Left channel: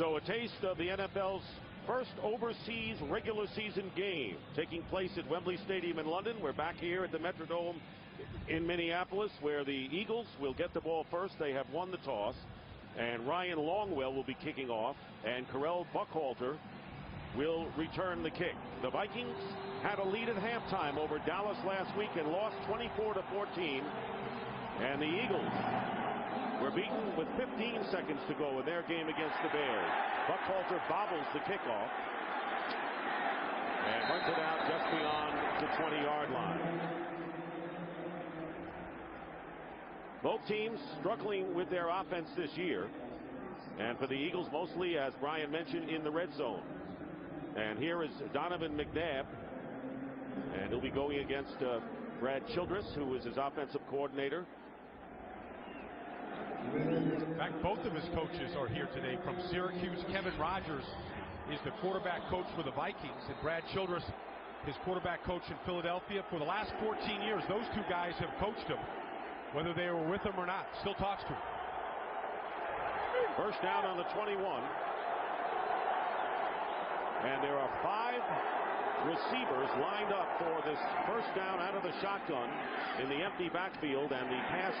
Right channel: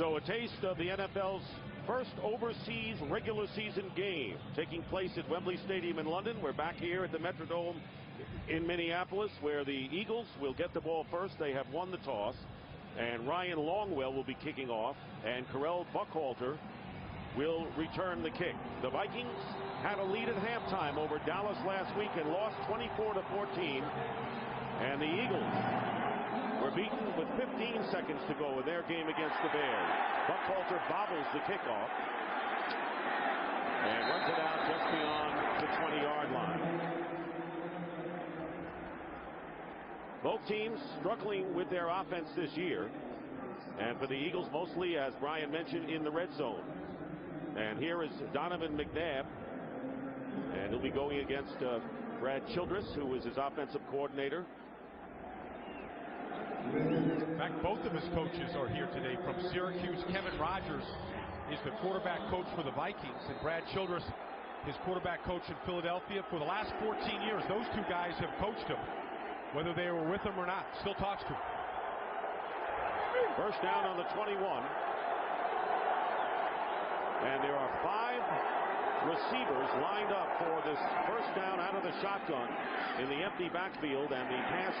So a taste of the NFL's first overseas regular season game taking place at Wembley Stadium in London. We're back here at the Metrodome in Minneapolis, where the Eagles will get the ball first. They have won the toss, and Ryan Longwell will be kicking off, and Carell Buckhalter will return the kick. The Vikings had a lead at halftime over Dallas last week and lost 24-14, and the Eagles were beaten with 15 seconds to go in their game against the Bears. Buckhalter bobbles the kickoff and runs it out just beyond the 20-yard line. Both teams struggling with their offense this year, and for the Eagles mostly, as Brian mentioned, in the red zone. And here is Donovan McNabb, and he'll be going against Brad Childress, who is his offensive coordinator. In fact, both of his coaches are here today. From Syracuse, Kevin Rogers is the quarterback coach for the Vikings, and Brad Childress, his quarterback coach in Philadelphia. For the last 14 years, those two guys have coached him, whether they were with him or not. Still talks to him. First down on the 21. And there are 5 receivers lined up for this first down out of the shotgun in the empty backfield, and the pass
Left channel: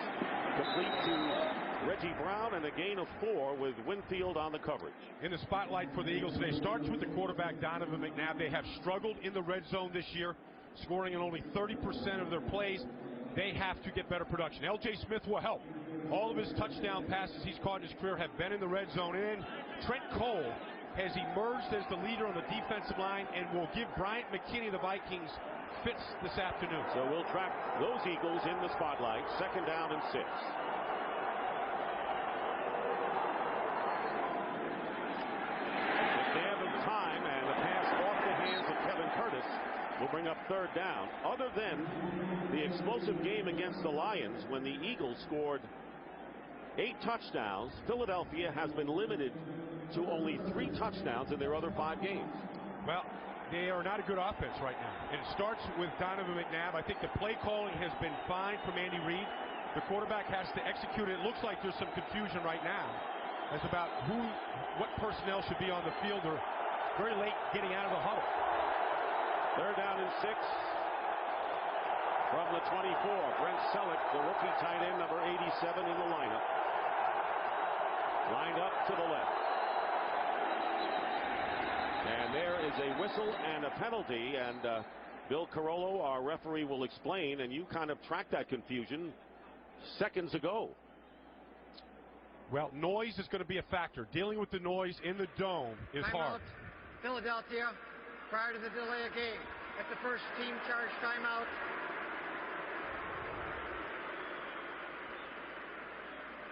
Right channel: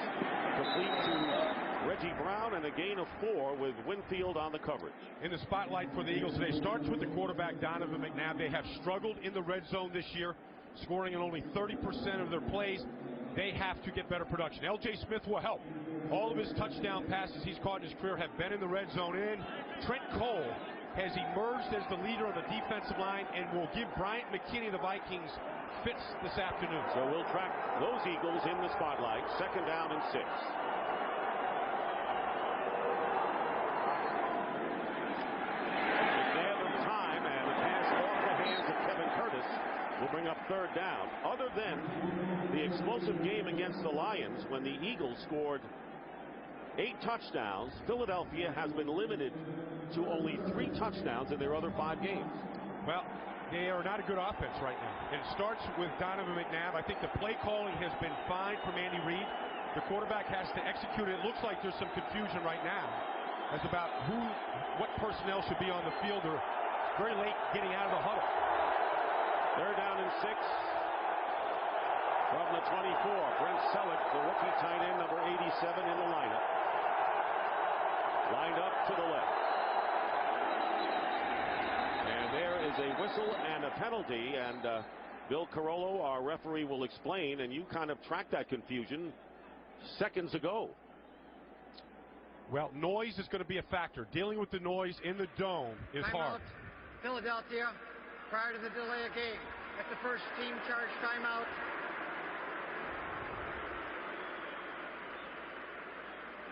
complete to Reggie Brown, and a gain of 4 with Winfield on the coverage. In the spotlight for the Eagles today starts with the quarterback, Donovan McNabb. They have struggled in the red zone this year, scoring in only 30% of their plays. They have to get better production. L.J. Smith will help. All of his touchdown passes he's caught in his career have been in the red zone. And Trent Cole has emerged as the leader on the defensive line and will give Bryant McKinney, the Vikings, fits this afternoon. So we'll track those Eagles in the spotlight. Second down and 6. McNabb of time, and the pass off the hands of Kevin Curtis will bring up third down. Other than the explosive game against the Lions, when the Eagles scored 8 touchdowns, Philadelphia has been limited to only 3 touchdowns in their other 5 games. Well, they are not a good offense right now. And it starts with Donovan McNabb. I think the play calling has been fine from Andy Reid. The quarterback has to execute it. It looks like there's some confusion right now as about what personnel should be on the field. They're very late getting out of the huddle. Third down and 6 from the 24. Brent Selleck, the rookie tight end, number 87 in the lineup. Lined up to the left. And there is a whistle and a penalty, and Bill Carollo, our referee, will explain, and you kind of tracked that confusion seconds ago. Well, noise is going to be a factor. Dealing with the noise in the dome is hard. Philadelphia, prior to the delay of game. At the first team charge timeout.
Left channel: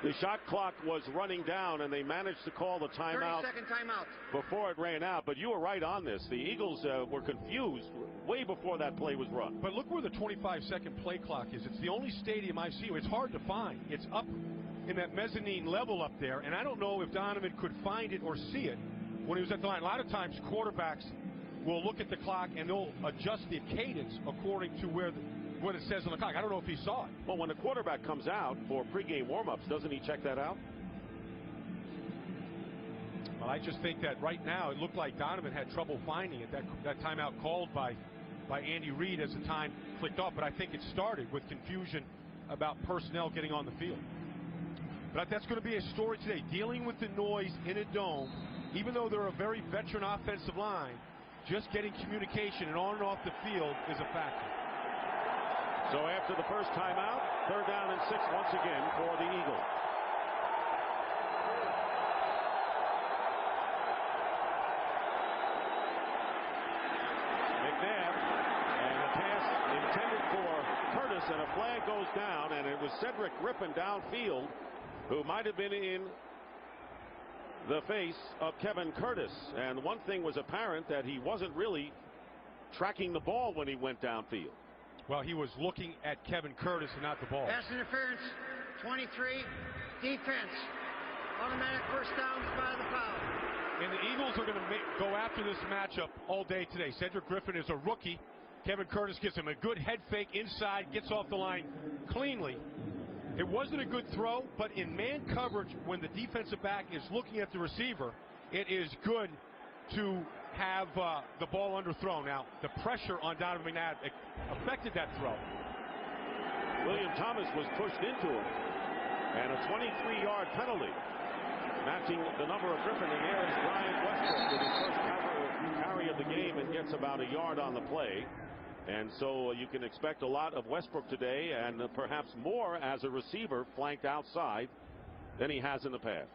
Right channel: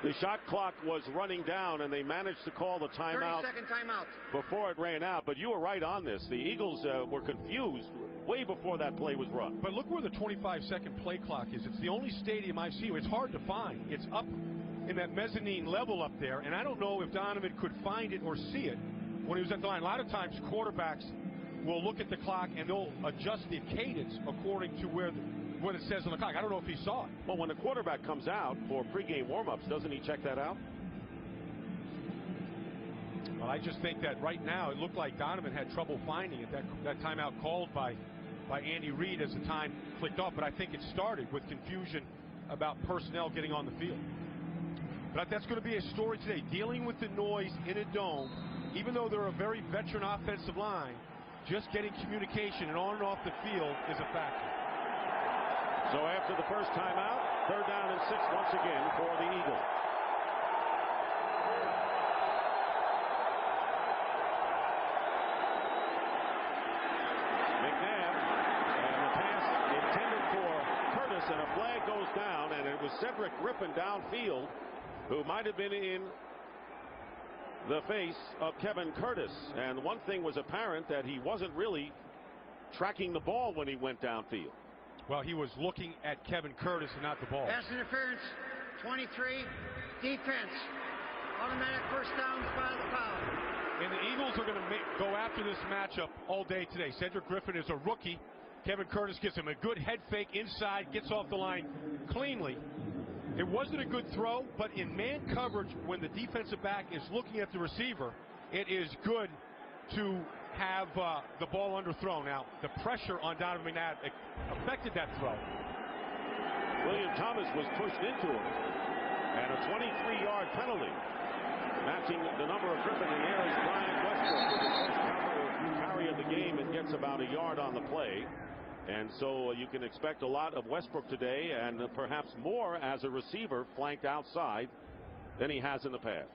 The shot clock was running down, and they managed to call the timeout. 30-second timeout. Before it ran out. But you were right on this. The Eagles were confused way before that play was run. But look where the 25-second play clock is. It's the only stadium I've seen. It's hard to find. It's up in that mezzanine level up there, and I don't know if Donovan could find it or see it when he was at the line. A lot of times quarterbacks will look at the clock and they'll adjust the cadence according to what it says on the clock. I don't know if he saw it. Well, when the quarterback comes out for pregame warm-ups, doesn't he check that out? Well, I just think that right now it looked like Donovan had trouble finding it. That timeout called by Andy Reid as the time clicked off, but I think it started with confusion about personnel getting on the field. But that's going to be a story today. Dealing with the noise in a dome, even though they're a very veteran offensive line, just getting communication and on and off the field is a factor. So after the first timeout, third down and 6 once again for the Eagles. McNabb, and the pass intended for Curtis, and a flag goes down, and it was Cedric Griffin downfield who might have been in the face of Kevin Curtis. And one thing was apparent, that he wasn't really tracking the ball when he went downfield. Well, he was looking at Kevin Curtis and not the ball. Pass interference, 23, defense. Automatic first down, spot of the foul. And the Eagles are going to go after this matchup all day today. Cedric Griffin is a rookie. Kevin Curtis gives him a good head fake inside, gets off the line cleanly. It wasn't a good throw, but in man coverage, when the defensive back is looking at the receiver, it is good to have the ball underthrown. Now, the pressure on Donovan McNabb affected that throw. William Thomas was pushed into him, and a 23-yard penalty, matching the number of Griffin. And there is Bryant Westbrook with his first carry of the game and gets about a yard on the play. And so you can expect a lot of Westbrook today, and perhaps more as a receiver flanked outside than he has in the past.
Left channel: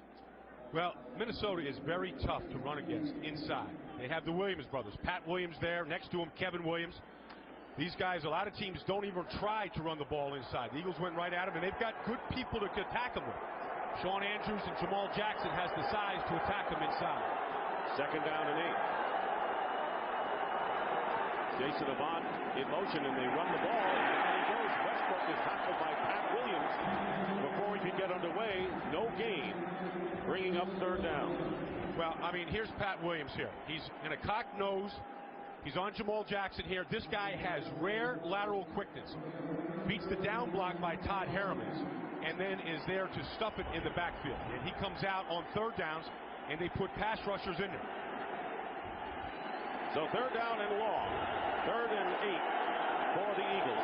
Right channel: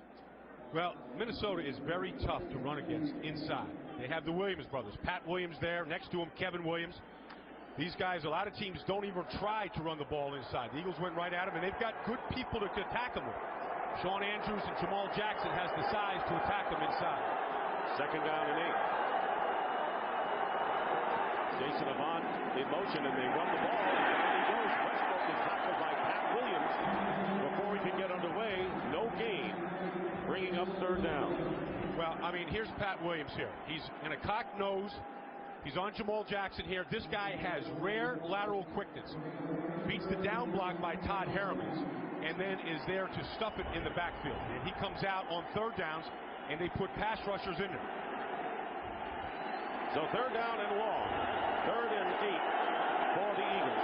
Well, Minnesota is very tough to run against inside. They have the Williams brothers. Pat Williams there. Next to him, Kevin Williams. These guys, a lot of teams don't even try to run the ball inside. The Eagles went right at them, and they've got good people to attack them with. Shawn Andrews and Jamal Jackson has the size to attack them inside. 2nd down and 8. Jason Avant in motion, and they run the ball, and down he goes. Westbrook is tackled by Pat Williams before he could get underway. No gain, bringing up 3rd down. Well, I mean, here's Pat Williams here. He's in a cocked nose. He's on Jamal Jackson here. This guy has rare lateral quickness. Beats the down block by Todd Harriman's, and then is there to stuff it in the backfield. And he comes out on 3rd downs, and they put pass rushers in there. So 3rd down and long. 3rd and 8 for the Eagles.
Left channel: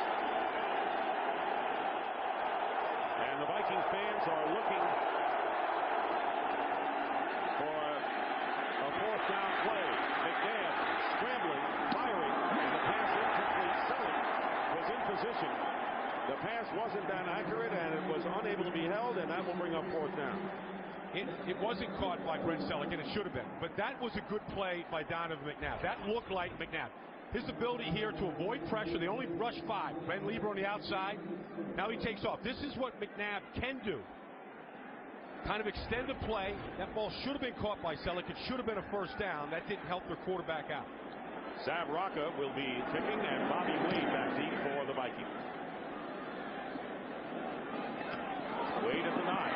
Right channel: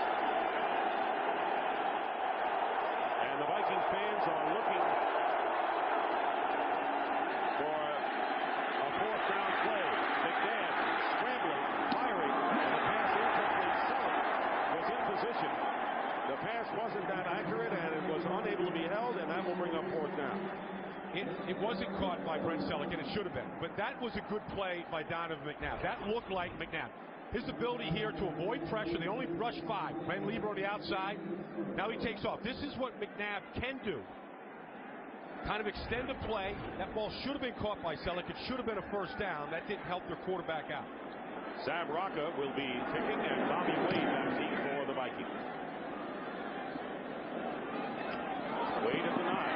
And the Vikings fans are looking for a 4th down play. McNabb scrambling, firing, and the pass incomplete. Selleck was in position. The pass wasn't that accurate, and it was unable to be held, and that will bring up 4th down. It wasn't caught by Brent Selleck, and it should have been. But that was a good play by Donovan McNabb. That looked like McNabb. His ability here to avoid pressure. They only rushed 5. Ben Lieber on the outside. Now he takes off. This is what McNabb can do. Kind of extend the play. That ball should have been caught by Selleck. It should have been a 1st down. That didn't help their quarterback out. Sam Rocca will be kicking, and Bobby Wade back deep for the Vikings. Wade at the 9.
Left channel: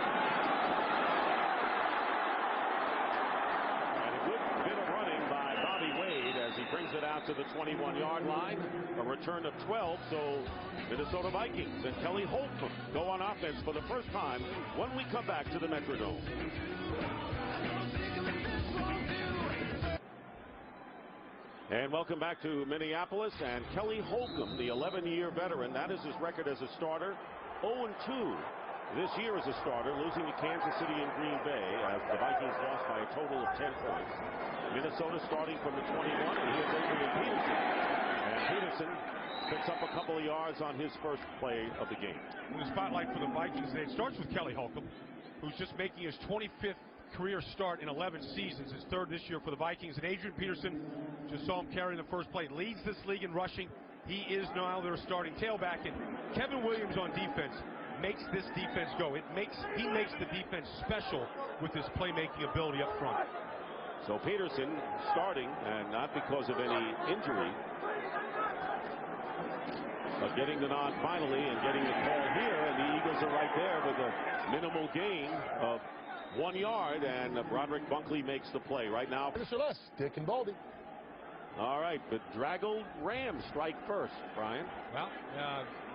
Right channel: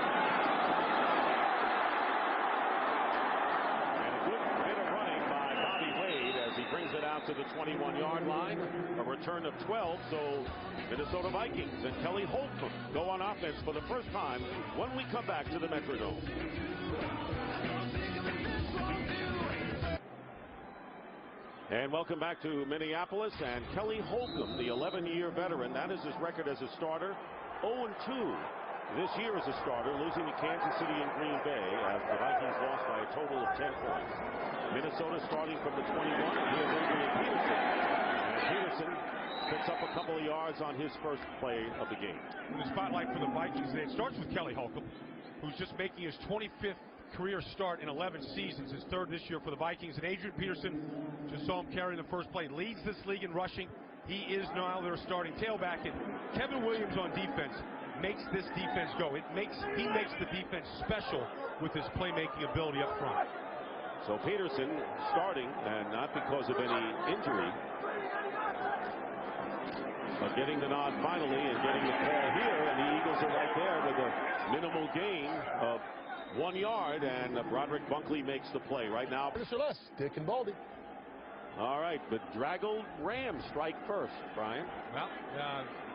And a good bit of running by Bobby Wade as he brings it out to the 21-yard line. A return of 12, so Minnesota Vikings and Kelly Holcomb go on offense for the first time when we come back to the Metrodome. And welcome back to Minneapolis. And Kelly Holcomb, the 11-year veteran, that is his record as a starter. 0-2 this year as a starter, losing to Kansas City and Green Bay as the Vikings lost by a total of 10 points. Minnesota starting from the 21, and here's Adrian Peterson. And Peterson picks up a couple of yards on his first play of the game. In the spotlight for the Vikings today, it starts with Kelly Holcomb, who's just making his 25th career start in 11 seasons, his 3rd this year for the Vikings. And Adrian Peterson, just saw him carrying the first play, leads this league in rushing. He is now their starting tailback, and Kevin Williams on defense makes this defense go. He makes the defense special with his playmaking ability up front. So Peterson starting, and not because of any injury, but getting the nod finally and getting the call here, and the Eagles are right there with a minimal gain of 1 yard, and Broderick Bunkley makes the play right now. Dick and Baldy. All right, but draggled Rams strike first, Brian. Well,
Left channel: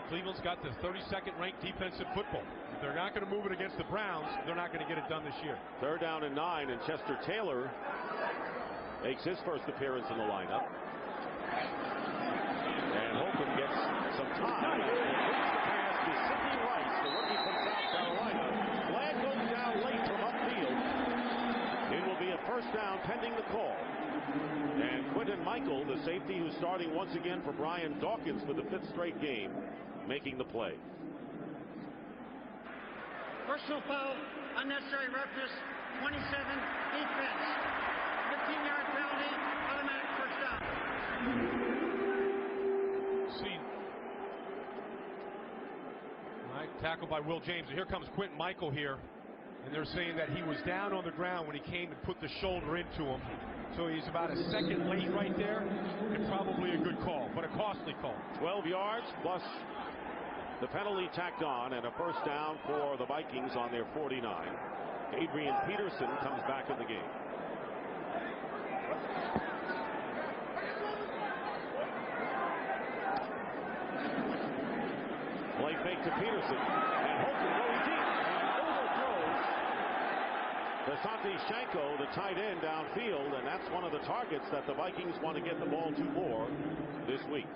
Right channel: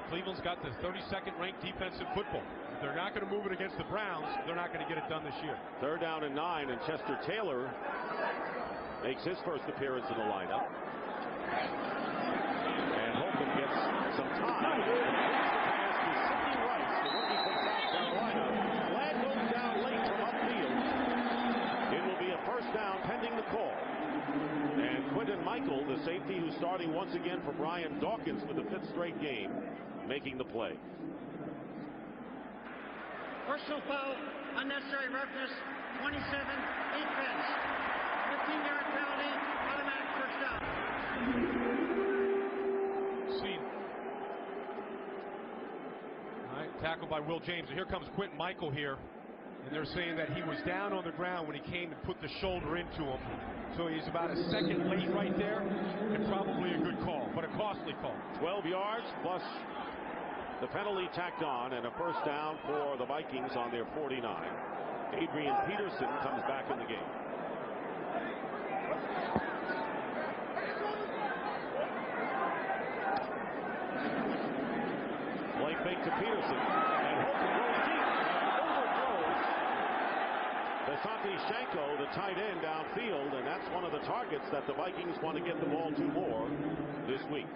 Cleveland's got the 32nd ranked defense in football. If they're not going to move it against the Browns, they're not going to get it done this year. 3rd down and 9, and Chester Taylor makes his first appearance in the lineup. And Holcomb gets some time and completes the pass to Sidney Rice, the rookie from South Carolina. Flag goes down late from upfield. It will be a 1st down pending the call. And Quinton Michael, the safety who's starting once again for Brian Dawkins for the 5th straight game, making the play. Personal foul, unnecessary roughness, 27, defense. 15-yard penalty, automatic 1st down. See. All right, tackled by Will James. And here comes Quinton Michael here. And they're saying that he was down on the ground when he came and put the shoulder into him. So he's about a second late right there, and probably a good call, but a costly call. 12 yards plus the penalty tacked on, and a 1st down for the Vikings on their 49. Adrian Peterson comes back in the game. Play fake to Peterson, and Holcomb going deep and overthrows Asante Shanko, the tight end downfield, and that's one of the targets that the Vikings want to get the ball to more this week.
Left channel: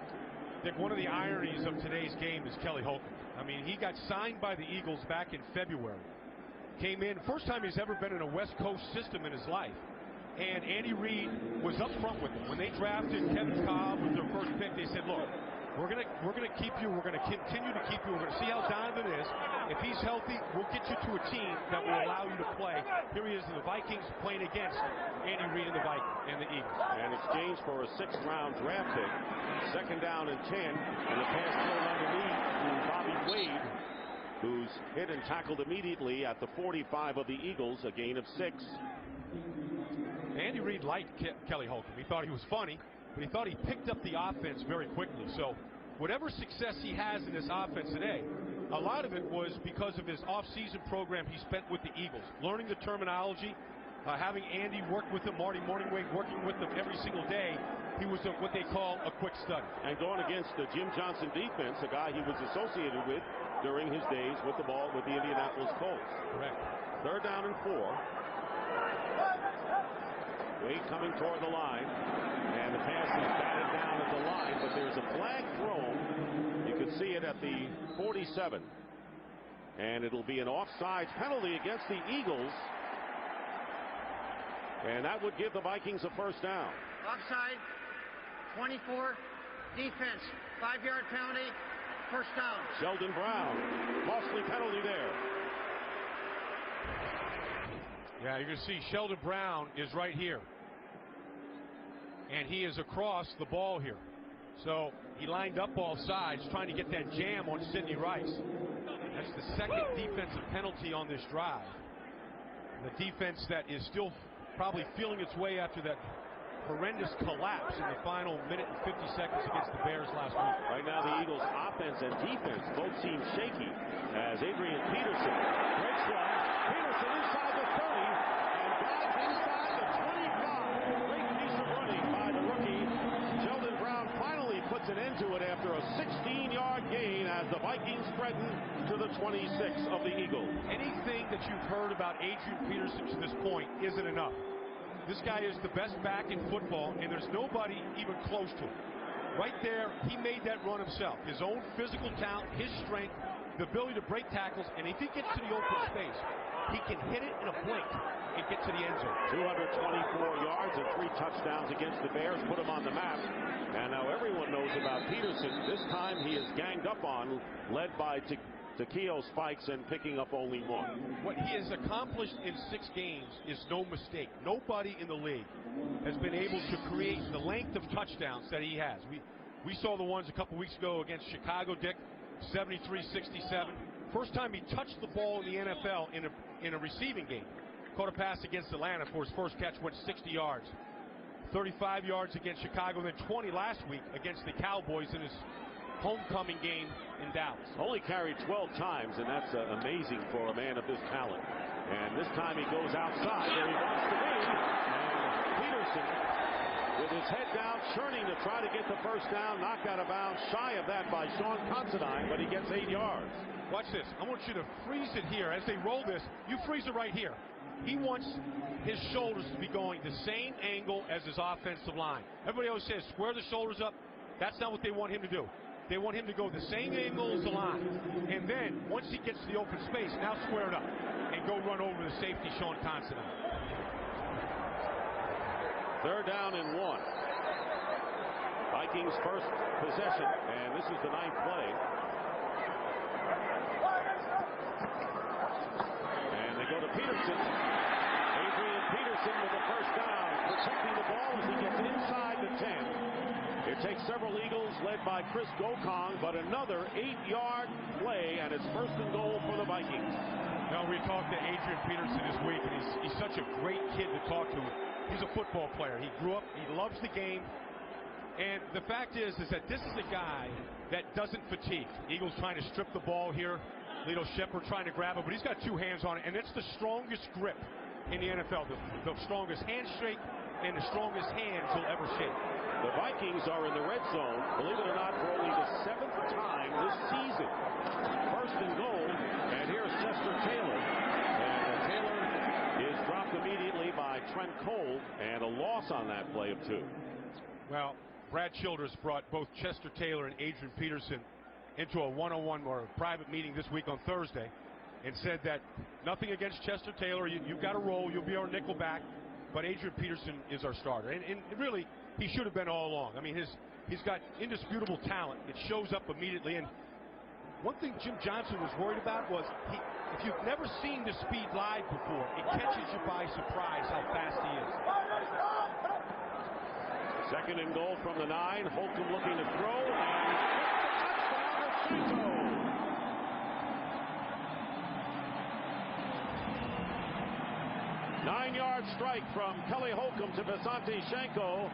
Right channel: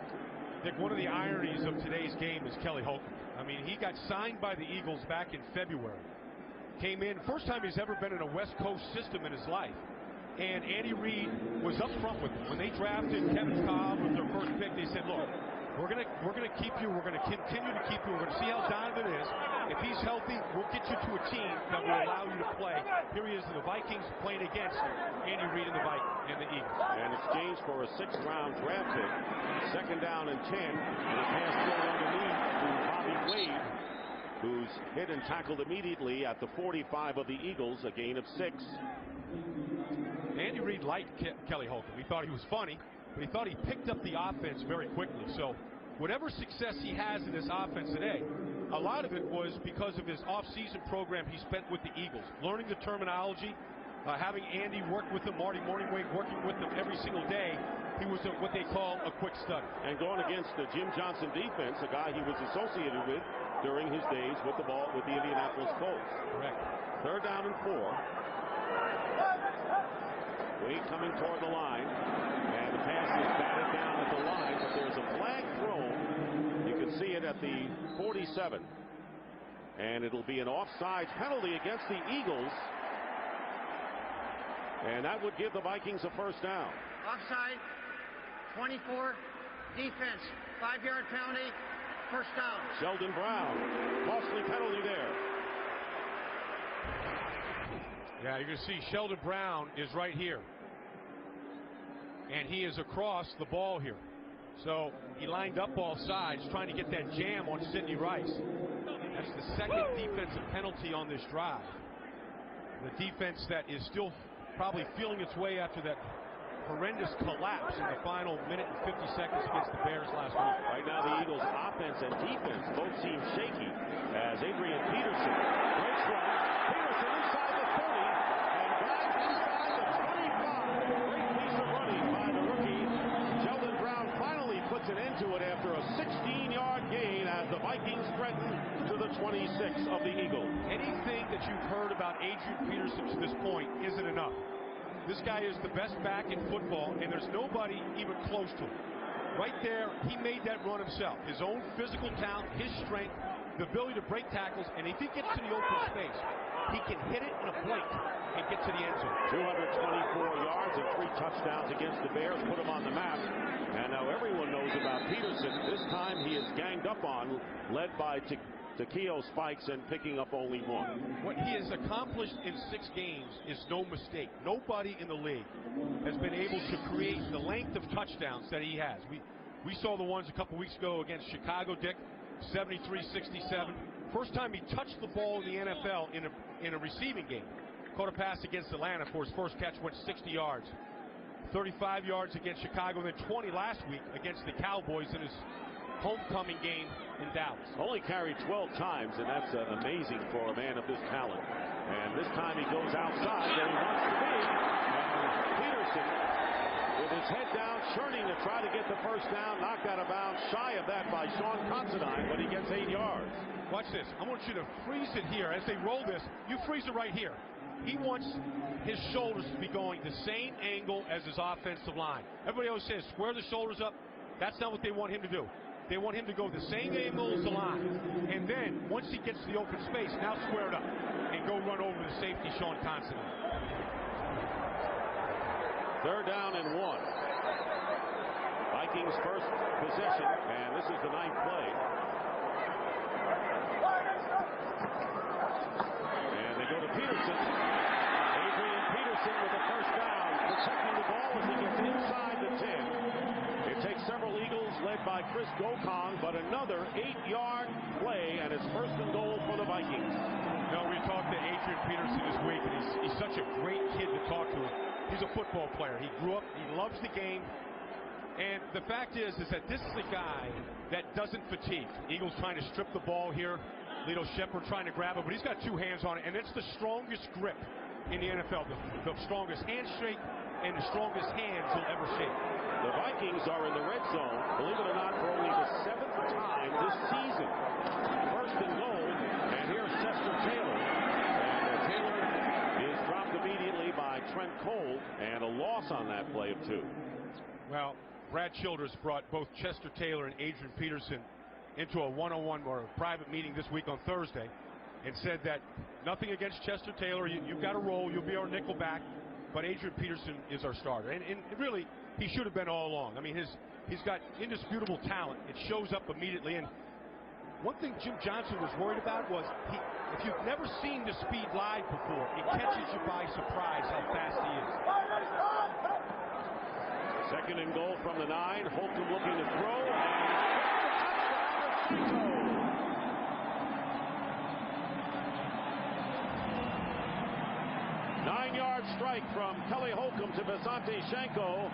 Dick, one of the ironies of today's game is Kelly Holcomb. I mean, he got signed by the Eagles back in February. Came in, first time he's ever been in a West Coast system in his life. And Andy Reid was up front with him. When they drafted Kevin Cobb with their first pick, they said, look, we're gonna keep you, we're gonna continue to keep you, we're gonna see how Donovan is. If he's healthy, we'll get you to a team that will allow you to play. Here he is in the Vikings playing against Andy Reid and the Vikings and the Eagles. And exchanged for a 6th-round draft pick. 2nd down and 10, and a pass thrown underneath to Bobby Wade, who's hit and tackled immediately at the 45 of the Eagles, a gain of 6. Andy Reid liked Kelly Holcomb. He thought he was funny, but he thought he picked up the offense very quickly. So whatever success he has in this offense today, a lot of it was because of his off-season program he spent with the Eagles, learning the terminology, having Andy work with him, Marty Morningway working with them every single day. He was what they call a quick study. And going against the Jim Johnson defense, a guy he was associated with during his days with the ball with the Indianapolis Colts. Correct. 3rd down and 4. Wade coming toward the line, and the pass is batted down at the line, but there's a flag thrown. You can see it at the 47, and it'll be an offsides penalty against the Eagles, and that would give the Vikings a 1st down. Offside, 24, defense, 5-yard penalty, 1st down. Sheldon Brown, costly penalty there. Yeah, you're going to see Sheldon Brown is right here. And he is across the ball here. So he lined up all sides trying to get that jam on Sidney Rice. That's the 2nd defensive penalty on this drive. The defense that is still probably feeling its way after that horrendous collapse in the final minute and 50 seconds against the Bears last week. Right now the Eagles' offense and defense both seem shaky as Adrian Peterson breaks one. Peterson inside the 30 and dives inside the 25. Great piece of running by the rookie. Sheldon Brown finally puts an end to it after a 16-yard gain as the Vikings threaten to the 26 of the Eagles. Anything that you've heard about Adrian Peterson to this point isn't enough. This guy is the best back in football, and there's nobody even close to him. Right there, he made that run himself. His own physical talent, his strength, the ability to break tackles, and if he gets to the open space, he can hit it in a blink and get to the end zone. 224 yards and 3 touchdowns against the Bears put him on the map. And now everyone knows about Peterson. This time he is ganged up on, led by Takeo Spikes and picking up only 1. What he has accomplished in 6 games is no mistake. Nobody in the league has been able to create the length of touchdowns that he has. We saw the ones a couple weeks ago against Chicago, Dick, 73-67. First time he touched the ball in the NFL in a receiving game. Caught a pass against Atlanta for his first catch, went 60 yards. 35 yards against Chicago, and then 20 last week against the Cowboys in his homecoming game in Dallas. Only carried 12 times, and that's amazing for a man of this talent. And this time he goes outside where he wants to be, and Peterson, with his head down, churning to try to get the 1st down, knocked out of bounds, shy of that by Sean Considine, but he gets 8 yards. Watch this. I want you to freeze it here. As they roll this, you freeze it right here. He wants his shoulders to be going the same angle as his offensive line. Everybody always says, square the shoulders up. That's not what they want him to do. They want him to go the same angle as the line. And then, once he gets to the open space, now square it up and go run over the safety, Sean Considine. 3rd down and 1. Vikings' first possession, and this is the 9th play. And they go to Peterson. Adrian Peterson with the 1st down, protecting the ball as he gets inside the 10. It takes several Eagles led by Chris Gokong, but another 8-yard play, and it's 1st and goal for the Vikings. No, we talked to Adrian Peterson this week, and he's such a great kid to talk to. He's a football player. He grew up, he loves the game. And the fact is that this is a guy that doesn't fatigue. Eagles trying to strip the ball here. Lito Shepard trying to grab it, but he's got 2 hands on it, and it's the strongest grip in the NFL, the strongest handshake and the strongest hands you'll ever shake. The Vikings are in the red zone, believe it or not, for only the 7th time this season. 1st and goal, and here's Chester Taylor. And Taylor is dropped immediately by Trent Cole, and a loss on that play of 2. Well, Brad Childress brought both Chester Taylor and Adrian Peterson into a one-on-one or a private meeting this week on Thursday and said that nothing against Chester Taylor. You've got a role. You'll be our nickel back. But Adrian Peterson is our starter. And really, he should have been all along. I mean, he's got indisputable talent. It shows up immediately. And one thing Jim Johnson was worried about was if you've never seen the speed live before, it catches you by surprise how fast he is. 2nd and goal from the 9. Holcomb looking to throw and gets the touchdown to Shanko. Nine-yard strike from Kelly Holcomb to Visante Shanko,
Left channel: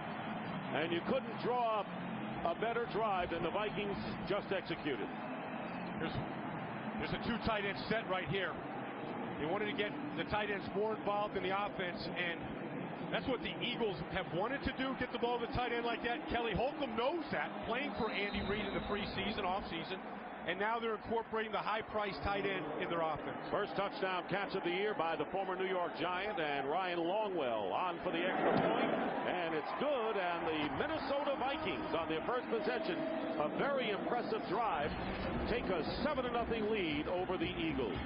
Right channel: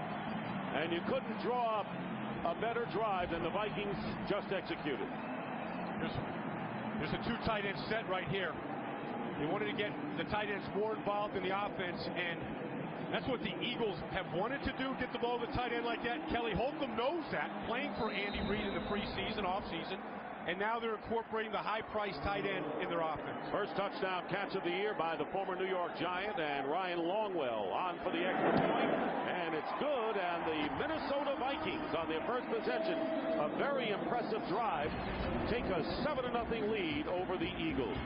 and you couldn't draw up a better drive than the Vikings just executed. There's a 2 tight end set right here. They wanted to get the tight ends more involved in the offense, and that's what the Eagles have wanted to do, get the ball to the tight end like that. Kelly Holcomb knows that, playing for Andy Reid in the preseason, offseason, and now they're incorporating the high-priced tight end in their offense. First touchdown catch of the year by the former New York Giant, and Ryan Longwell on for the extra point, and it's good, and the Minnesota Vikings on their first possession, a very impressive drive, take a 7-0 lead over the Eagles.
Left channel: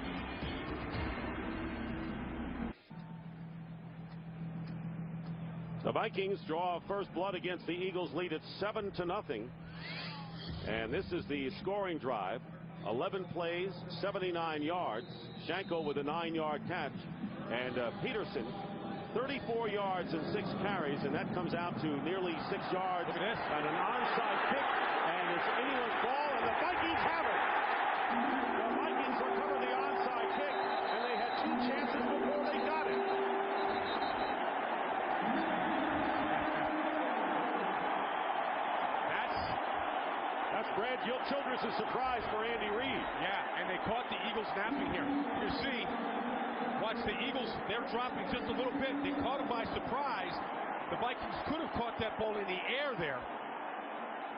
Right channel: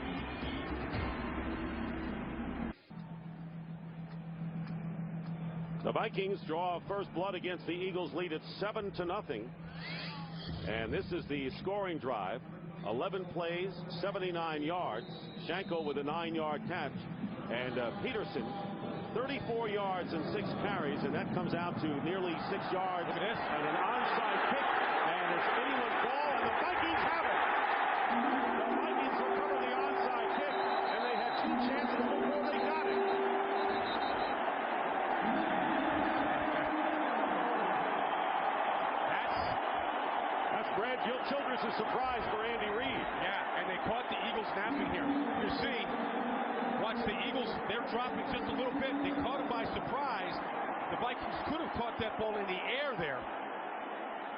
The Vikings draw first blood against the Eagles lead at 7-0. And this is the scoring drive. 11 plays, 79 yards. Shanko with a 9-yard catch. And Peterson, 34 yards and 6 carries. And that comes out to nearly 6 yards. Look at this. And an onside kick. And it's anyone's ball. And the Vikings have it. The Vikings recovered the onside kick. And they had 2 chances before they got it. That's Brad Childress' surprise for Andy Reid. Yeah, and they caught the Eagles napping here. You see, watch the Eagles, they're dropping just a little bit. They caught him by surprise. The Vikings could have caught that ball in the air there.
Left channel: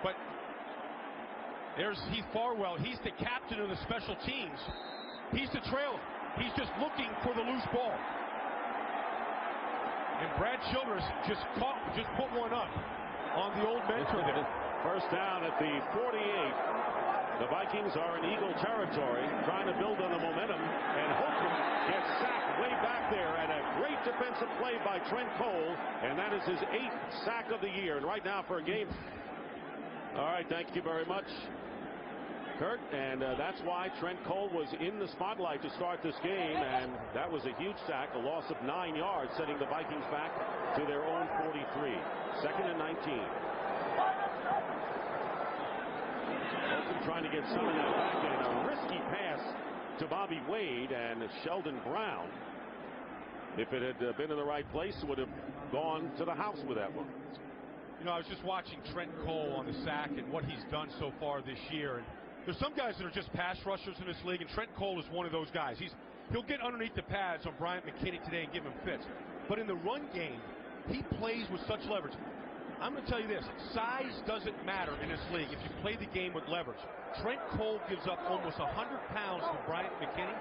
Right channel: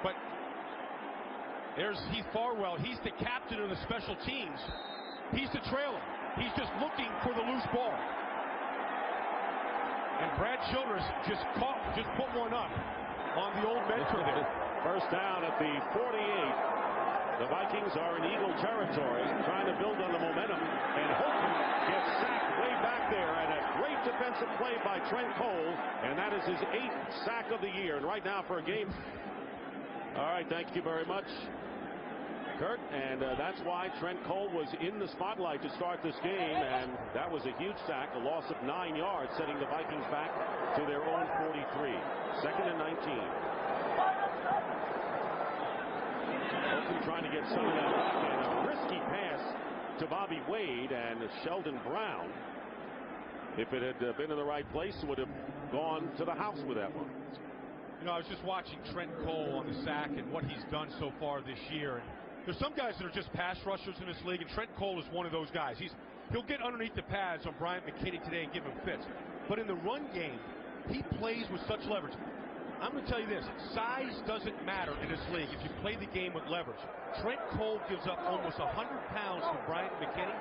But there's Heath Farwell. He's the captain of the special teams. He's the trailer. He's just looking for the loose ball. And Brad Childress just put one up on the old mentor there. First down at the 48. The Vikings are in Eagle territory, trying to build on the momentum, and Holcomb gets sacked way back there, and a great defensive play by Trent Cole, and that is his 8th sack of the year. And right now for a game. All right, thank you very much, Kurt, and that's why Trent Cole was in the spotlight to start this game, and that was a huge sack, a loss of 9 yards, setting the Vikings back to their own 43. 2nd and 19. Holcomb trying to get some of that back, and a risky pass to Bobby Wade, and Sheldon Brown, if it had been in the right place, would have gone to the house with that one. You know, I was just watching Trent Cole on the sack and what he's done so far this year, and there's some guys that are just pass rushers in this league, and Trent Cole is one of those guys. He'll get underneath the pads on Bryant McKinney today and give him fits, but in the run game, he plays with such leverage. I'm going to tell you this, size doesn't matter in this league if you play the game with leverage. Trent Cole gives up almost 100 pounds to Bryant McKinney,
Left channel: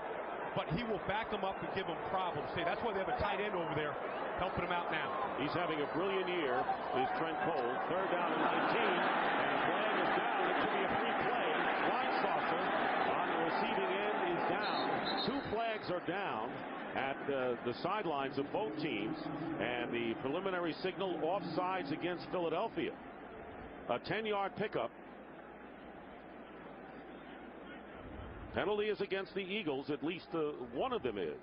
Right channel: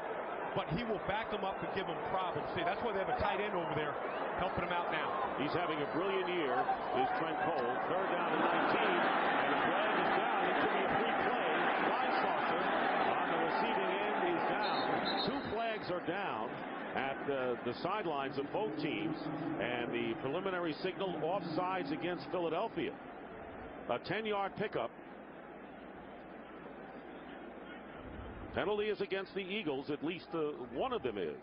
but he will back him up and give him problems. See, that's why they have a tight end over there helping him out now. He's having a brilliant year, is Trent Cole. 3rd down and 19, and a flag is down. It could be a free play. Flying saucer on the receiving end is down. 2 flags are down at the sidelines of both teams, and the preliminary signal offsides against Philadelphia. A 10-yard pickup. Penalty is against the Eagles, at least one of them is.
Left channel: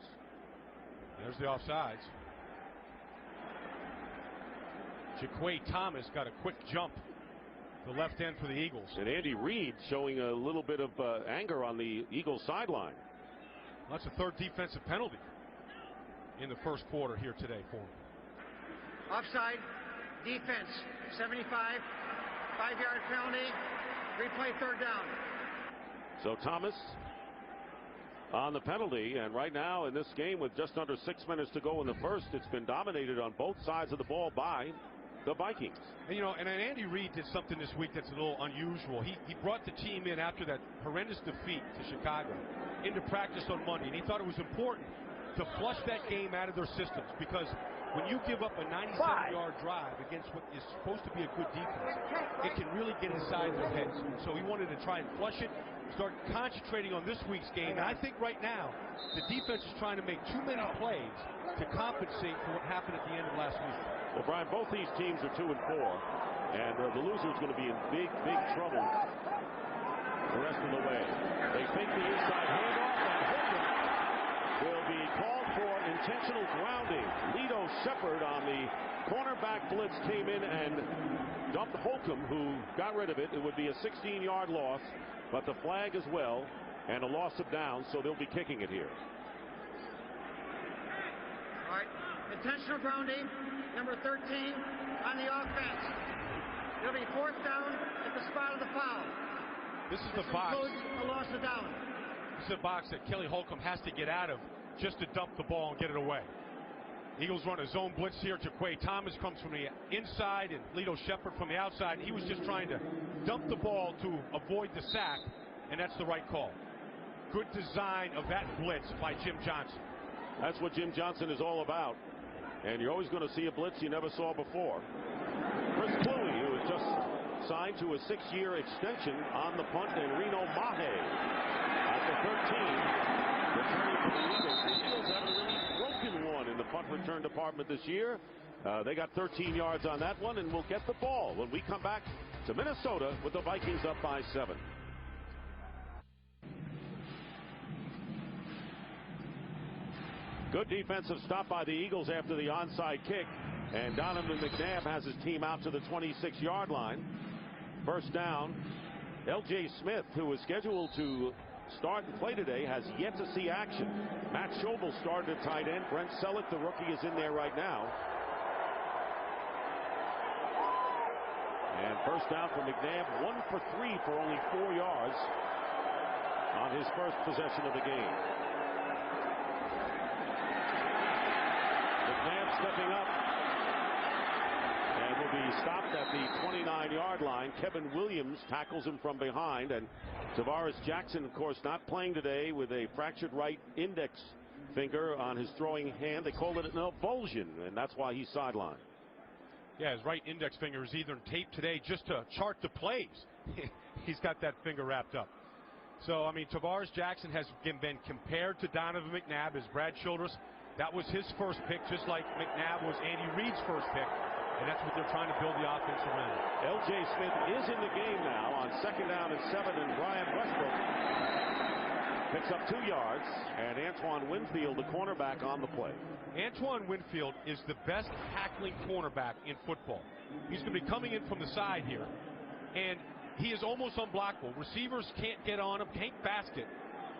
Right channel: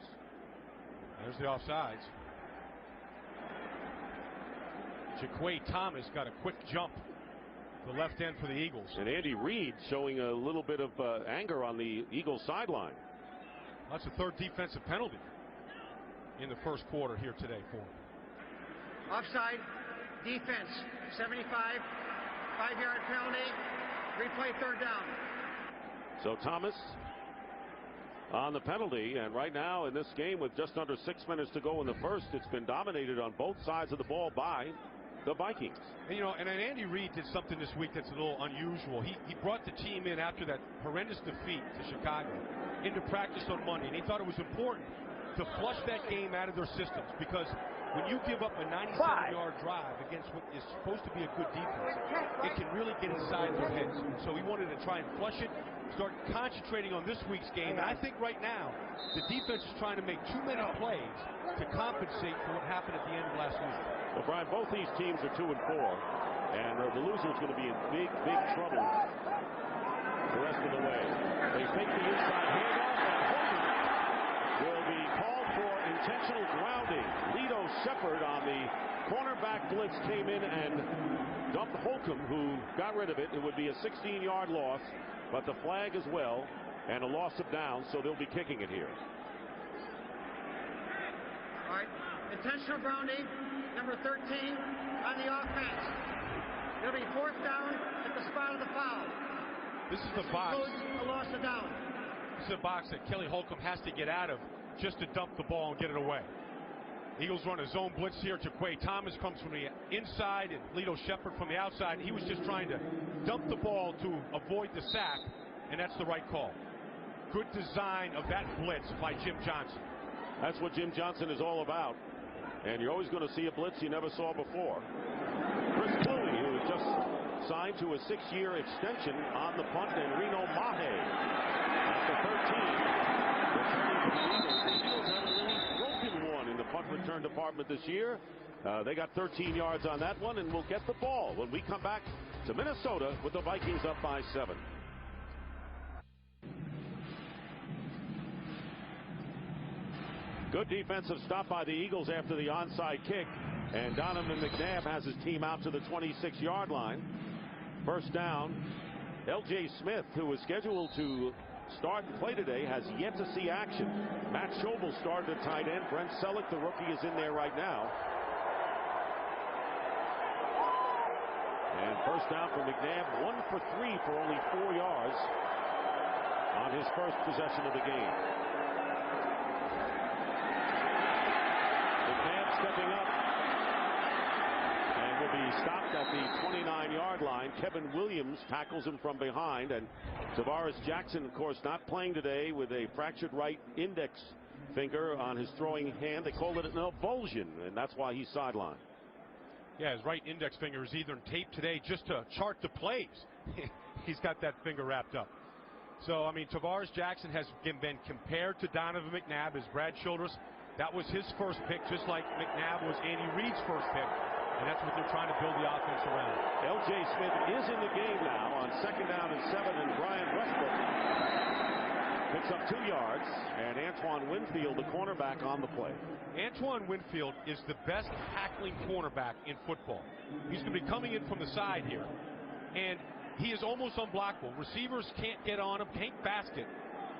There's the offsides. Jaquay Thomas got a quick jump to left end for the Eagles. And Andy Reid showing a little bit of anger on the Eagles sideline. That's the 3rd defensive penalty in the first quarter here today for him. Offside, defense, 75, 5-yard penalty, replay 3rd down. So Thomas on the penalty, and right now in this game with just under 6 minutes to go in the first, it's been dominated on both sides of the ball by the Vikings. And you know, and Andy Reid did something this week that's a little unusual. He brought the team in after that horrendous defeat to Chicago into practice on Monday, and he thought it was important to flush that game out of their systems, because when you give up a 97-yard drive against what is supposed to be a good defense, it can really get inside their heads. And so he wanted to try and flush it, start concentrating on this week's game. And I think right now the defense is trying to make too many plays to compensate for what happened at the end of last week. Well, Brian, both these teams are 2-4, and the loser is going to be in big trouble the rest of the way. They fake the inside handoff, and Holcomb will be called for intentional grounding. Lito Shepard on the cornerback blitz came in and dumped Holcomb, who got rid of it. It would be a 16-yard loss, but the flag as well, and a loss of downs, so they'll be kicking it here. All right, intentional grounding, number 13 on the offense. It'll be 4th down at the spot of the foul. This box. Includes a loss of down. This is a box that Kelly Holcomb has to get out of just to dump the ball and get it away. Eagles run a zone blitz here. Jaquay Thomas comes from the inside and Lito Shepard from the outside. He was just trying to dump the ball to avoid the sack, and that's the right call. Good design of that blitz by Jim Johnson. That's what Jim Johnson is all about. And you're always going to see a blitz you never saw before. Chris Cluey, who has just signed to a 6-year extension on the punt, and Reno Mahe at the 13, returning for the Eagles. The Eagles haven't really broken one in the punt return department this year. They got 13 yards on that one, and we'll get the ball when we come back to Minnesota with the Vikings up by 7. Good defensive stop by the Eagles after the onside kick, and Donovan McNabb has his team out to the 26-yard line. First down. L.J. Smith, who was scheduled to start and play today, has yet to see action. Matt Schobel started at tight end. Brent Selleck, the rookie, is in there right now. And first down for McNabb, 1 for 3 for only 4 yards on his first possession of the game. McNabb stepping up and will be stopped at the 29-yard line. Kevin Williams tackles him from behind, and Tavares Jackson, of course, not playing today with a fractured right index finger on his throwing hand. They called it an avulsion, and that's why he's sidelined. Yeah, his right index finger is either taped today just to chart the plays. He's got that finger wrapped up. So, I mean, Tavares Jackson has been compared to Donovan McNabb as Brad Childress. That was his first pick, just like McNabb was Andy Reid's first pick. And that's what they're trying to build the offense around. L.J. Smith is in the game now on 2nd down and 7, and Brian Westbrook picks up 2 yards, and Antoine Winfield, the cornerback, on the play. Antoine Winfield is the best tackling cornerback in football. He's going to be coming in from the side here, and he is almost unblockable. Receivers can't get on him. Hank Baskett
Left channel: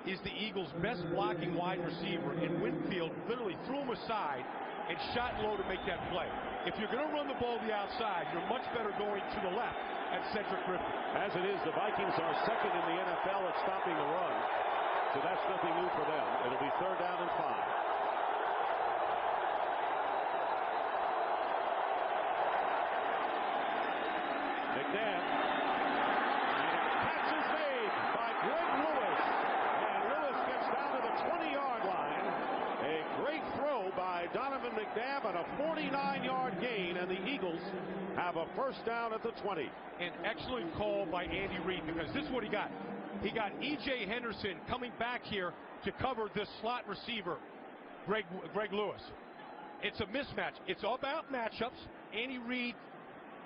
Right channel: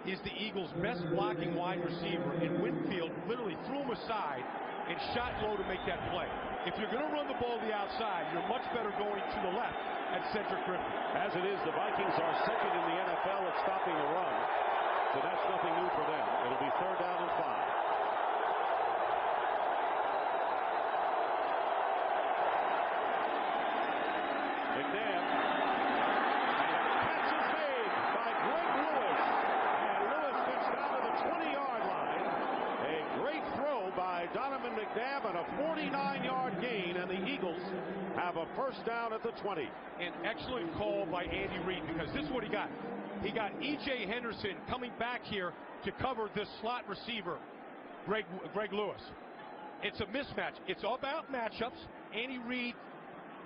is the Eagles' best blocking wide receiver, and Winfield literally threw him aside and shot low to make that play. If you're going to run the ball to the outside, you're much better going to the left at Cedric Griffin. As it is, the Vikings are second in the NFL at stopping the run, so that's nothing new for them. It'll be 3rd down and 5. McNabb, and a catch is made by Greg Lewis, and Lewis gets down to the 20-yard line. A great throw by Donovan McNabb and a 49-yard gain, and the Eagles have a first down at the 20. An excellent call by Andy Reid, because this is what he got. He got E.J. Henderson coming back here to cover this slot receiver, Greg Lewis. It's a mismatch. It's all about matchups. Andy Reid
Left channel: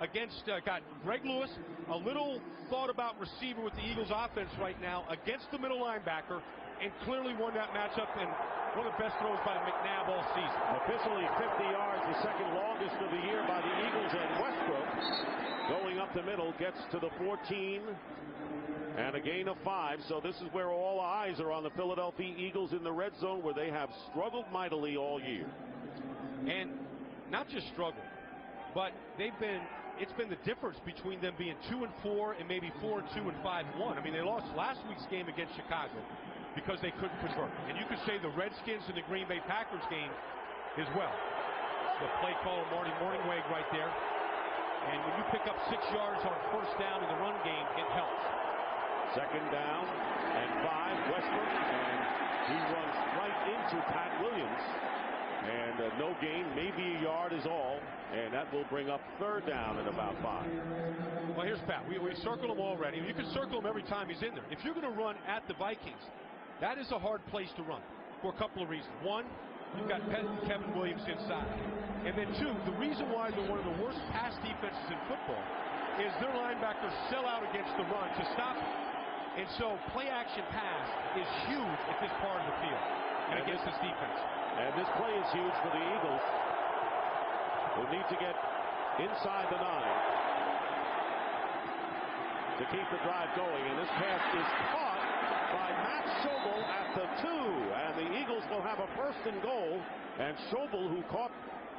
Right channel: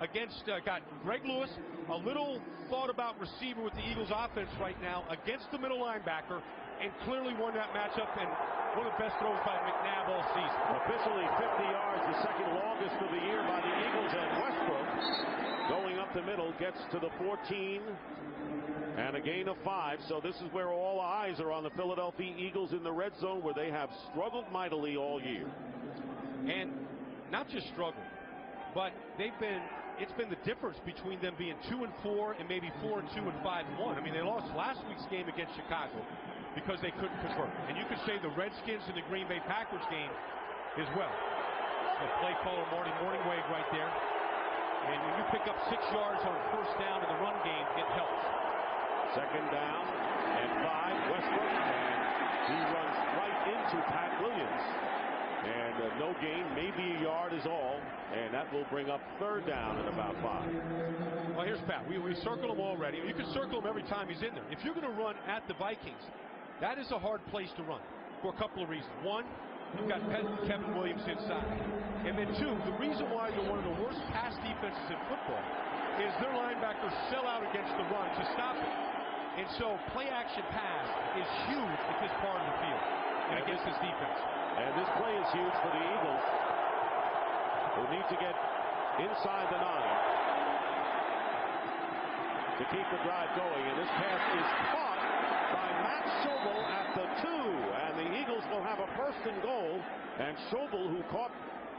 against got Greg Lewis, a little thought about receiver with the Eagles offense right now against the middle linebacker, and clearly won that matchup, and one of the best throws by McNabb all season. Officially 50 yards, the second longest of the year by the Eagles, and Westbrook going up the middle gets to the 14 and a gain of 5. So this is where all eyes are on the Philadelphia Eagles in the red zone, where they have struggled mightily all year. And not just struggled, but it's been the difference between them being 2-4 and maybe 4-2 and 5-1. I mean, they lost last week's game against Chicago because they couldn't convert. And you could say the Redskins and the Green Bay Packers game as well. The play caller, Marty Morningweg, right there. And when you pick up 6 yards on first down in the run game, it helps. Second down and 5. Westbrook, and he runs right into Pat Williams. And no gain, maybe a yard is all. And that will bring up third down and about 5. Well, here's Pat. We circled him already. You can circle him every time he's in there. If you're going to run at the Vikings, that is a hard place to run for a couple of reasons. One, you've got Kevin Williams inside. And then two, the reason why they're one of the worst pass defenses in football is their linebackers sell out against the run to stop it. And so play action pass is huge at this part of the field and against this defense. And this play is huge for the Eagles, who need to get inside the 9 to keep the drive going. And this pass is caught by Matt Schobel at the 2. And the Eagles will have a first and goal. And Schobel, who caught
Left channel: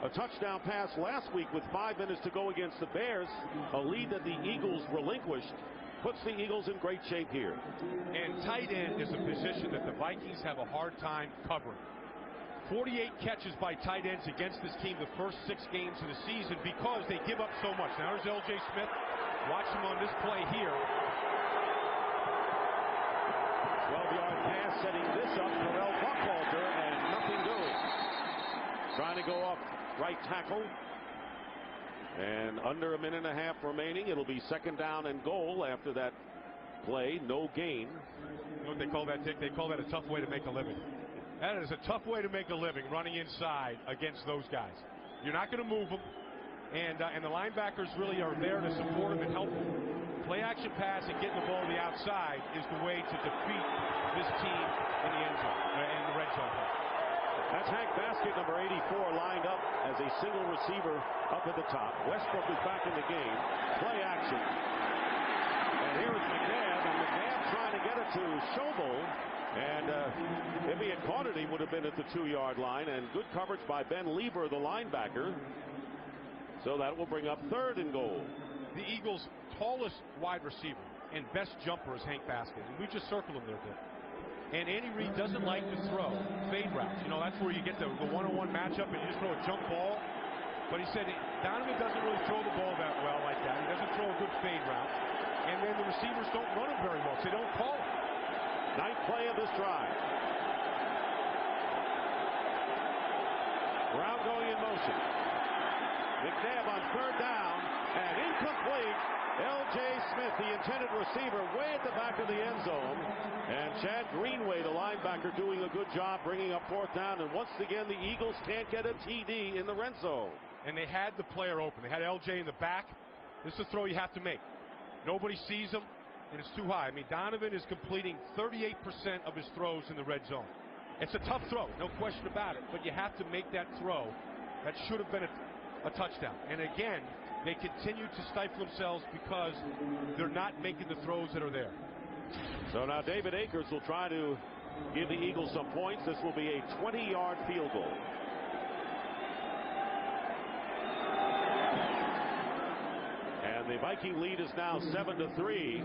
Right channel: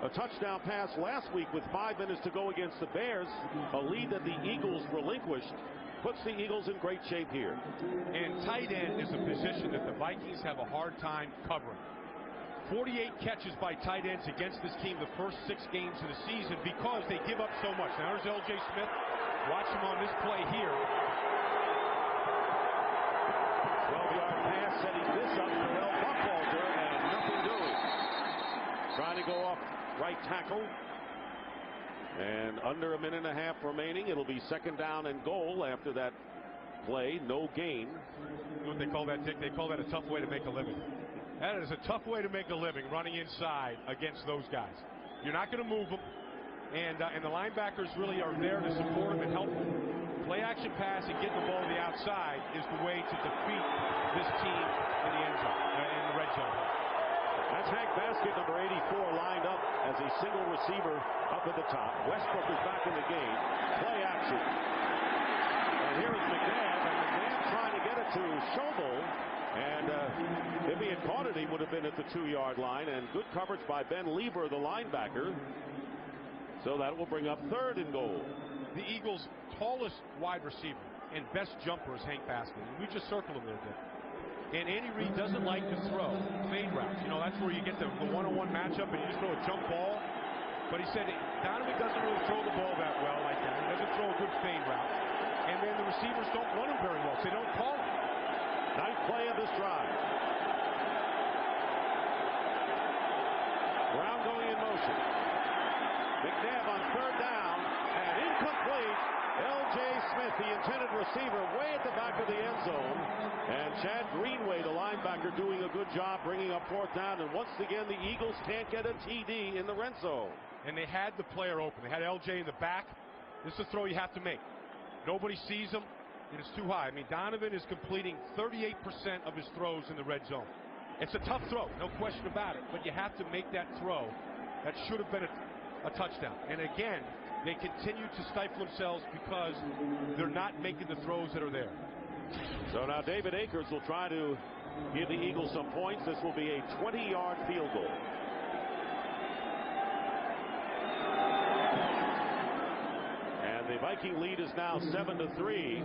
a touchdown pass last week with 5 minutes to go against the Bears, a lead that the Eagles relinquished, puts the Eagles in great shape here. And tight end is a position that the Vikings have a hard time covering. 48 catches by tight ends against this team the first 6 games of the season because they give up so much. Now there's L.J. Smith. Watch him on this play here. 12-yard pass setting this up. Terrell Buckhalter, and nothing doing. Trying to go off right tackle. And under a minute and a half remaining. It'll be second down and goal after that play. No gain. You know what they call that, Dick? They call that a tough way to make a living. That is a tough way to make a living, running inside against those guys. You're not going to move them, and the linebackers really are there to support them and help them. Play action pass and getting the ball to the outside is the way to defeat this team in the end zone, in the red zone here. That's Hank Baskett, number 84, lined up as a single receiver up at the top. Westbrook is back in the game. Play action. And here is McNabb, and McNabb trying to get it to Schobel. And if he had caught it, he would have been at the 2-yard line. And good coverage by Ben Lieber, the linebacker. So that will bring up third and goal. The Eagles' tallest wide receiver and best jumper is Hank Baskett. And we just circled him there, Dick. And Andy Reid doesn't like to throw fade routes. You know, that's where you get the one-on-one matchup and you just throw a jump ball. But he said Donovan doesn't really throw the ball that well like that. He doesn't throw a good fade route. And then the receivers don't run him very well, so they don't call him. Ninth play of this drive. Brown going in motion. McNabb on third down and incomplete. L.J. Smith, the intended receiver, way at the back of the end zone. And Chad Greenway, the linebacker, doing a good job bringing up fourth down. And once again, the Eagles can't get a TD in the red zone. And they had the player open. They had L.J. in the back. This is a throw you have to make. Nobody sees him, and it's too high. I mean, Donovan is completing 38% of his throws in the red zone. It's a tough throw, no question about it, but you have to make that throw. That should have been a touchdown. And again, they continue to stifle themselves because they're not making the throws that are there. So now David Akers will try to give the Eagles some points. This will be a 20-yard field goal. And the Viking lead is now 7-3,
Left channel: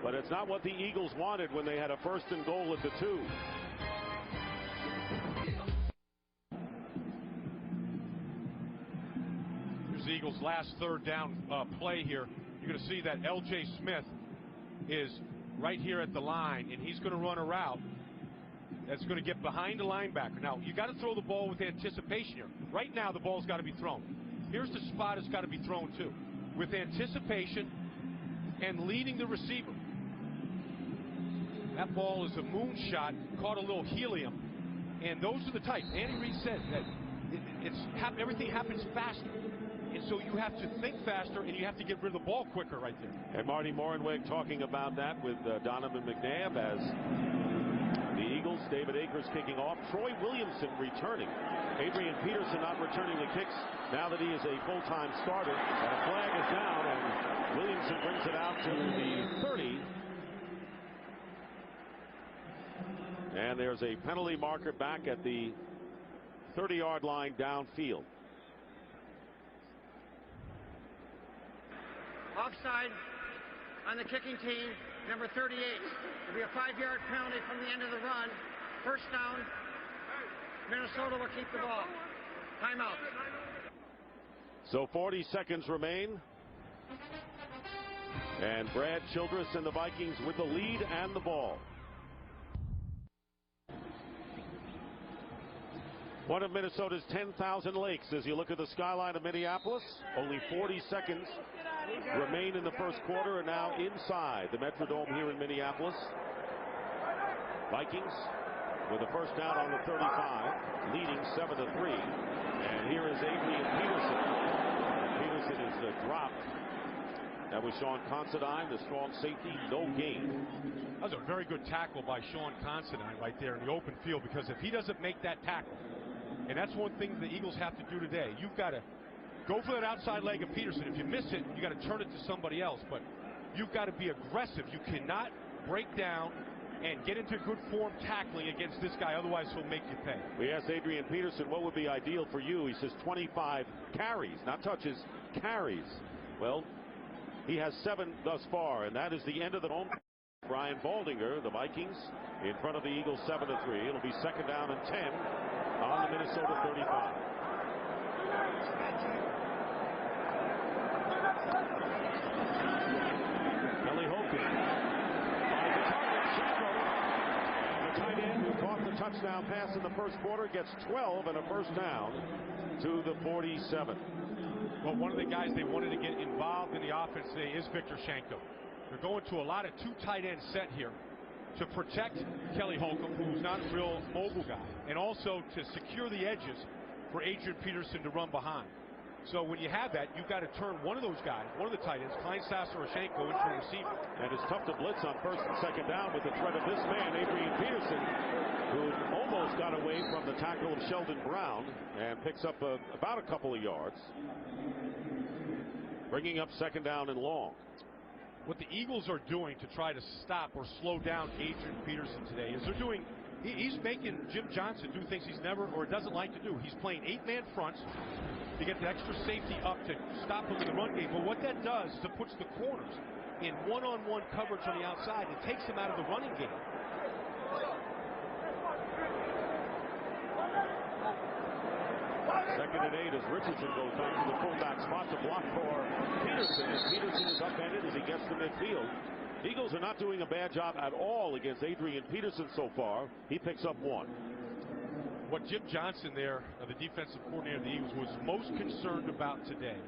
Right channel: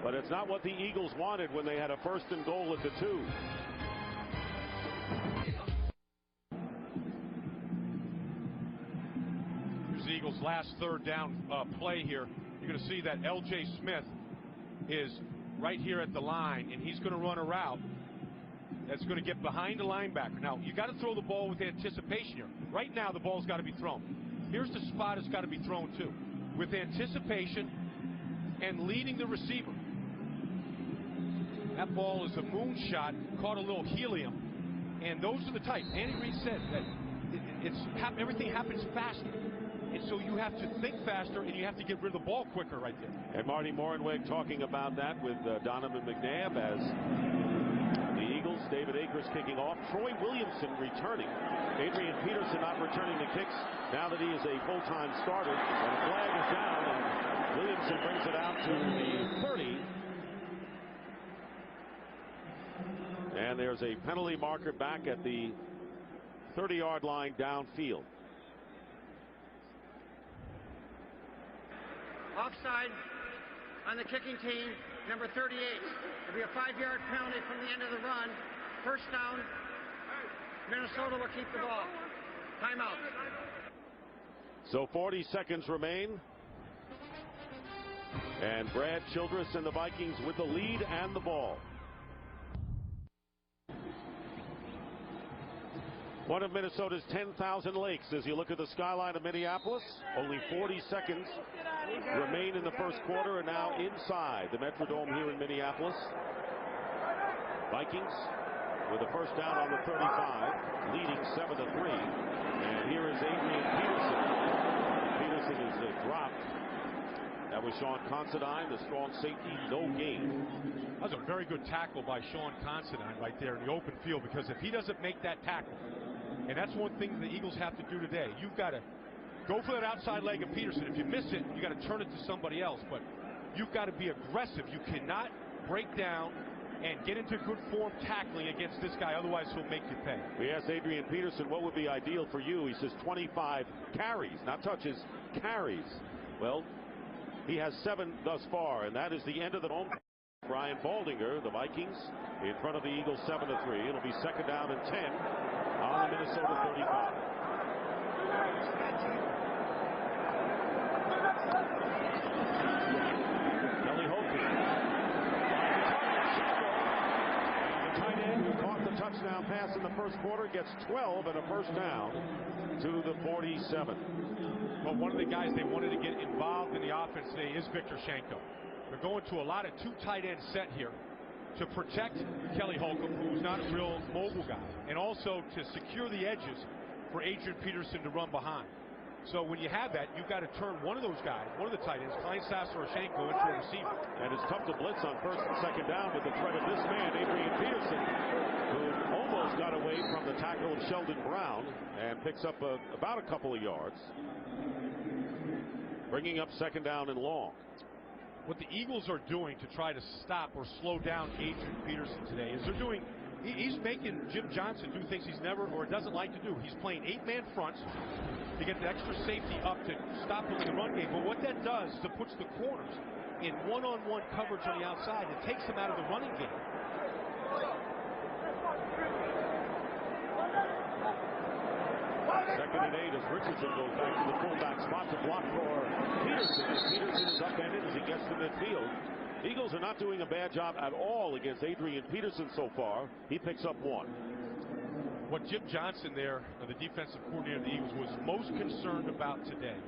but it's not what the Eagles wanted when they had a first and goal at the 2. Here's the Eagles' last third down play here. You're going to see that L.J. Smith is right here at the line, and he's going to run a route that's going to get behind the linebacker. Now, you got to throw the ball with anticipation here. Right now, the ball's got to be thrown. Here's the spot it's got to be thrown to, with anticipation and leading the receiver. That ball is a moonshot, caught a little helium, and those are the types. Andy Reid said that everything happens faster, and so you have to think faster and you have to get rid of the ball quicker right there. And Marty Morenweg talking about that with Donovan McNabb as the Eagles. David Akers kicking off. Troy Williamson returning. Adrian Peterson not returning the kicks now that he is a full-time starter. And a flag is down, and Williamson brings it out to the 30. And there's a penalty marker back at the 30-yard line downfield. Offside on the kicking team, number 38. It'll be a 5-yard penalty from the end of the run. First down. Minnesota will keep the ball. Timeout. So 40 seconds remain. And Brad Childress and the Vikings with the lead and the ball. One of Minnesota's 10,000 lakes as you look at the skyline of Minneapolis. Only 40 seconds remain in the first quarter, and now inside the Metrodome here in Minneapolis. Vikings with a first down on the 35, leading 7-3. And here is Adrian Peterson. And Peterson is dropped. That was Sean Considine, the strong safety, no gain. That was a very good tackle by Sean Considine right there in the open field, because if he doesn't make that tackle, and that's one thing the Eagles have to do today, you've got to go for that outside leg of Peterson. If you miss it, you got to turn it to somebody else, but you've got to be aggressive. You cannot break down and get into good form tackling against this guy, otherwise he'll make you pay. We asked Adrian Peterson what would be ideal for you. He says 25 carries, not touches, carries. Well, he has 7 thus far, and that is the end of the home. Brian Boldinger, the Vikings, in front of the Eagles 7-3. It'll be second down and 10 on the Minnesota 35. Kelly Holcomb finds a target, Shanko, and the tight end who caught the touchdown pass in the first quarter gets 12 and a first down to the 47. Well, one of the guys they wanted to get involved in the offense today is Victor Shanko. They're going to a lot of 2 tight end set here to protect Kelly Holcomb, who's not a real mobile guy, and also to secure the edges for Adrian Peterson to run behind. So when you have that, you've got to turn one of those guys, one of the tight ends, Kleinsasser or Shanko, into a receiver. And it's tough to blitz on first and second down with the threat of this man, Adrian Peterson, who almost got away from the tackle of Sheldon Brown and picks up about a couple of yards, bringing up second down and long. What the Eagles are doing to try to stop or slow down Adrian Peterson today is he's making Jim Johnson do things he's never or doesn't like to do. He's playing 8-man fronts to get the extra safety up to stop him in the run game. But what that does is it puts the corners in one-on-one coverage on the outside and takes them out of the running game. Second and 8 as Richardson goes back to the fullback spot to block for Peterson, and Peterson is upended as he gets to midfield. Eagles are not doing a bad job at all against Adrian Peterson so far. He picks up 1. What Jim Johnson there, the defensive coordinator of the Eagles, was most concerned about today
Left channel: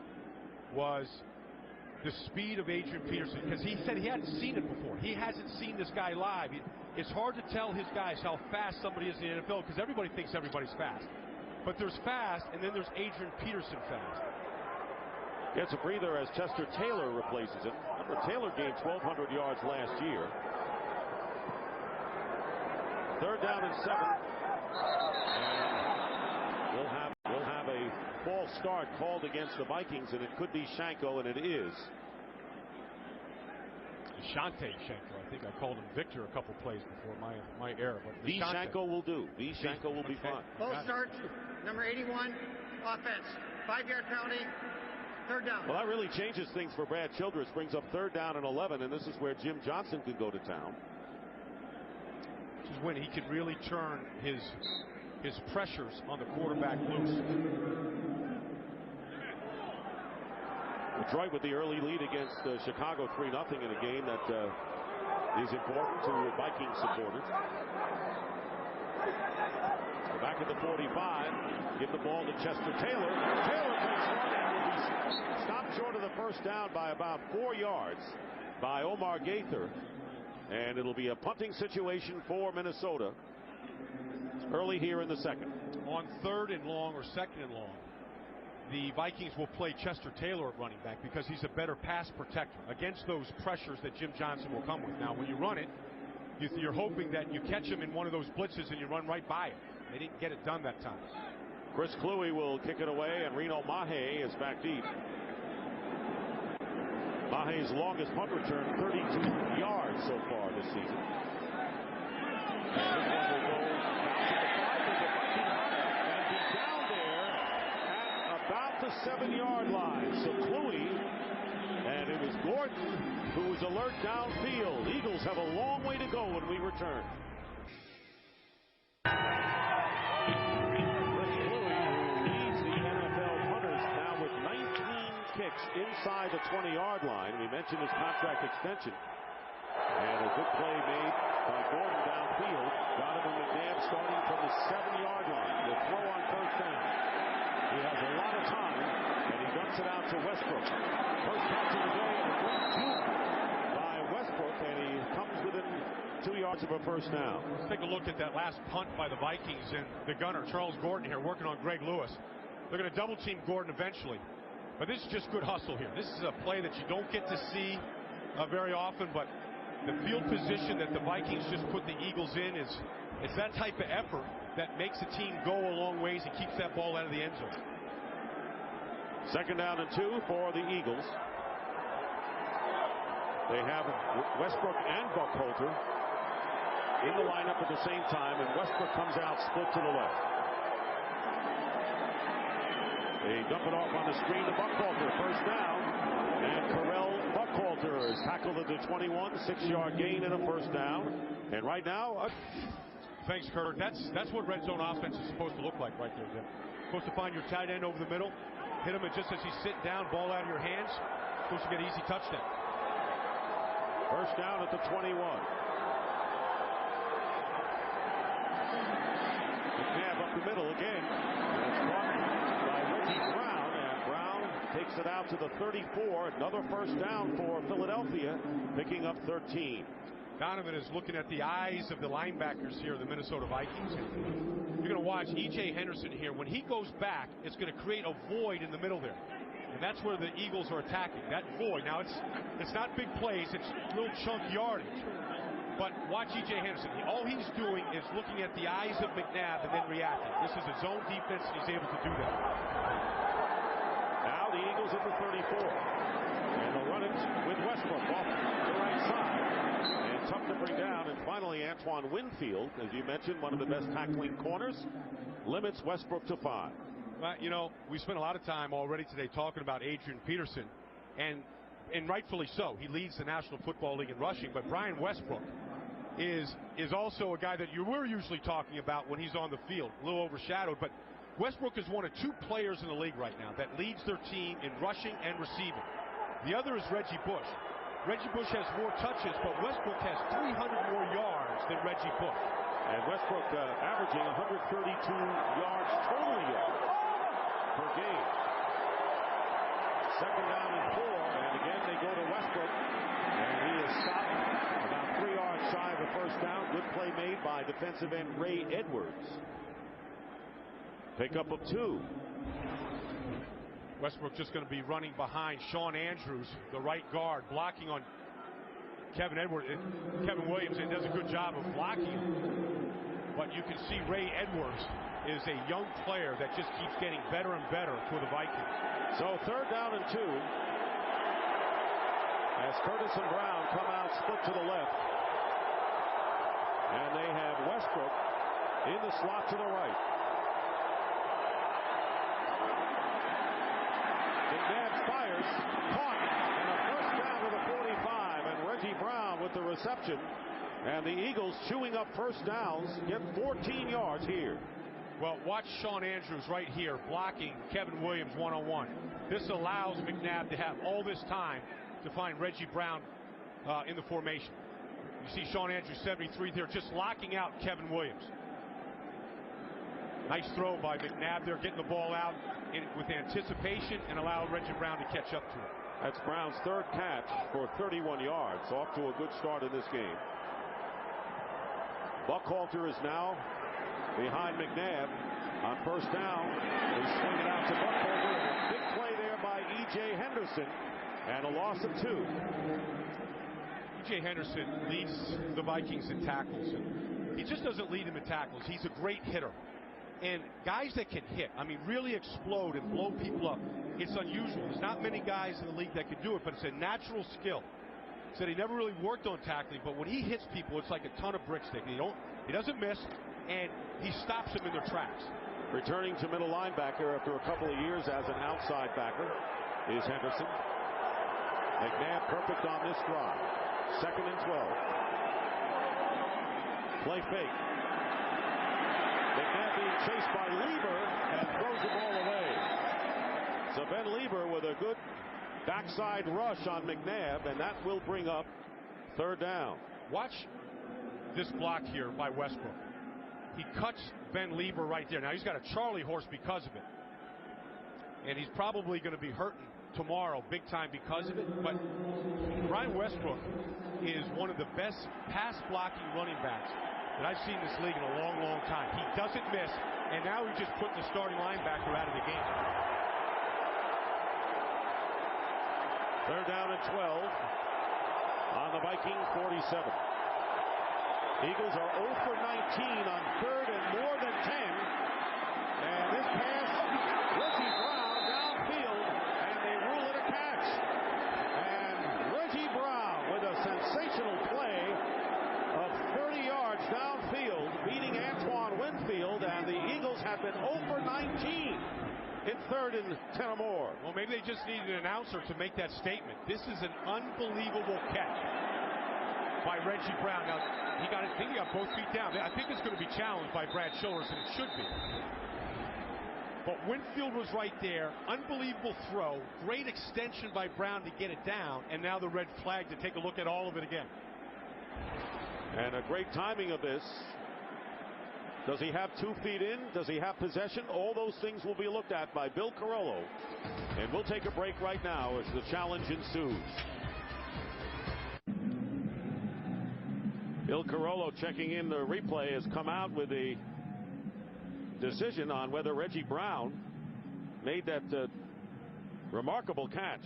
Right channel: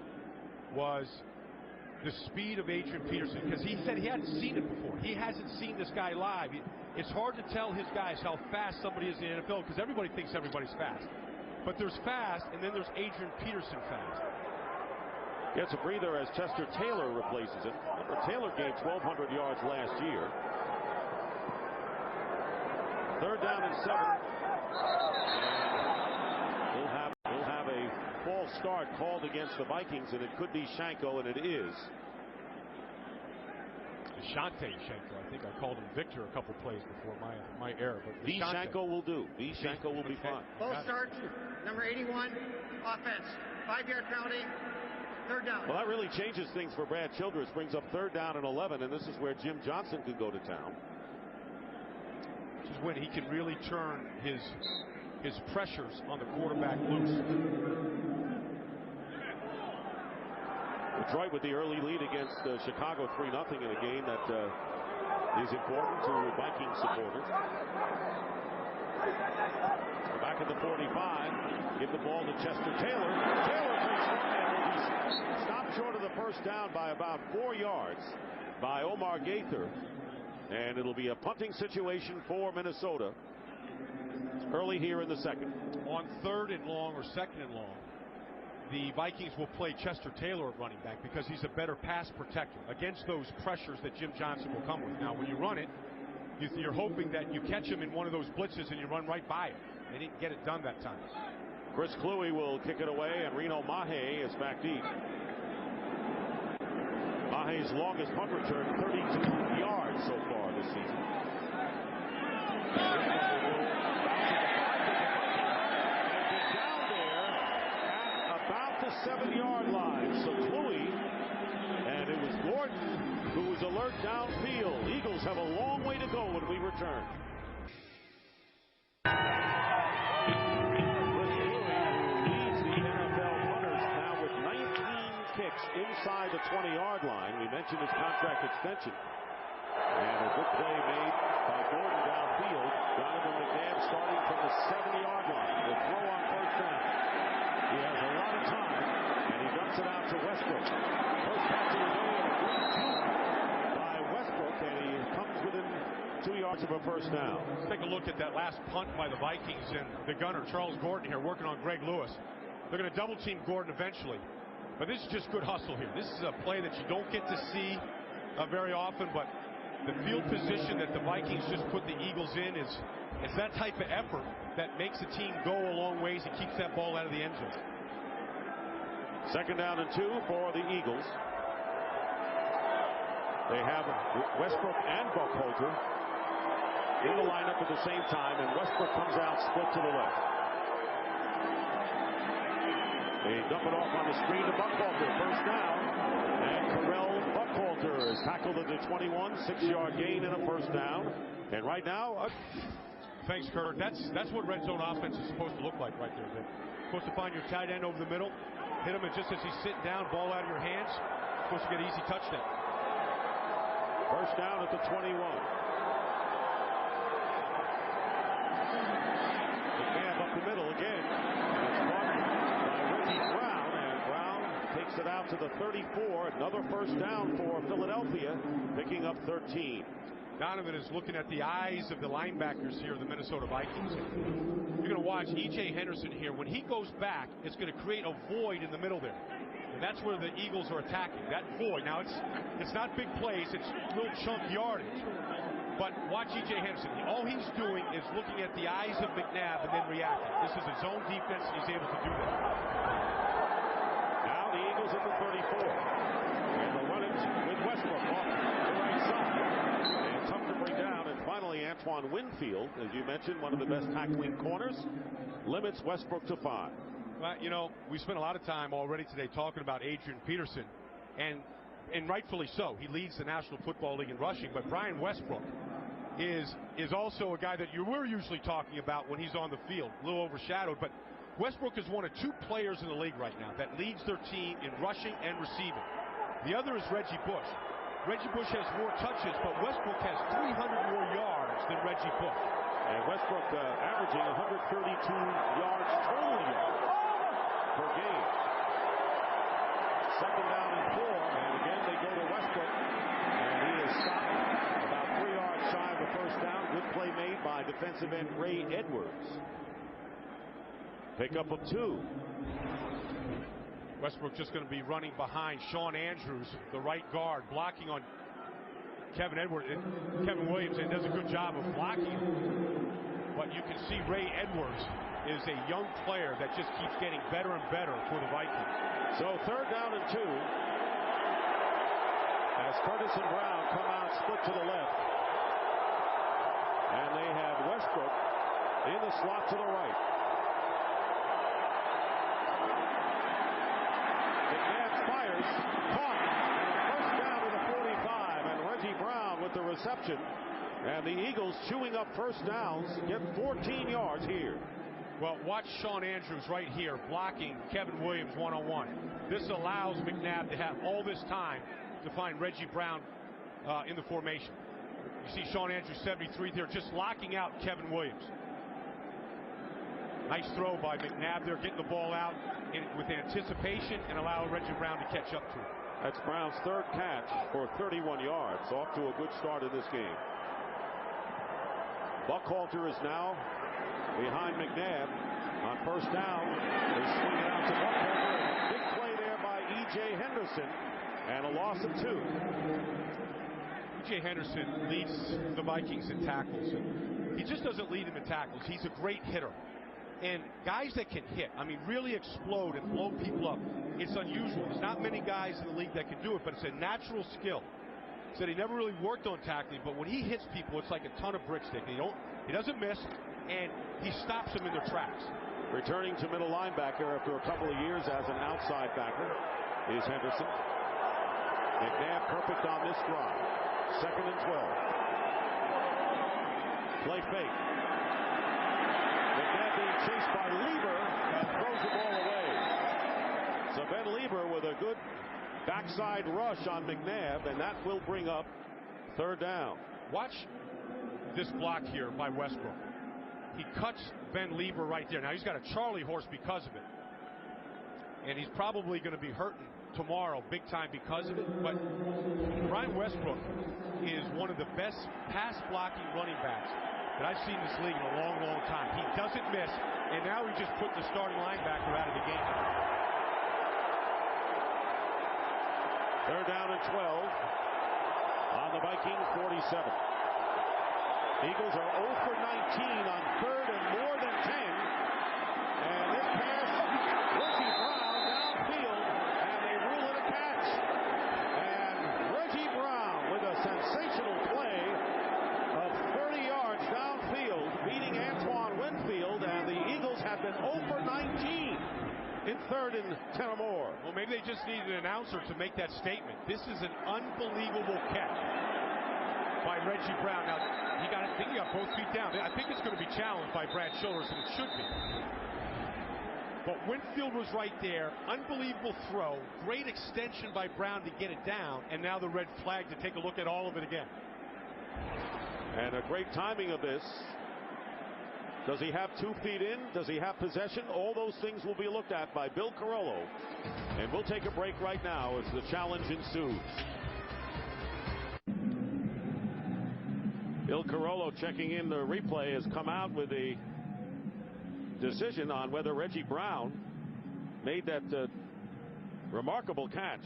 was the speed of Adrian Peterson, because he said he hadn't seen it before. He hasn't seen this guy live. It's hard to tell his guys how fast somebody is in the NFL, because everybody thinks everybody's fast. But there's fast, and then there's Adrian Peterson fast. Gets a breather as Chester Taylor replaces him. Remember, Taylor gained 1,200 yards last year. Third down and 7. And we'll have a false start called against the Vikings, and it could be Shanko, and it is. Shante Shanko. I think I called him Victor a couple plays before my error. But the Shanko will do. The Shanko will be fine. False start, number 81, offense. 5-yard penalty, third down. Well, that really changes things for Brad Childress. Brings up third down and 11, and this is where Jim Johnson can go to town. This is when he can really turn his pressures on the quarterback loose. Detroit with the early lead against Chicago 3-0 in a game that is important to Viking supporters. So back at the 45, give the ball to Chester Taylor. Taylor breaks one and will be stopped short of the first down by about 4 yards by Omar Gaither. And it'll be a punting situation for Minnesota early here in the second. On third and long or second and long, the Vikings will play Chester Taylor at running back because he's a better pass protector against those pressures that Jim Johnson will come with. Now, when you run it, you're hoping that you catch him in one of those blitzes and you run right by it. They didn't get it done that time. Chris Kluwe will kick it away, and Reno Mahe is back deep. Mahe's longest punt return, 32 yards so far this season. And this one will go bounce at the 5, take a Viking hop, and be down there at about the 7-yard line. So Kluwe, and it was Gordon who was alert downfield. Eagles have a long way to go when we return. Chris Kluwe, who leads the NFL NFL punters now with 19 kicks inside the 20-yard line. We mentioned his contract extension. And a good play made by Gordon downfield. Donovan McNabb starting from the 7-yard line. Will throw on first down. He has a lot of time, and he dumps it out to Westbrook. First catch of the day, and a great juke by Westbrook, and he comes within 2 yards of a first down. Let's take a look at that last punt by the Vikings, and the gunner, Charles Gordon, here working on Greg Lewis. They're going to double team Gordon eventually. But this is just good hustle here. This is a play that you don't get to see very often, but the field position that the Vikings just put the Eagles in it's that type of effort that makes the team go a long ways and keeps that ball out of the end zone. Second down and 2 for the Eagles. They have Westbrook and Buckhalter in the lineup at the same time, and Westbrook comes out split to the left. They dump it off on the screen to Buckhalter. First down, and Carell Buckhalter is tackled at the 21, 6-yard gain and a first down. And right now, thanks, Kurt. That's what red zone offense is supposed to look like right there. Supposed to find your tight end over the middle, hit him, and just as he's sitting down, ball out of your hands, supposed to get an easy touchdown. First down at the 21. McNabb up the middle again, and it's caught by Reggie Brown, and Brown takes it out to the 34. Another first down for Philadelphia, picking up 13. Donovan is looking at the eyes of the linebackers here, the Minnesota Vikings, and you're going to watch E.J. Henderson here. When he goes back, it's going to create a void in the middle there, and that's where the Eagles are attacking, that void. Now, it's not big plays, it's little chunk yardage. But watch E.J. Henderson. All he's doing is looking at the eyes of McNabb and then reacting. This is a zone defense, and he's able to do that. Now the Eagles at the 34. And they'll run it with Westbrook off the right side. And tough to bring down. And finally, Antoine Winfield, as you mentioned, one of the best tackling corners, limits Westbrook to 5. Well, you know, we spent a lot of time already today talking about Adrian Peterson. And rightfully so. He leads the National Football League in rushing. But Brian Westbrook is also a guy that we're usually talking about when he's on the field. A little overshadowed. But Westbrook is one of 2 players in the league right now that leads their team in rushing and receiving. The other is Reggie Bush. Reggie Bush has more touches, but Westbrook has 300 more yards than Reggie Bush. And Westbrook averaging 132 yards, total yards per game. Second down and 4, and again they go to Westbrook, and he is stopped about 3 yards shy of the first down. Good play made by defensive end Ray Edwards. Pickup of 2. Westbrook just going to be running behind Sean Andrews, the right guard, blocking on Kevin Williams, and does a good job of blocking him. But you can see Ray Edwards is a young player that just keeps getting better and better for the Vikings. So third down and 2. As Curtis and Brown come out split to the left. And they have Westbrook in the slot to the right. McNabb fires, caught, and a first down to the 45. And Reggie Brown with the reception. And the Eagles chewing up first downs, get 14 yards here. Well, watch Sean Andrews right here blocking Kevin Williams one-on-one. This allows McNabb to have all this time to find Reggie Brown in the formation. You see Sean Andrews, 73 there, just locking out Kevin Williams. Nice throw by McNabb there, getting the ball out with anticipation and allow Reggie Brown to catch up to it. That's Brown's third catch for 31 yards. Off to a good start in this game. Buckhalter is now behind McNabb on first down. They swing it out to Buckhalter, and a big play there by E.J. Henderson, and a loss of 2. E.J. Henderson leads the Vikings in tackles, and he just doesn't lead them in tackles. He's a great hitter. And guys that can hit, I mean, really explode and blow people up, it's unusual. There's not many guys in the league that can do it, but it's a natural skill. Said he never really worked on tackling, but when he hits people, it's like a ton of brick stick. He doesn't miss, and he stops them in their tracks. Returning to middle linebacker after a couple of years as an outside backer is Henderson. McNabb perfect on this drive. 2nd and 12. Play fake. McNabb being chased by Lieber and throws the ball away. So Ben Lieber with a good backside rush on McNabb, and that will bring up third down. Watch this block here by Westbrook. He cuts Ben Lieber right there. Now he's got a Charlie horse because of it. And he's probably going to be hurting tomorrow big time because of it. But Brian Westbrook is one of the best pass blocking running backs that I've seen in this league in a long, long time. He doesn't miss, and now he just put the starting linebacker out of the game. Third down and 12 on the Vikings 47. Eagles are 0 for 19 on third and more than 10. And this pass, Reggie Brown downfield, and they rule it a catch. And Reggie Brown with a sensational play of 30 yards downfield, beating Antoine Winfield, and the Eagles have been 0 for 19 in third and 10 or more. Well, maybe they just need an announcer to make that statement. This is an unbelievable catch by Reggie Brown. Now, I think he got both feet down. I think it's going to be challenged by Brad Childress, and it should be. But Winfield was right there. Unbelievable throw. Great extension by Brown to get it down, and now the red flag to take a look at all of it again. And a great timing of this. Does he have 2 feet in? Does he have possession? All those things will be looked at by Bill Carollo. And we'll take a break right now as the challenge ensues. Bill Carollo checking in the replay has come out with a decision on whether Reggie Brown made that remarkable catch.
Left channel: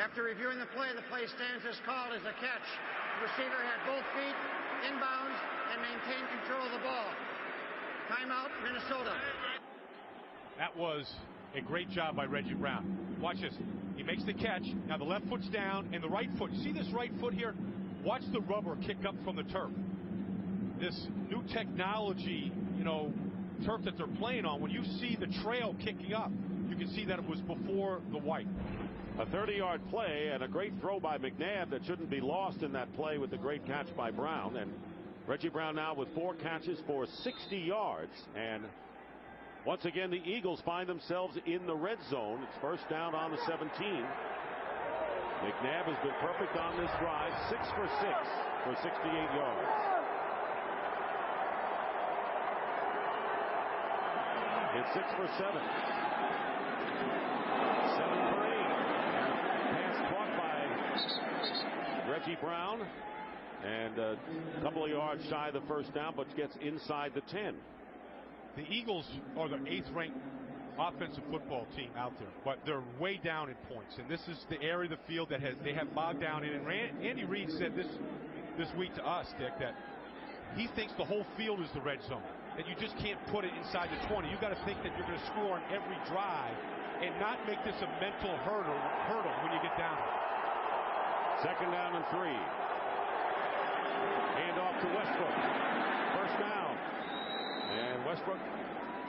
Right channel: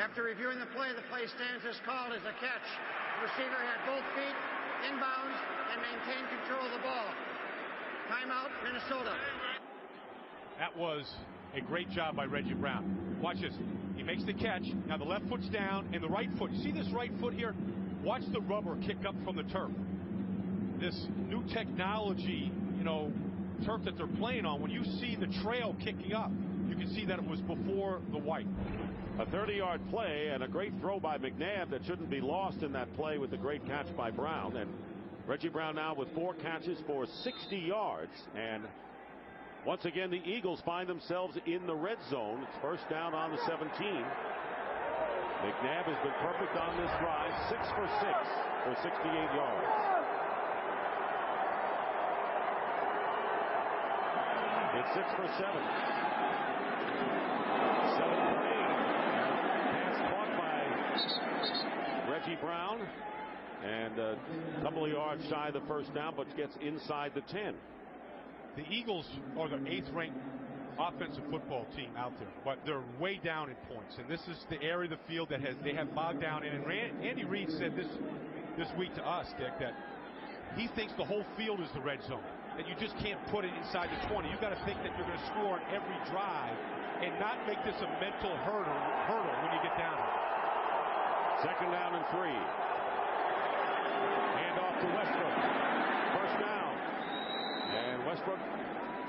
After reviewing the play stands as called as a catch. The receiver had both feet inbounds and maintained control of the ball. Timeout, Minnesota. That was a great job by Reggie Brown. Watch this. He makes the catch. Now the left foot's down and the right foot. You see this right foot here? Watch the rubber kick up from the turf. This new technology, turf that they're playing on, when you see the trail kicking up, you can see that it was before the white. A 30-yard play and a great throw by McNabb that shouldn't be lost in that play with the great catch by Brown. And Reggie Brown now with 4 catches for 60 yards. And once again, the Eagles find themselves in the red zone. It's first down on the 17. McNabb has been perfect on this drive, 6 for 6 for 68 yards. It's 6 for 7. 7 for 8. And a pass caught by Reggie Brown. And a couple of yards shy of the first down, but gets inside the 10. The Eagles are the 8th ranked offensive football team out there, but they're way down in points. And this is the area of the field that they have bogged down in. And Andy Reid said this week to us, Dick, that he thinks the whole field is the red zone, that you just can't put it inside the 20. You've got to think that you're going to score on every drive and not make this a mental hurdle when you get down here. Second down and 3. Hand off to Westbrook. First down. And Westbrook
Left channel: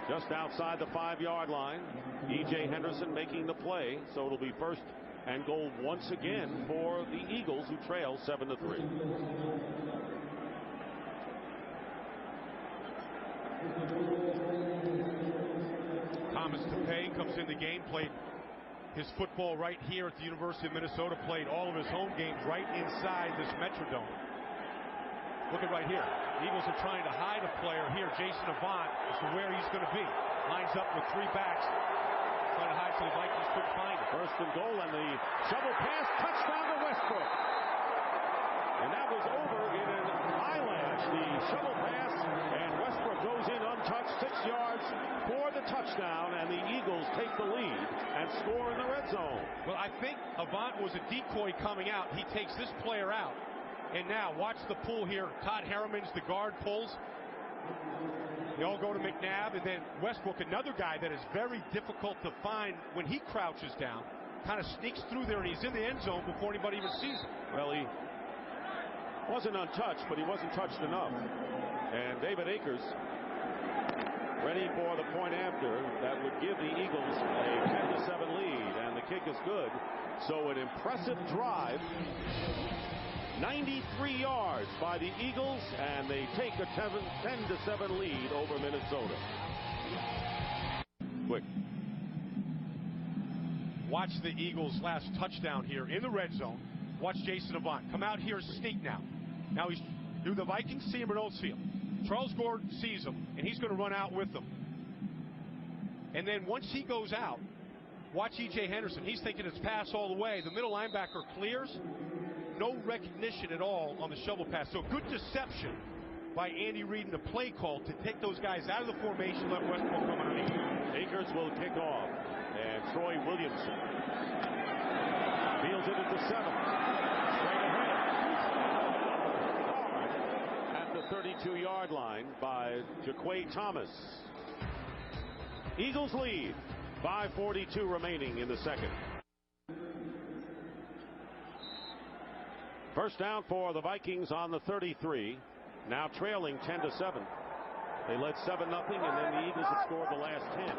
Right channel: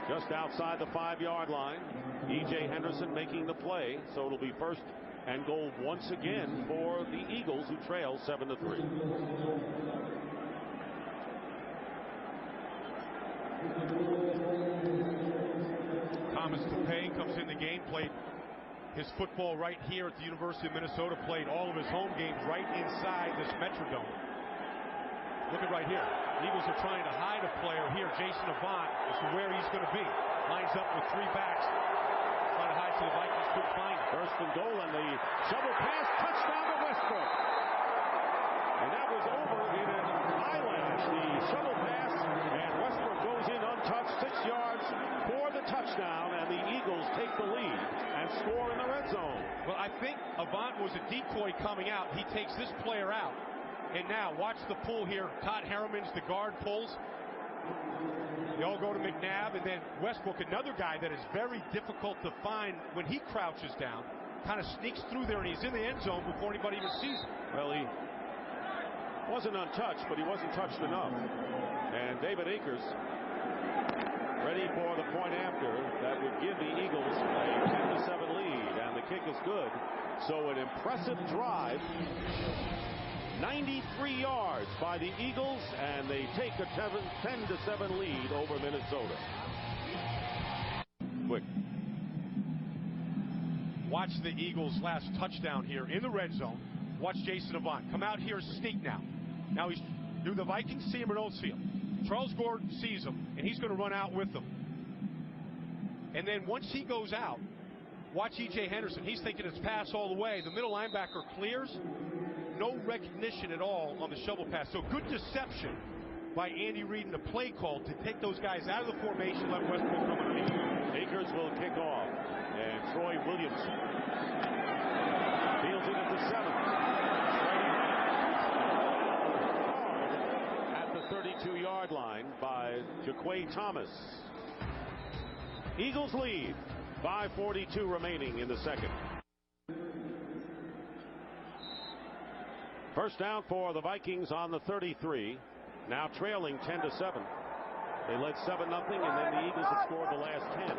just outside the 5-yard line. E.J. Henderson making the play. So it'll be first and goal once again for the Eagles, who trail 7-3. Thomas Tapei comes in the game, played his football right here at the University of Minnesota, played all of his home games right inside this Metrodome. Look at right here. The Eagles are trying to hide a player here, Jason Avant, as to where he's going to be. Lines up with 3 backs, trying to hide so the Vikings couldn't find him. First and goal, and the shovel pass, touchdown to Westbrook. And that was over in an eyelash, the shovel pass, and Westbrook goes in untouched, 6 yards for the touchdown, and the Eagles take the lead and score in the red zone. Well, I think Avant was a decoy coming out. He takes this player out, and now watch the pull here. Todd Harriman's the guard, pulls. They all go to McNabb, and then Westbrook, another guy that is very difficult to find when he crouches down, kind of sneaks through there, and he's in the end zone before anybody even sees him. Well, he wasn't untouched, but he wasn't touched enough. And David Akers ready for the point after that would give the Eagles a 10-7 lead, and the kick is good. So an impressive drive, 93 yards by the Eagles, and they take a 10-7 lead over Minnesota. quick. Watch the Eagles' last touchdown here in the red zone. Watch Jason Avant come out here, sneak now. Now the Vikings see him or don't see him. Charles Gordon sees him, and he's going to run out with them. And then once he goes out, watch E.J. Henderson. He's thinking it's pass all the way. The middle linebacker clears. No recognition at all on the shovel pass. So good deception by Andy Reid in the play call to take those guys out of the formation, let Westbrook come underneath. Akers will kick off, and Troy Williamson fields it at the 7. Straight ahead, and down hard at the 32-yard line by Jaquay Thomas. Eagles lead. 5:42 remaining in the second. First down for the Vikings on the 33. Now trailing 10-7. They led 7-0, and then the Eagles have scored the last 10.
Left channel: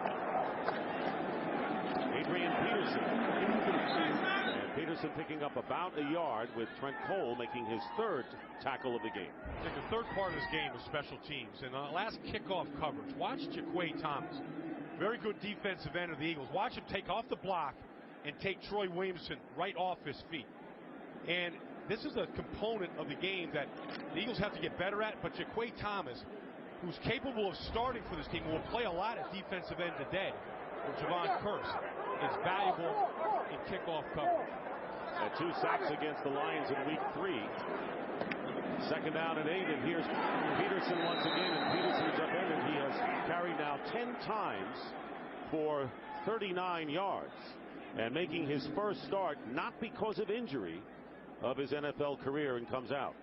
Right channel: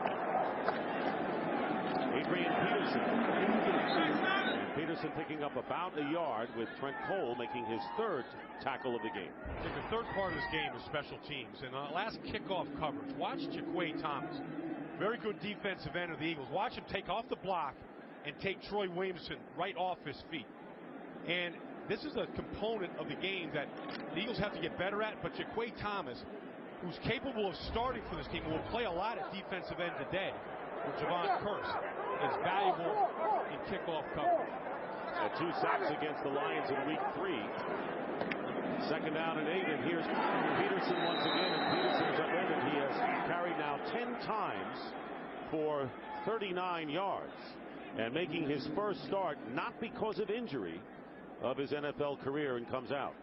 Adrian Peterson. And Peterson picking up about a yard with Trent Cole making his third tackle of the game. I think the third part of this game is special teams. And the last kickoff coverage, watch Jaquay Thomas. Very good defensive end of the Eagles. Watch him take off the block and take Troy Williamson right off his feet. And this is a component of the game that the Eagles have to get better at. But Jaquay Thomas, who's capable of starting for this team, will play a lot at defensive end today, where Javon Curse is valuable in kickoff coverage. At 2 sacks against the Lions in week 3. Second down and 8, and here's Peterson once again, and Peterson is upended. He has carried now 10 times for 39 yards, and making his first start, not because of injury, of his NFL career, and comes out.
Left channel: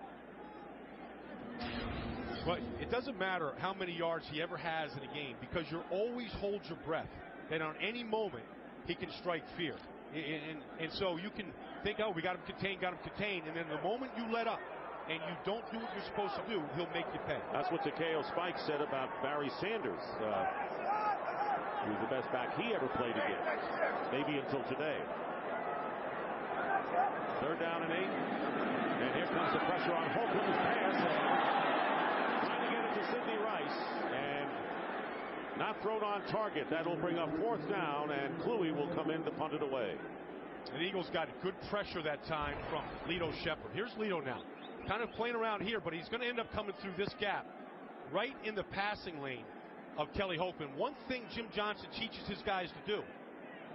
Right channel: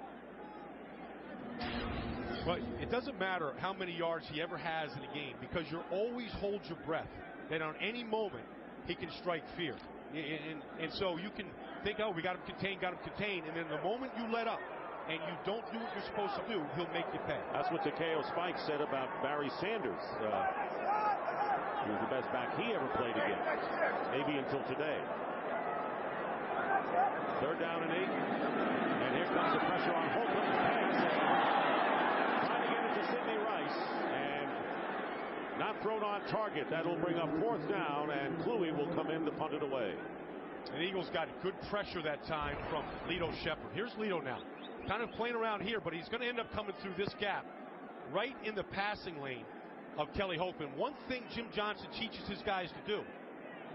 Well, it doesn't matter how many yards he ever has in a game, because you always hold your breath that on any moment he can strike fear. And so you can think, oh, we got him contained, and then the moment you let up and you don't do what you're supposed to do, he'll make you pay. That's what Takeo Spikes said about Barry Sanders, who was the best back he ever played against, maybe until today. Third down and 8, and here comes the pressure on Holcomb's pass, and trying to get it to Sidney Rice, and not thrown on target. That'll bring up fourth down, and Kluwe will come in to punt it away. And the Eagles got good pressure that time from Lito Shepherd. Here's Lito now, kind of playing around here, but he's going to end up coming through this gap right in the passing lane of Kelly Holcomb. One thing Jim Johnson teaches his guys to do:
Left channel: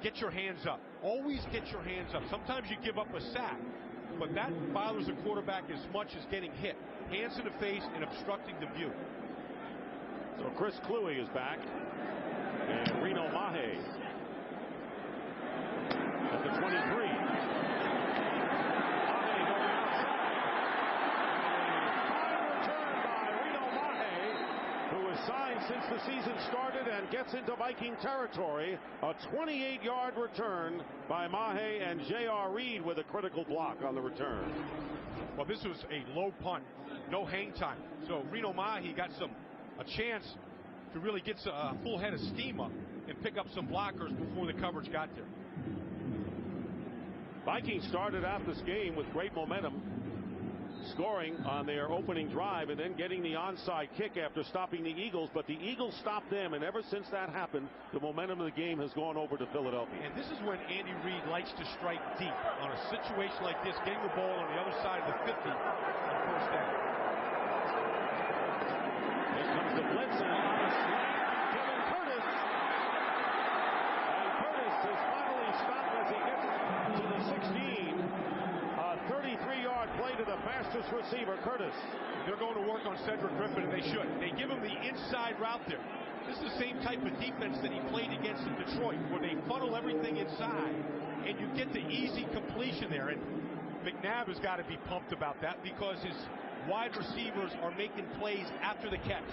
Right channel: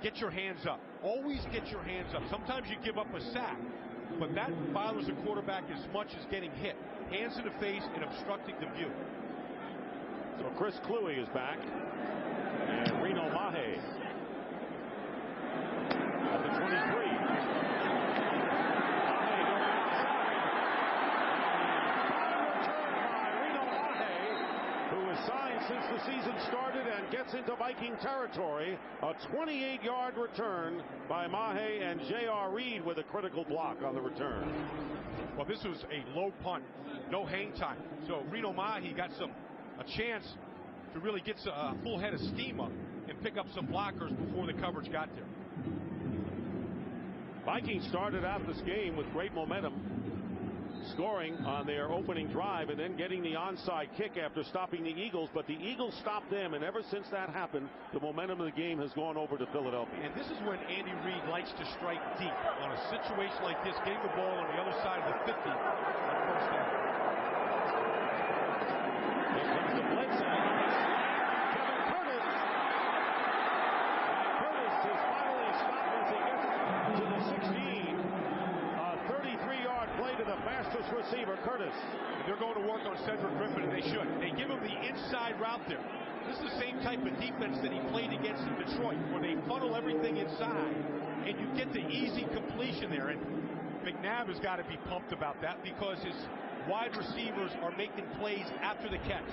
get your hands up. Always get your hands up. Sometimes you give up a sack, but that bothers the quarterback as much as getting hit. Hands in the face and obstructing the view. So Chris Kluwe is back, and Reno Mahe at the 23. Mahe going outside, and a fine return by Reno Mahe, who was signed since the season started and gets into Viking territory. A 28-yard return by Mahe, and J.R. Reed with a critical block on the return. Well, this was a low punt, no hang time. So Reno Mahe got a chance to really get a full head of steam up and pick up some blockers before the coverage got there. Vikings started out this game with great momentum, scoring on their opening drive and then getting the onside kick after stopping the Eagles, but the Eagles stopped them, and ever since that happened, the momentum of the game has gone over to Philadelphia. And this is when Andy Reid likes to strike deep on a situation like this, getting the ball on the other side of the 50 on first down. Here comes the blitz, and on the slant, Kevin Curtis. And Curtis is finally stopped as he gets to the 16. A 33-yard play to the fastest receiver, Curtis. And they're going to work on Cedric Griffin, and they should. They give him the inside route there. This is the same type of defense that he played against in Detroit, where they funnel everything inside, and you get the easy completion there. And McNabb has got to be pumped about that, because his wide receivers are making plays after the catch.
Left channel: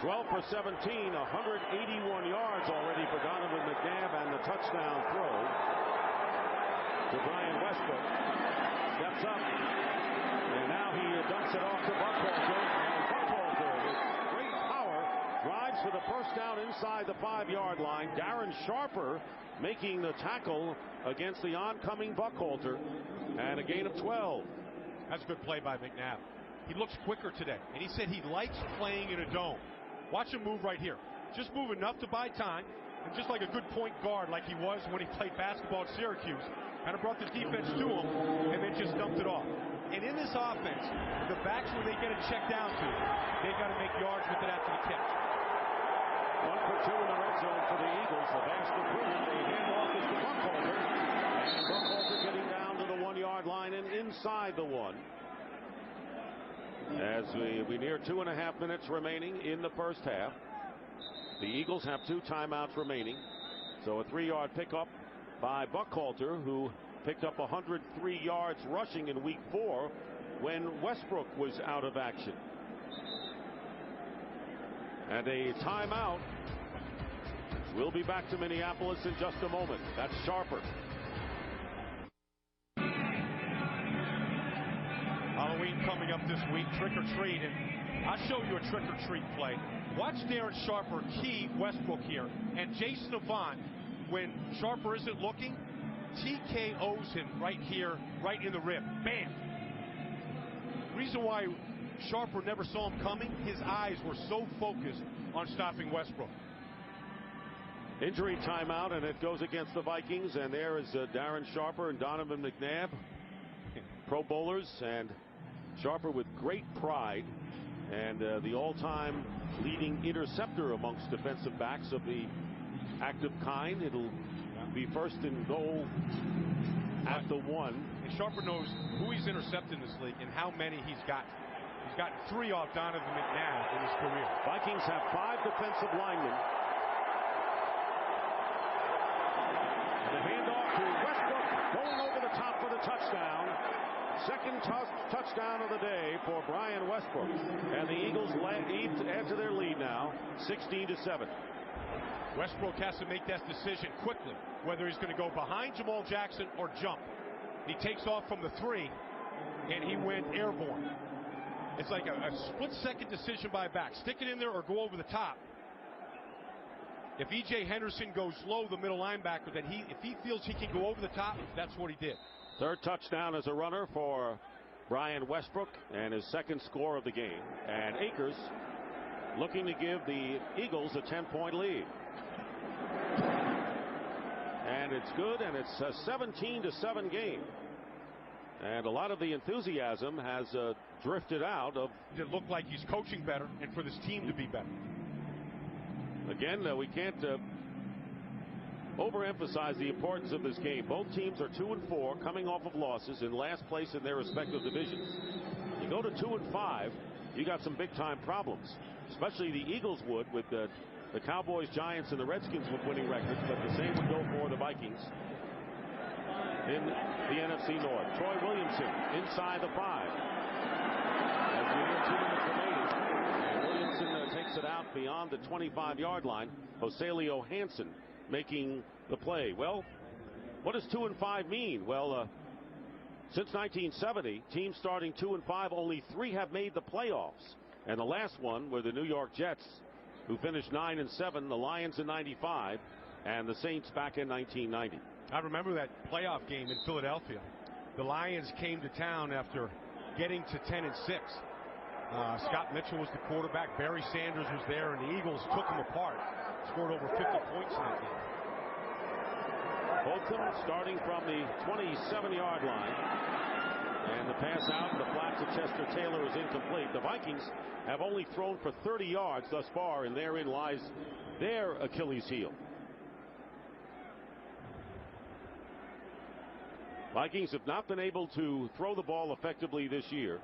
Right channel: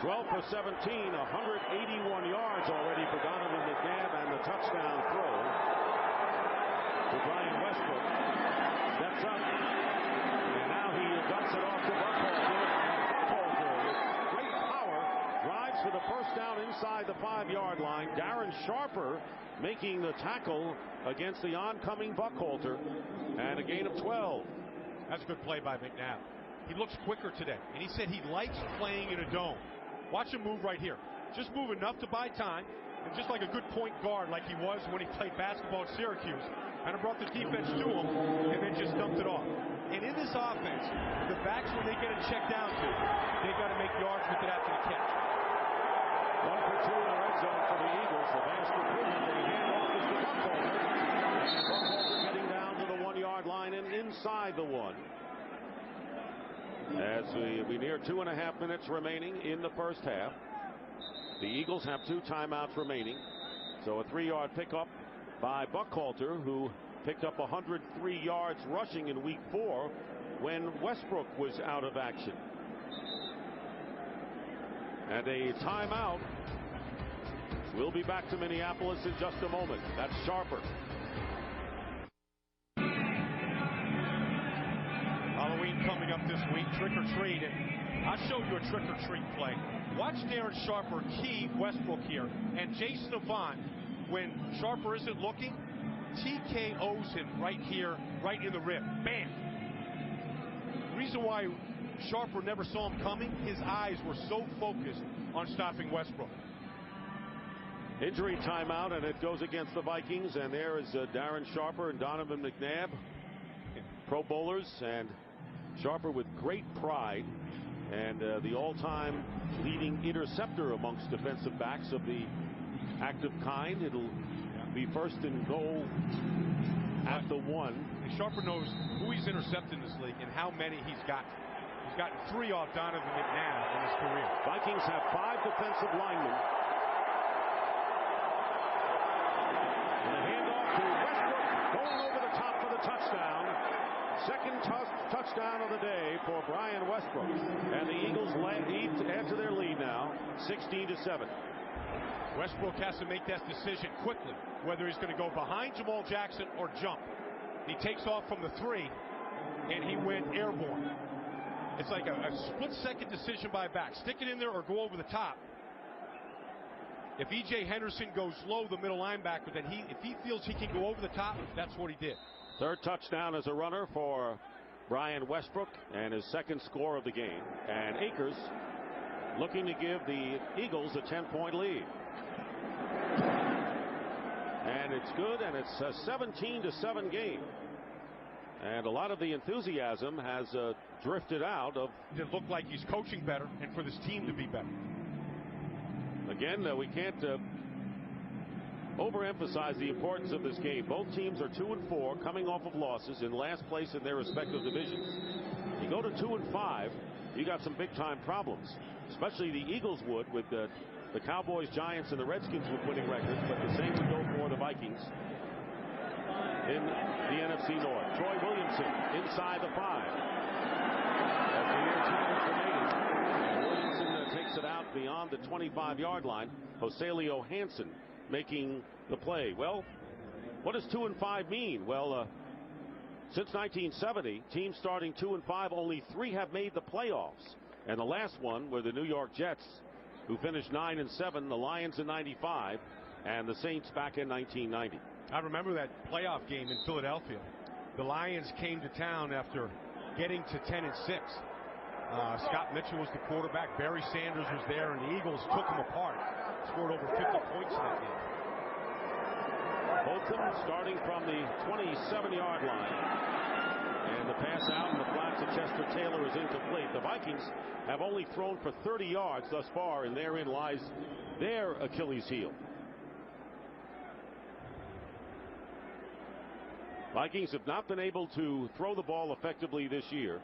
12 for 17, 181 yards already for Donovan McNabb, and the touchdown throw to Brian Westbrook. Steps up, and now he dumps it off to Buckhalter, and Buckhalter with great power drives for the first down inside the 5-yard line. Darren Sharper making the tackle against the oncoming Buckhalter, and a gain of 12. That's a good play by McNabb. He looks quicker today, and he said he likes playing in a dome. Watch him move right here. Just move enough to buy time, and just like a good point guard like he was when he played basketball at Syracuse, kind of brought the defense to him and then just dumped it off. And in this offense, the backs, when they get it checked down to, they got to make yards with it after the catch. 1 for 2 in the red zone for the Eagles. A vast improvement. They hand off this to Buckhalter. And Buckhalter getting down to the 1-yard line and inside the 1. As we near 2.5 minutes remaining in the first half. The Eagles have 2 timeouts remaining. So a 3-yard pickup by Buckhalter, who picked up 103 yards rushing in week 4 when Westbrook was out of action. And a timeout. We'll be back to Minneapolis in just a moment. That's Sharper. Halloween coming up this week, trick or treat, and I'll show you a trick or treat play. Watch Darren Sharper key Westbrook here, and Jason Avant, when Sharper isn't looking, TKOs him right here, right in the rib. Bam! The reason why Sharper never saw him coming, his eyes were so focused on stopping Westbrook. Injury timeout, and it goes against the Vikings, and there is Darren Sharper and Donovan McNabb, Pro Bowlers, and Sharper with great pride, and the all-time leading interceptor amongst defensive backs of the active kind. It'll be first and goal at the 1. And Sharper knows who he's intercepted in this league and how many he's got. He's gotten 3 off Donovan McNabb in his career. Vikings have 5 defensive linemen. And the handoff to Westbrook, going over the top for the touchdown. Second touchdown of the day for Brian Westbrook. And the Eagles add to their lead now, 16-7. Westbrook has to make that decision quickly, whether he's going to go behind Jamal Jackson or jump. He takes off from the 3, and he went airborne. It's like a split-second decision by a back. Stick it in there or go over the top. If E.J. Henderson goes low, the middle linebacker, then if he feels he can go over the top, that's what he did. Third touchdown as a runner for Brian Westbrook, and his second score of the game. And Akers looking to give the Eagles a 10-point lead. And it's good, and it's a 17-7 game. And a lot of the enthusiasm has drifted out of. It looked like he's coaching better, and for this team to be better. Again, we can't overemphasize the importance of this game. Both teams are 2-4, coming off of losses, in last place in their respective divisions. You go to 2-5, you got some big-time problems, especially the Eagles would, with the Cowboys, Giants, and the Redskins with winning records, but the same would go for the Vikings in the NFC North. Troy Williamson inside the 5 as we near 2 minutes remaining, and Williamson takes it out beyond the 25-yard line. Joselio Hansen making the play. Well, what does 2-5 mean? Well, since 1970, teams starting 2-5, only 3 have made the playoffs, and the last one were the New York Jets, who finished 9-7, the Lions in '95, and the Saints back in 1990. I remember that playoff game in Philadelphia. The Lions came to town after getting to 10-6. Scott Mitchell was the quarterback. Barry Sanders was there, and the Eagles took him apart. Scored over 50 points in that game. Holcomb starting from the 27-yard line. And the pass out in the flat to Chester Taylor is incomplete. The Vikings have only thrown for 30 yards thus far, and therein lies their Achilles heel. Vikings have not been able to throw the ball effectively this year.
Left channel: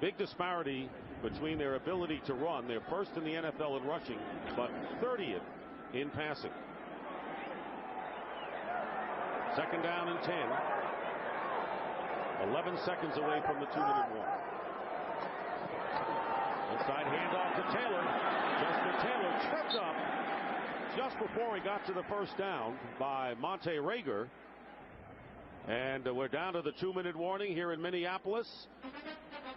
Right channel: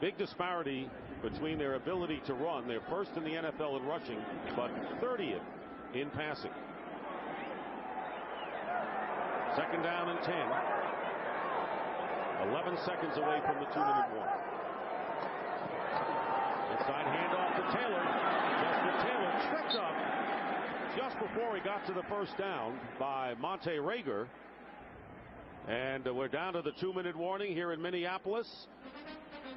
Big disparity between their ability to run. They're first in the NFL in rushing, but 30th in passing. Second down and 10. 11 seconds away from the 2-minute warning. Inside handoff to Taylor. Chester Taylor tripped up just before he got to the first down by Monte Rager. And we're down to the 2-minute warning here in Minneapolis.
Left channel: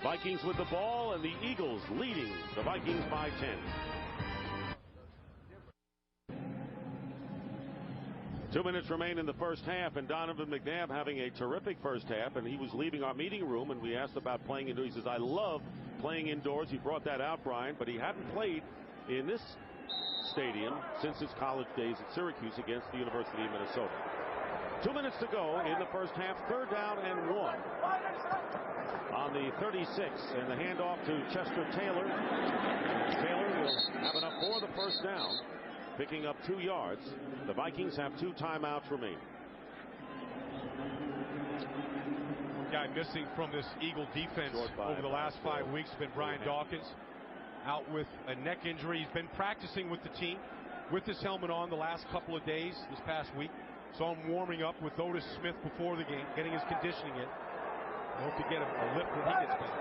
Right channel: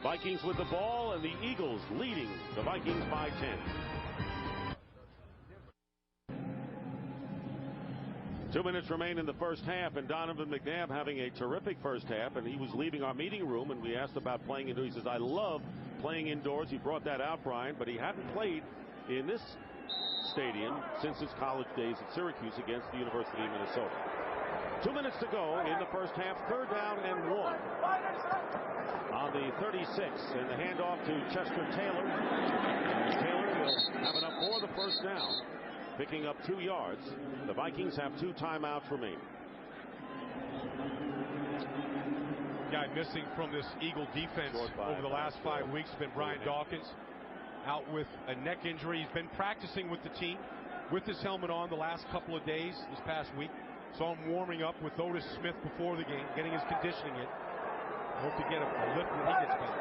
Vikings with the ball, and the Eagles leading the Vikings by 10. 2 minutes remain in the first half, and Donovan McNabb having a terrific first half, and he was leaving our meeting room, and we asked about playing indoors. He says, I love playing indoors. He brought that out, Brian, but he hadn't played in this stadium since his college days at Syracuse against the University of Minnesota. 2 minutes to go in the first half. 3rd down and 1 on the 36, and the handoff to Chester Taylor, and Taylor will have enough for the first down, picking up 2 yards. The Vikings have 2 timeouts remaining. One guy missing from this Eagle defense over the last 5 weeks has been Brian Dawkins, out with a neck injury. He's been practicing with the team with his helmet on the last couple of days this past week. Saw him warming up with Otis Smith before the game, getting his conditioning in. I hope to get a lift when he gets back.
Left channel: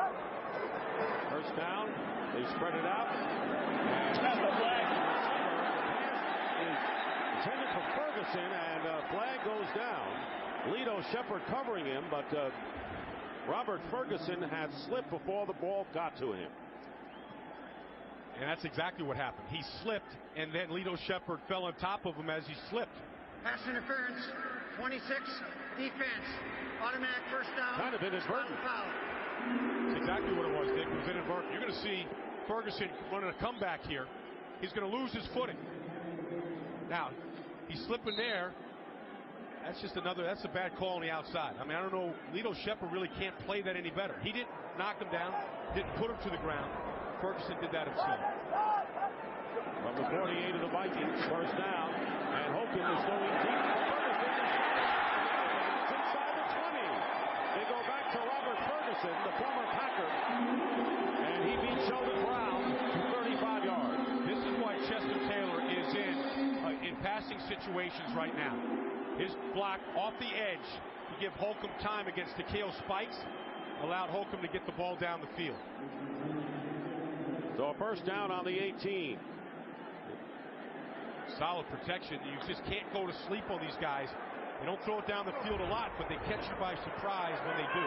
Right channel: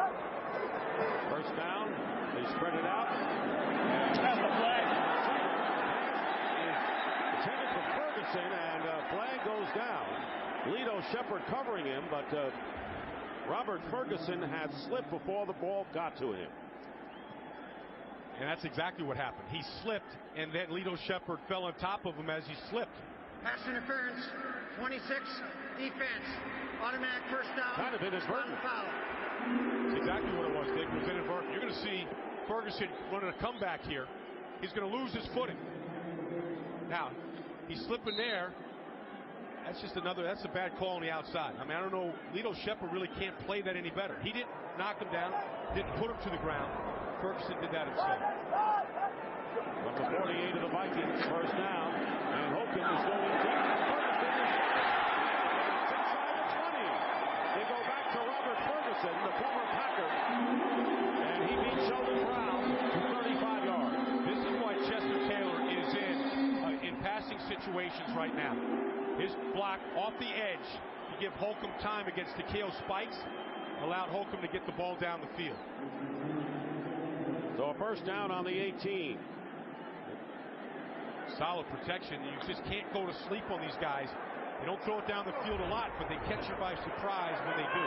First down, they spread it out, and Slipney was the receiver. The pass is intended for Ferguson, and a flag goes down. Lito Shepard covering him, but Robert Ferguson had slipped before the ball got to him. And that's exactly what happened. He slipped, and then Lito Shepard fell on top of him as he slipped. Pass interference, 26, defense, automatic first down. Kind of inadvertent. That's exactly what it was, Dick. It was inadvertent. You're going to see Ferguson running a comeback here. He's going to lose his footing. Now, he's slipping there. That's just that's a bad call on the outside. I mean, I don't know. Lito Shepard really can't play that any better. He didn't knock him down, didn't put him to the ground. Ferguson did that himself. From the 48 of the Vikings, first down, and Holcomb is going deep for Ferguson. He's got it, and out of bounds inside the 20. They go back to Robert Ferguson, the former Packer, and he beat Sheldon Brown to 35 yards. This is why Chester Taylor is in passing situations right now. His block off the edge to give Holcomb time against Takeo Spikes allowed Holcomb to get the ball down the field. So a first down on the 18. Solid protection. You just can't go to sleep on these guys. You don't throw it down the field a lot, but they catch you by surprise when they do.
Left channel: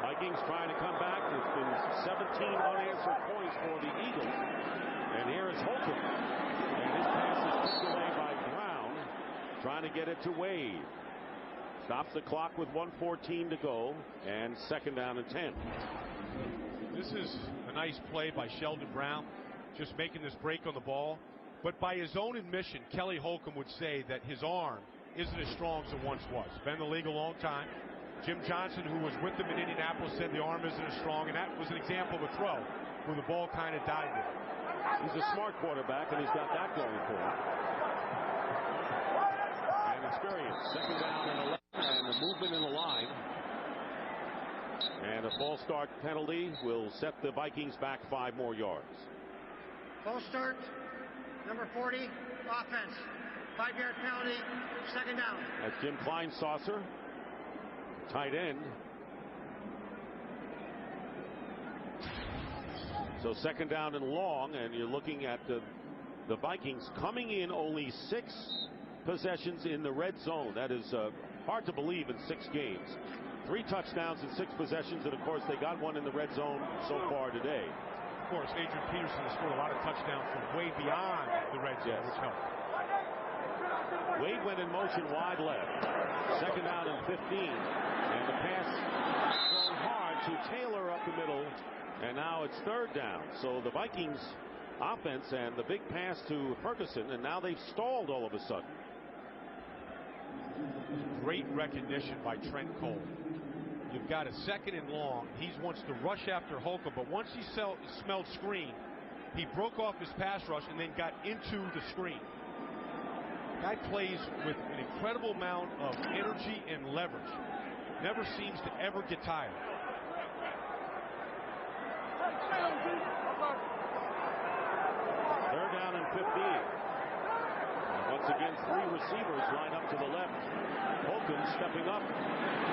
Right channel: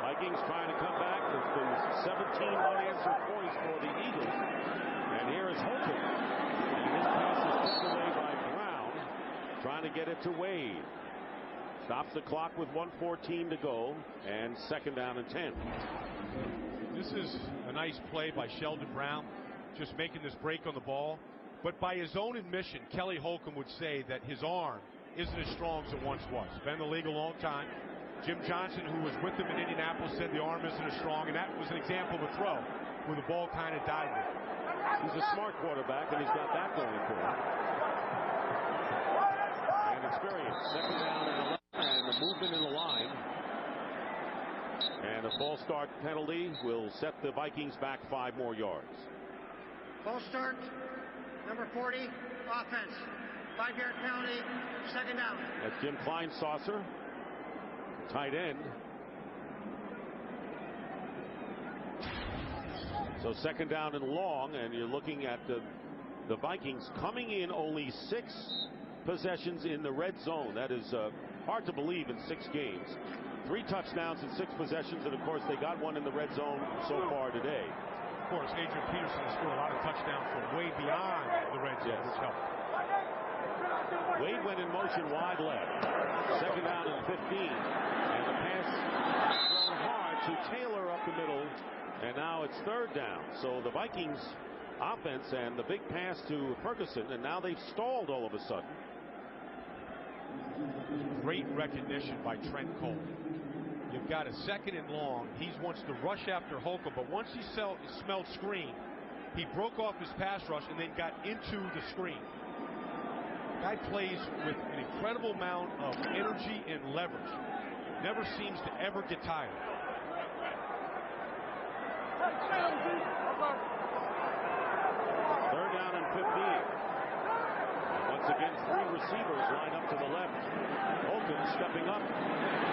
Vikings trying to come back. It's been 17 unanswered points for the Eagles. And here is Holcomb. And his pass is tipped away by Brown, trying to get it to Wade. Stops the clock with 1:14 to go, and 2nd down and 10. This is a nice play by Sheldon Brown, just making this break on the ball. But by his own admission, Kelly Holcomb would say that his arm isn't as strong as it once was. Been in the league a long time. Jim Johnson, who was with him in Indianapolis, said the arm isn't as strong, and that was an example of a throw where the ball kind of died there. He's a smart quarterback, and he's got that going for him. And experience. 2nd down and 11, and the movement in the line. And a false start penalty will set the Vikings back 5 more yards. False start, number 40, offense. 5-yard penalty, 2nd down. That's Jim Kleinsaucer, tight end. So 2nd down and long, and you're looking at the Vikings coming in only 6 possessions in the red zone. That is hard to believe in 6 games. 3 touchdowns in 6 possessions, and of course they got one in the red zone so far today. Of course, Adrian Peterson has scored a lot of touchdowns from way beyond the red zone, which helped. Wade went in motion wide left. 2nd down and 15, and the pass thrown hard to Taylor up the middle, and now it's 3rd down. So the Vikings offense and the big pass to Ferguson, and now they've stalled all of a sudden. That's great recognition by Trent Cole. You've got a 2nd and long. He wants to rush after Holcomb, but once he smelled screen, he broke off his pass rush and then got into the screen. Guy plays with an incredible amount of energy and leverage. Never seems to ever get tired. Third down and 15. And once again, 3 receivers line up to the left. Holcomb stepping up.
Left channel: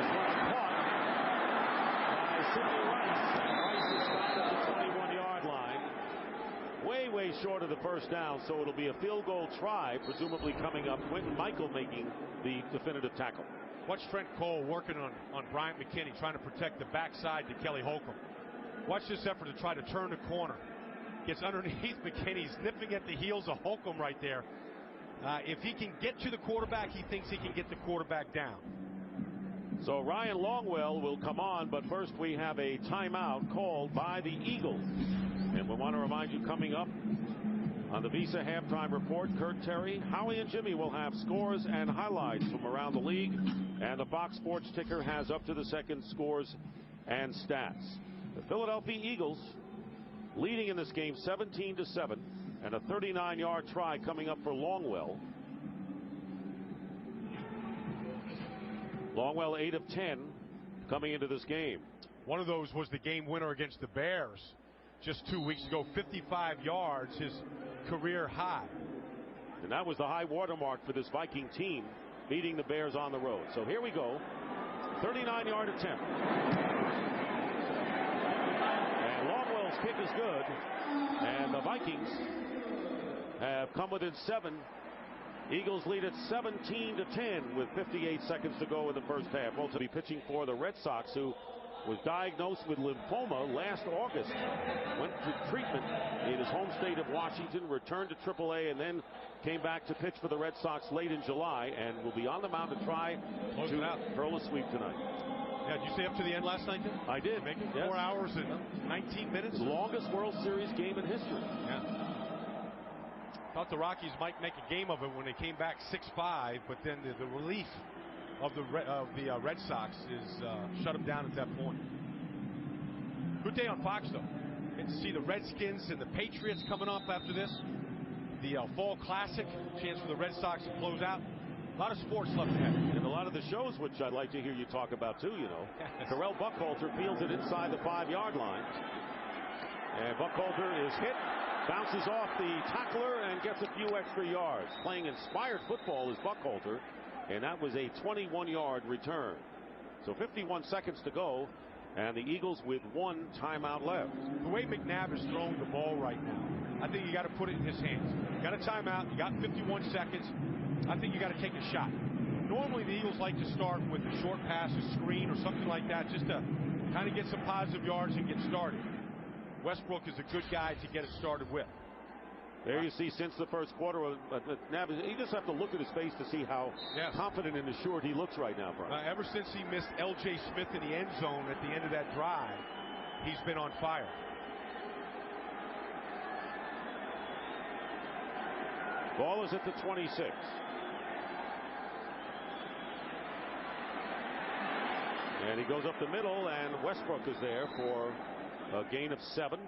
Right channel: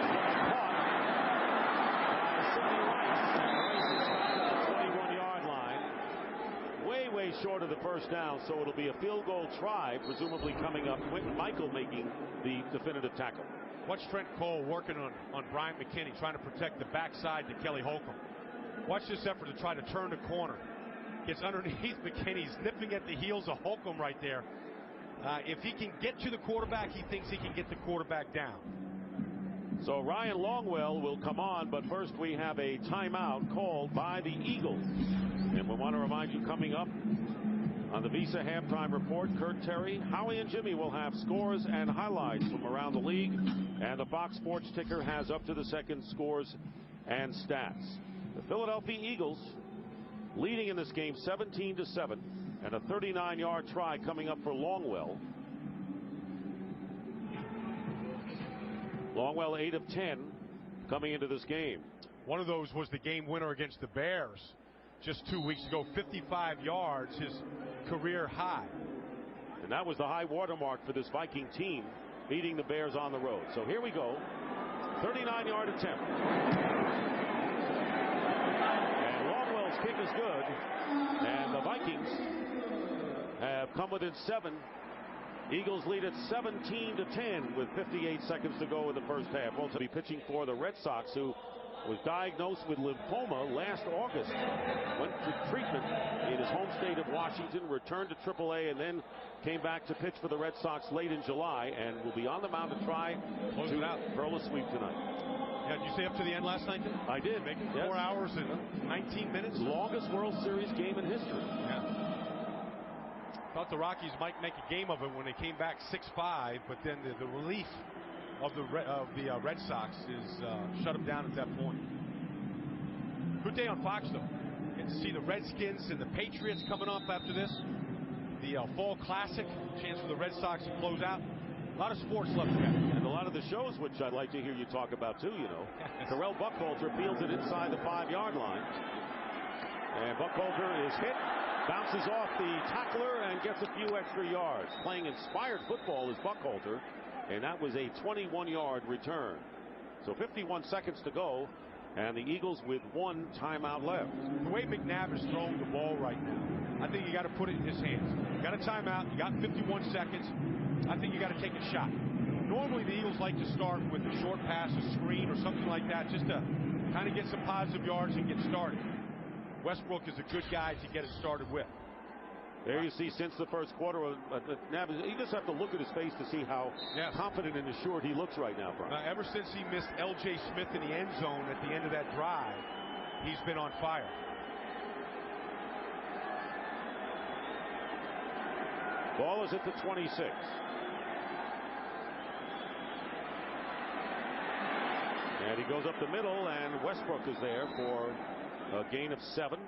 This one's caught by Sidney Rice, and Rice is stopped at the 21-yard line. Way short of the first down, so it'll be a field goal try, presumably coming up. Quentin Michael making the definitive tackle. Watch Trent Cole working on Bryant McKinney, trying to protect the backside to Kelly Holcomb. Watch this effort to try to turn the corner. Gets underneath McKinney. He's nipping at the heels of Holcomb right there. If he can get to the quarterback, he thinks he can get the quarterback down. So Ryan Longwell will come on, but first we have a timeout called by the Eagles. And we want to remind you, coming up on the Visa Halftime Report, Kurt Terry, Howie, and Jimmy will have scores and highlights from around the league. And the Fox Sports ticker has up to the second scores and stats. The Philadelphia Eagles leading in this game 17-7, and a 39-yard try coming up for Longwell. Longwell 8 of 10 coming into this game. One of those was the game winner against the Bears just 2 weeks ago, 55 yards, his career high. And that was the high watermark for this Viking team, beating the Bears on the road. So here we go. 39-yard attempt. And Longwell's kick is good. And the Vikings have come within 7. Eagles lead at 17-10 with 58 seconds to go in the first half. Well, to be pitching for the Red Sox, who was diagnosed with lymphoma last August. Went to treatment in his home state of Washington, returned to AAA, and then came back to pitch for the Red Sox late in July, and will be on the mound to try to hurl a sweep tonight. Yeah, did you stay up to the end last night, then? I did. Make it yes. 4 hours and 19 minutes? The longest World Series game in history. Yeah. Thought the Rockies might make a game of it when they came back 6-5, but then the relief of the Red Sox is shut them down at that point. Good day on Fox, though. Get to see the Redskins and the Patriots coming up after this. The Fall Classic, chance for the Red Sox to close out. A lot of sports left ahead. And a lot of the shows, which I'd like to hear you talk about, too, you know. Yes. Carell Buckhalter fields it inside the 5-yard line. And Buckhalter is hit, bounces off the tackler, and gets a few extra yards. Playing inspired football is Buckhalter, and that was a 21-yard return. So 51 seconds to go, and the Eagles with 1 timeout left. The way McNabb is throwing the ball right now, I think you got to put it in his hands. You got a timeout, you got 51 seconds. I think you got to take a shot. Normally the Eagles like to start with a short pass, a screen, or something like that, just to kind of get some positive yards and get started. Westbrook is a good guy to get it started with. There you see, since the first quarter, you just have to look at his face to see how confident and assured he looks right now, Brian. Ever since he missed L.J. Smith in the end zone at the end of that drive, he's been on fire. Ball is at the 26. And he goes up the middle, and Westbrook is there for a gain of 7.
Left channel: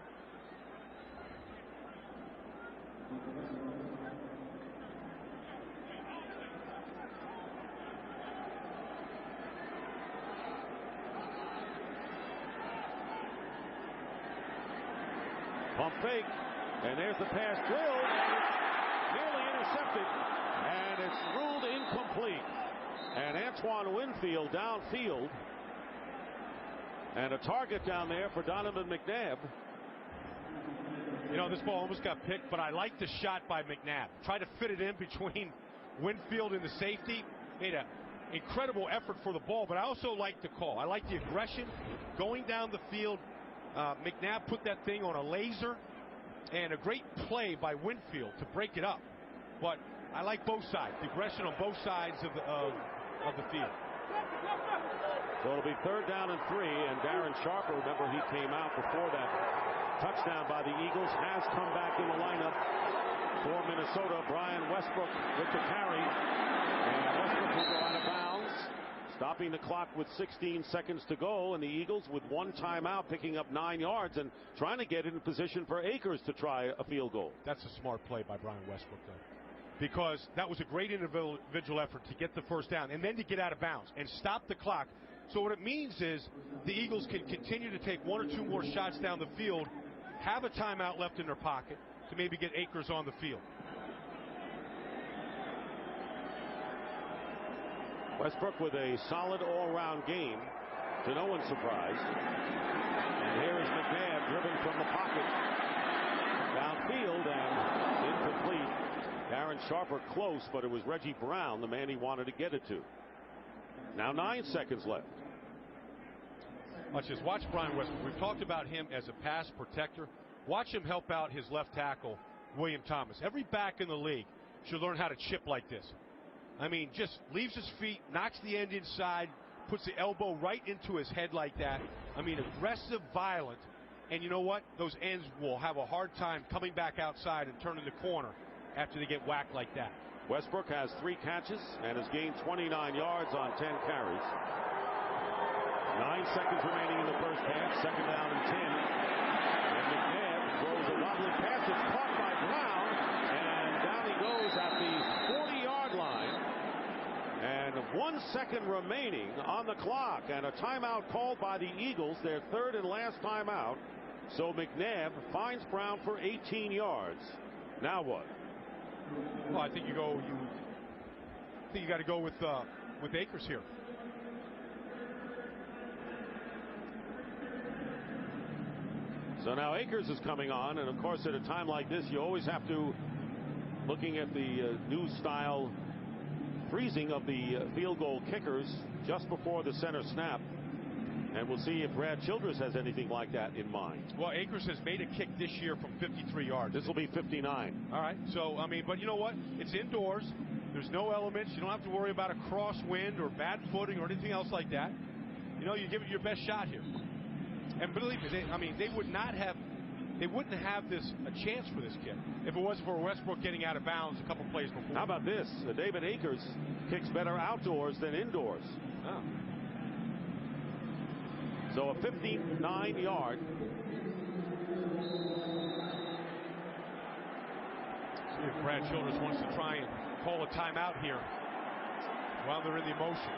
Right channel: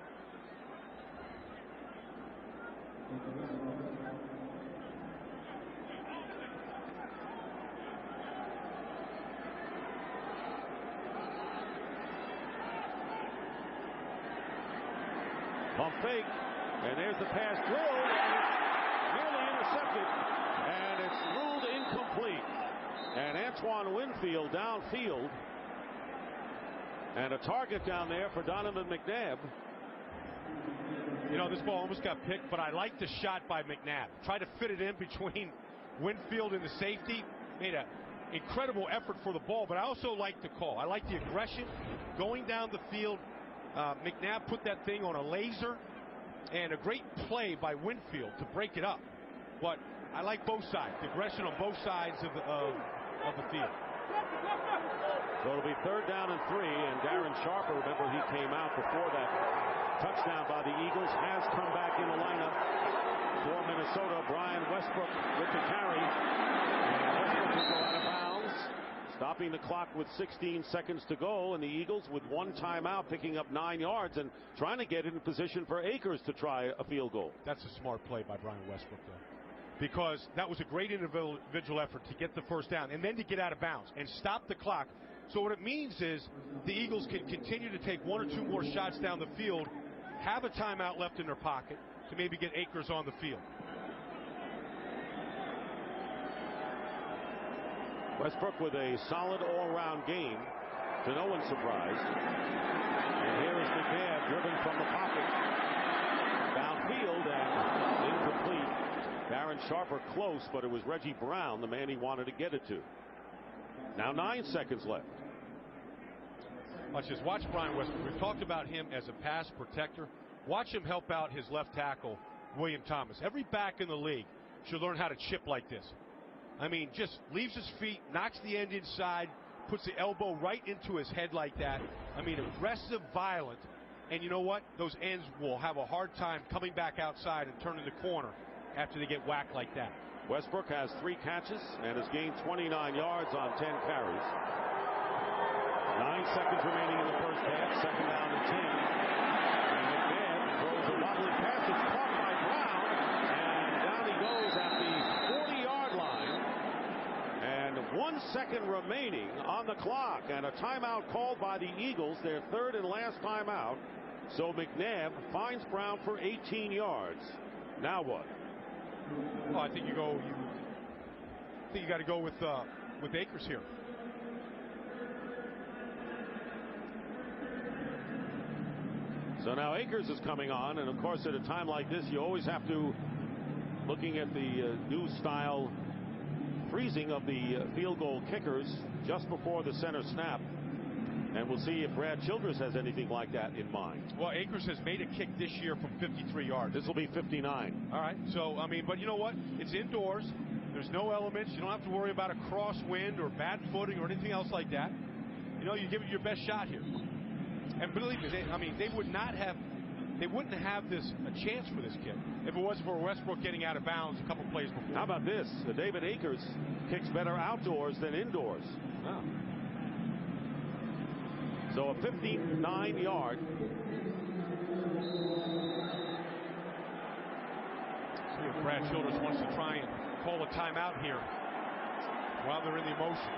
Pump fake, and there's the pass drilled, and it's nearly intercepted, and it's ruled incomplete. And Antoine Winfield downfield, and a target down there for Donovan McNabb. You know, this ball almost got picked, but I like the shot by McNabb. Tried to fit it in between Winfield and the safety. Made an incredible effort for the ball, but I also like the call. I like the aggression going down the field. McNabb put that thing on a laser, and a great play by Winfield to break it up. But I like both sides, the aggression on both sides of the field. So it'll be 3rd down and 3, and Darren Sharper, remember he came out before that touchdown by the Eagles, has come back in the lineup for Minnesota. Brian Westbrook with the carry, and Westbrook will go out of bounds, stopping the clock with 16 seconds to go, and the Eagles with 1 timeout, picking up 9 yards and trying to get in position for Akers to try a field goal. That's a smart play by Brian Westbrook, though, because that was a great individual effort to get the first down and then to get out of bounds and stop the clock. So what it means is the Eagles can continue to take 1 or 2 more shots down the field, have a timeout left in their pocket to maybe get Akers on the field. Westbrook with a solid all-round game, to no one's surprise. And here is McNabb driven from the pocket downfield and incomplete. Darren Sharper close, but it was Reggie Brown, the man he wanted to get it to. Now 9 seconds left. Watch this. Watch Brian Westbrook. We've talked about him as a pass protector. Watch him help out his left tackle, William Thomas. Every back in the league should learn how to chip like this. I mean, just leaves his feet, knocks the end inside, puts the elbow right into his head like that. I mean, aggressive, violent, And you know what? Those ends will have a hard time coming back outside and turning the corner after they get whacked like that. Westbrook has 3 catches and has gained 29 yards on 10 carries. 9 seconds remaining in the first half. 2nd down and 10. And McNabb throws a wobbly pass. It's caught by Brown. And down he goes at the 40-yard line. And 1 second remaining on the clock. And a timeout called by the Eagles, their 3rd and last timeout. So McNabb finds Brown for 18 yards. Now what? Well, I think you got to go with Akers here. So now Akers is coming on, and of course at a time like this you always have to, looking at the new style freezing of the field goal kickers just before the center snap, and we'll see if Brad Childress has anything like that in mind. Well, Akers has made a kick this year from 53 yards. This will be 59. All right. So, I mean, but you know what? It's indoors. There's no elements. You don't have to worry about a crosswind or bad footing or anything else like that. You know, you give it your best shot here. And believe me, they wouldn't have this a chance for this kick if it wasn't for Westbrook getting out of bounds a couple plays before. How about this? David Akers kicks better outdoors than indoors. Oh. So a 59-yard. See if Brad Childress wants to try and call a timeout here while they're in the motion.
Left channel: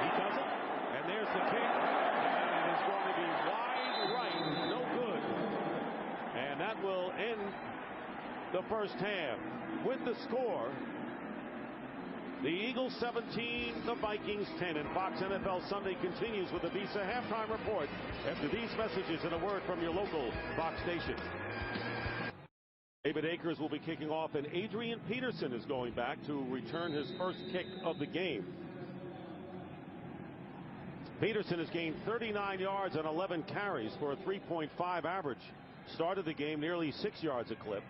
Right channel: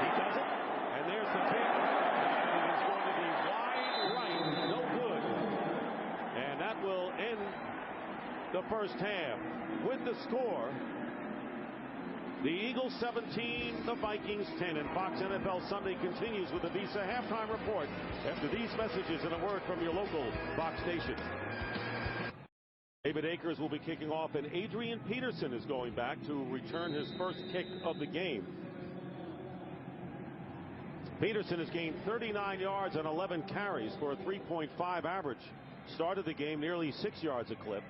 He does it, and there's the kick, and it is going to be wide right, no good. And that will end the first half with the score. The Eagles 17, the Vikings 10, and Fox NFL Sunday continues with the Visa halftime report after these messages and a word from your local Fox station. David Akers will be kicking off, and Adrian Peterson is going back to return his first kick of the game. Peterson has gained 39 yards on 11 carries for a 3.5 average. Started the game nearly 6 yards a clip.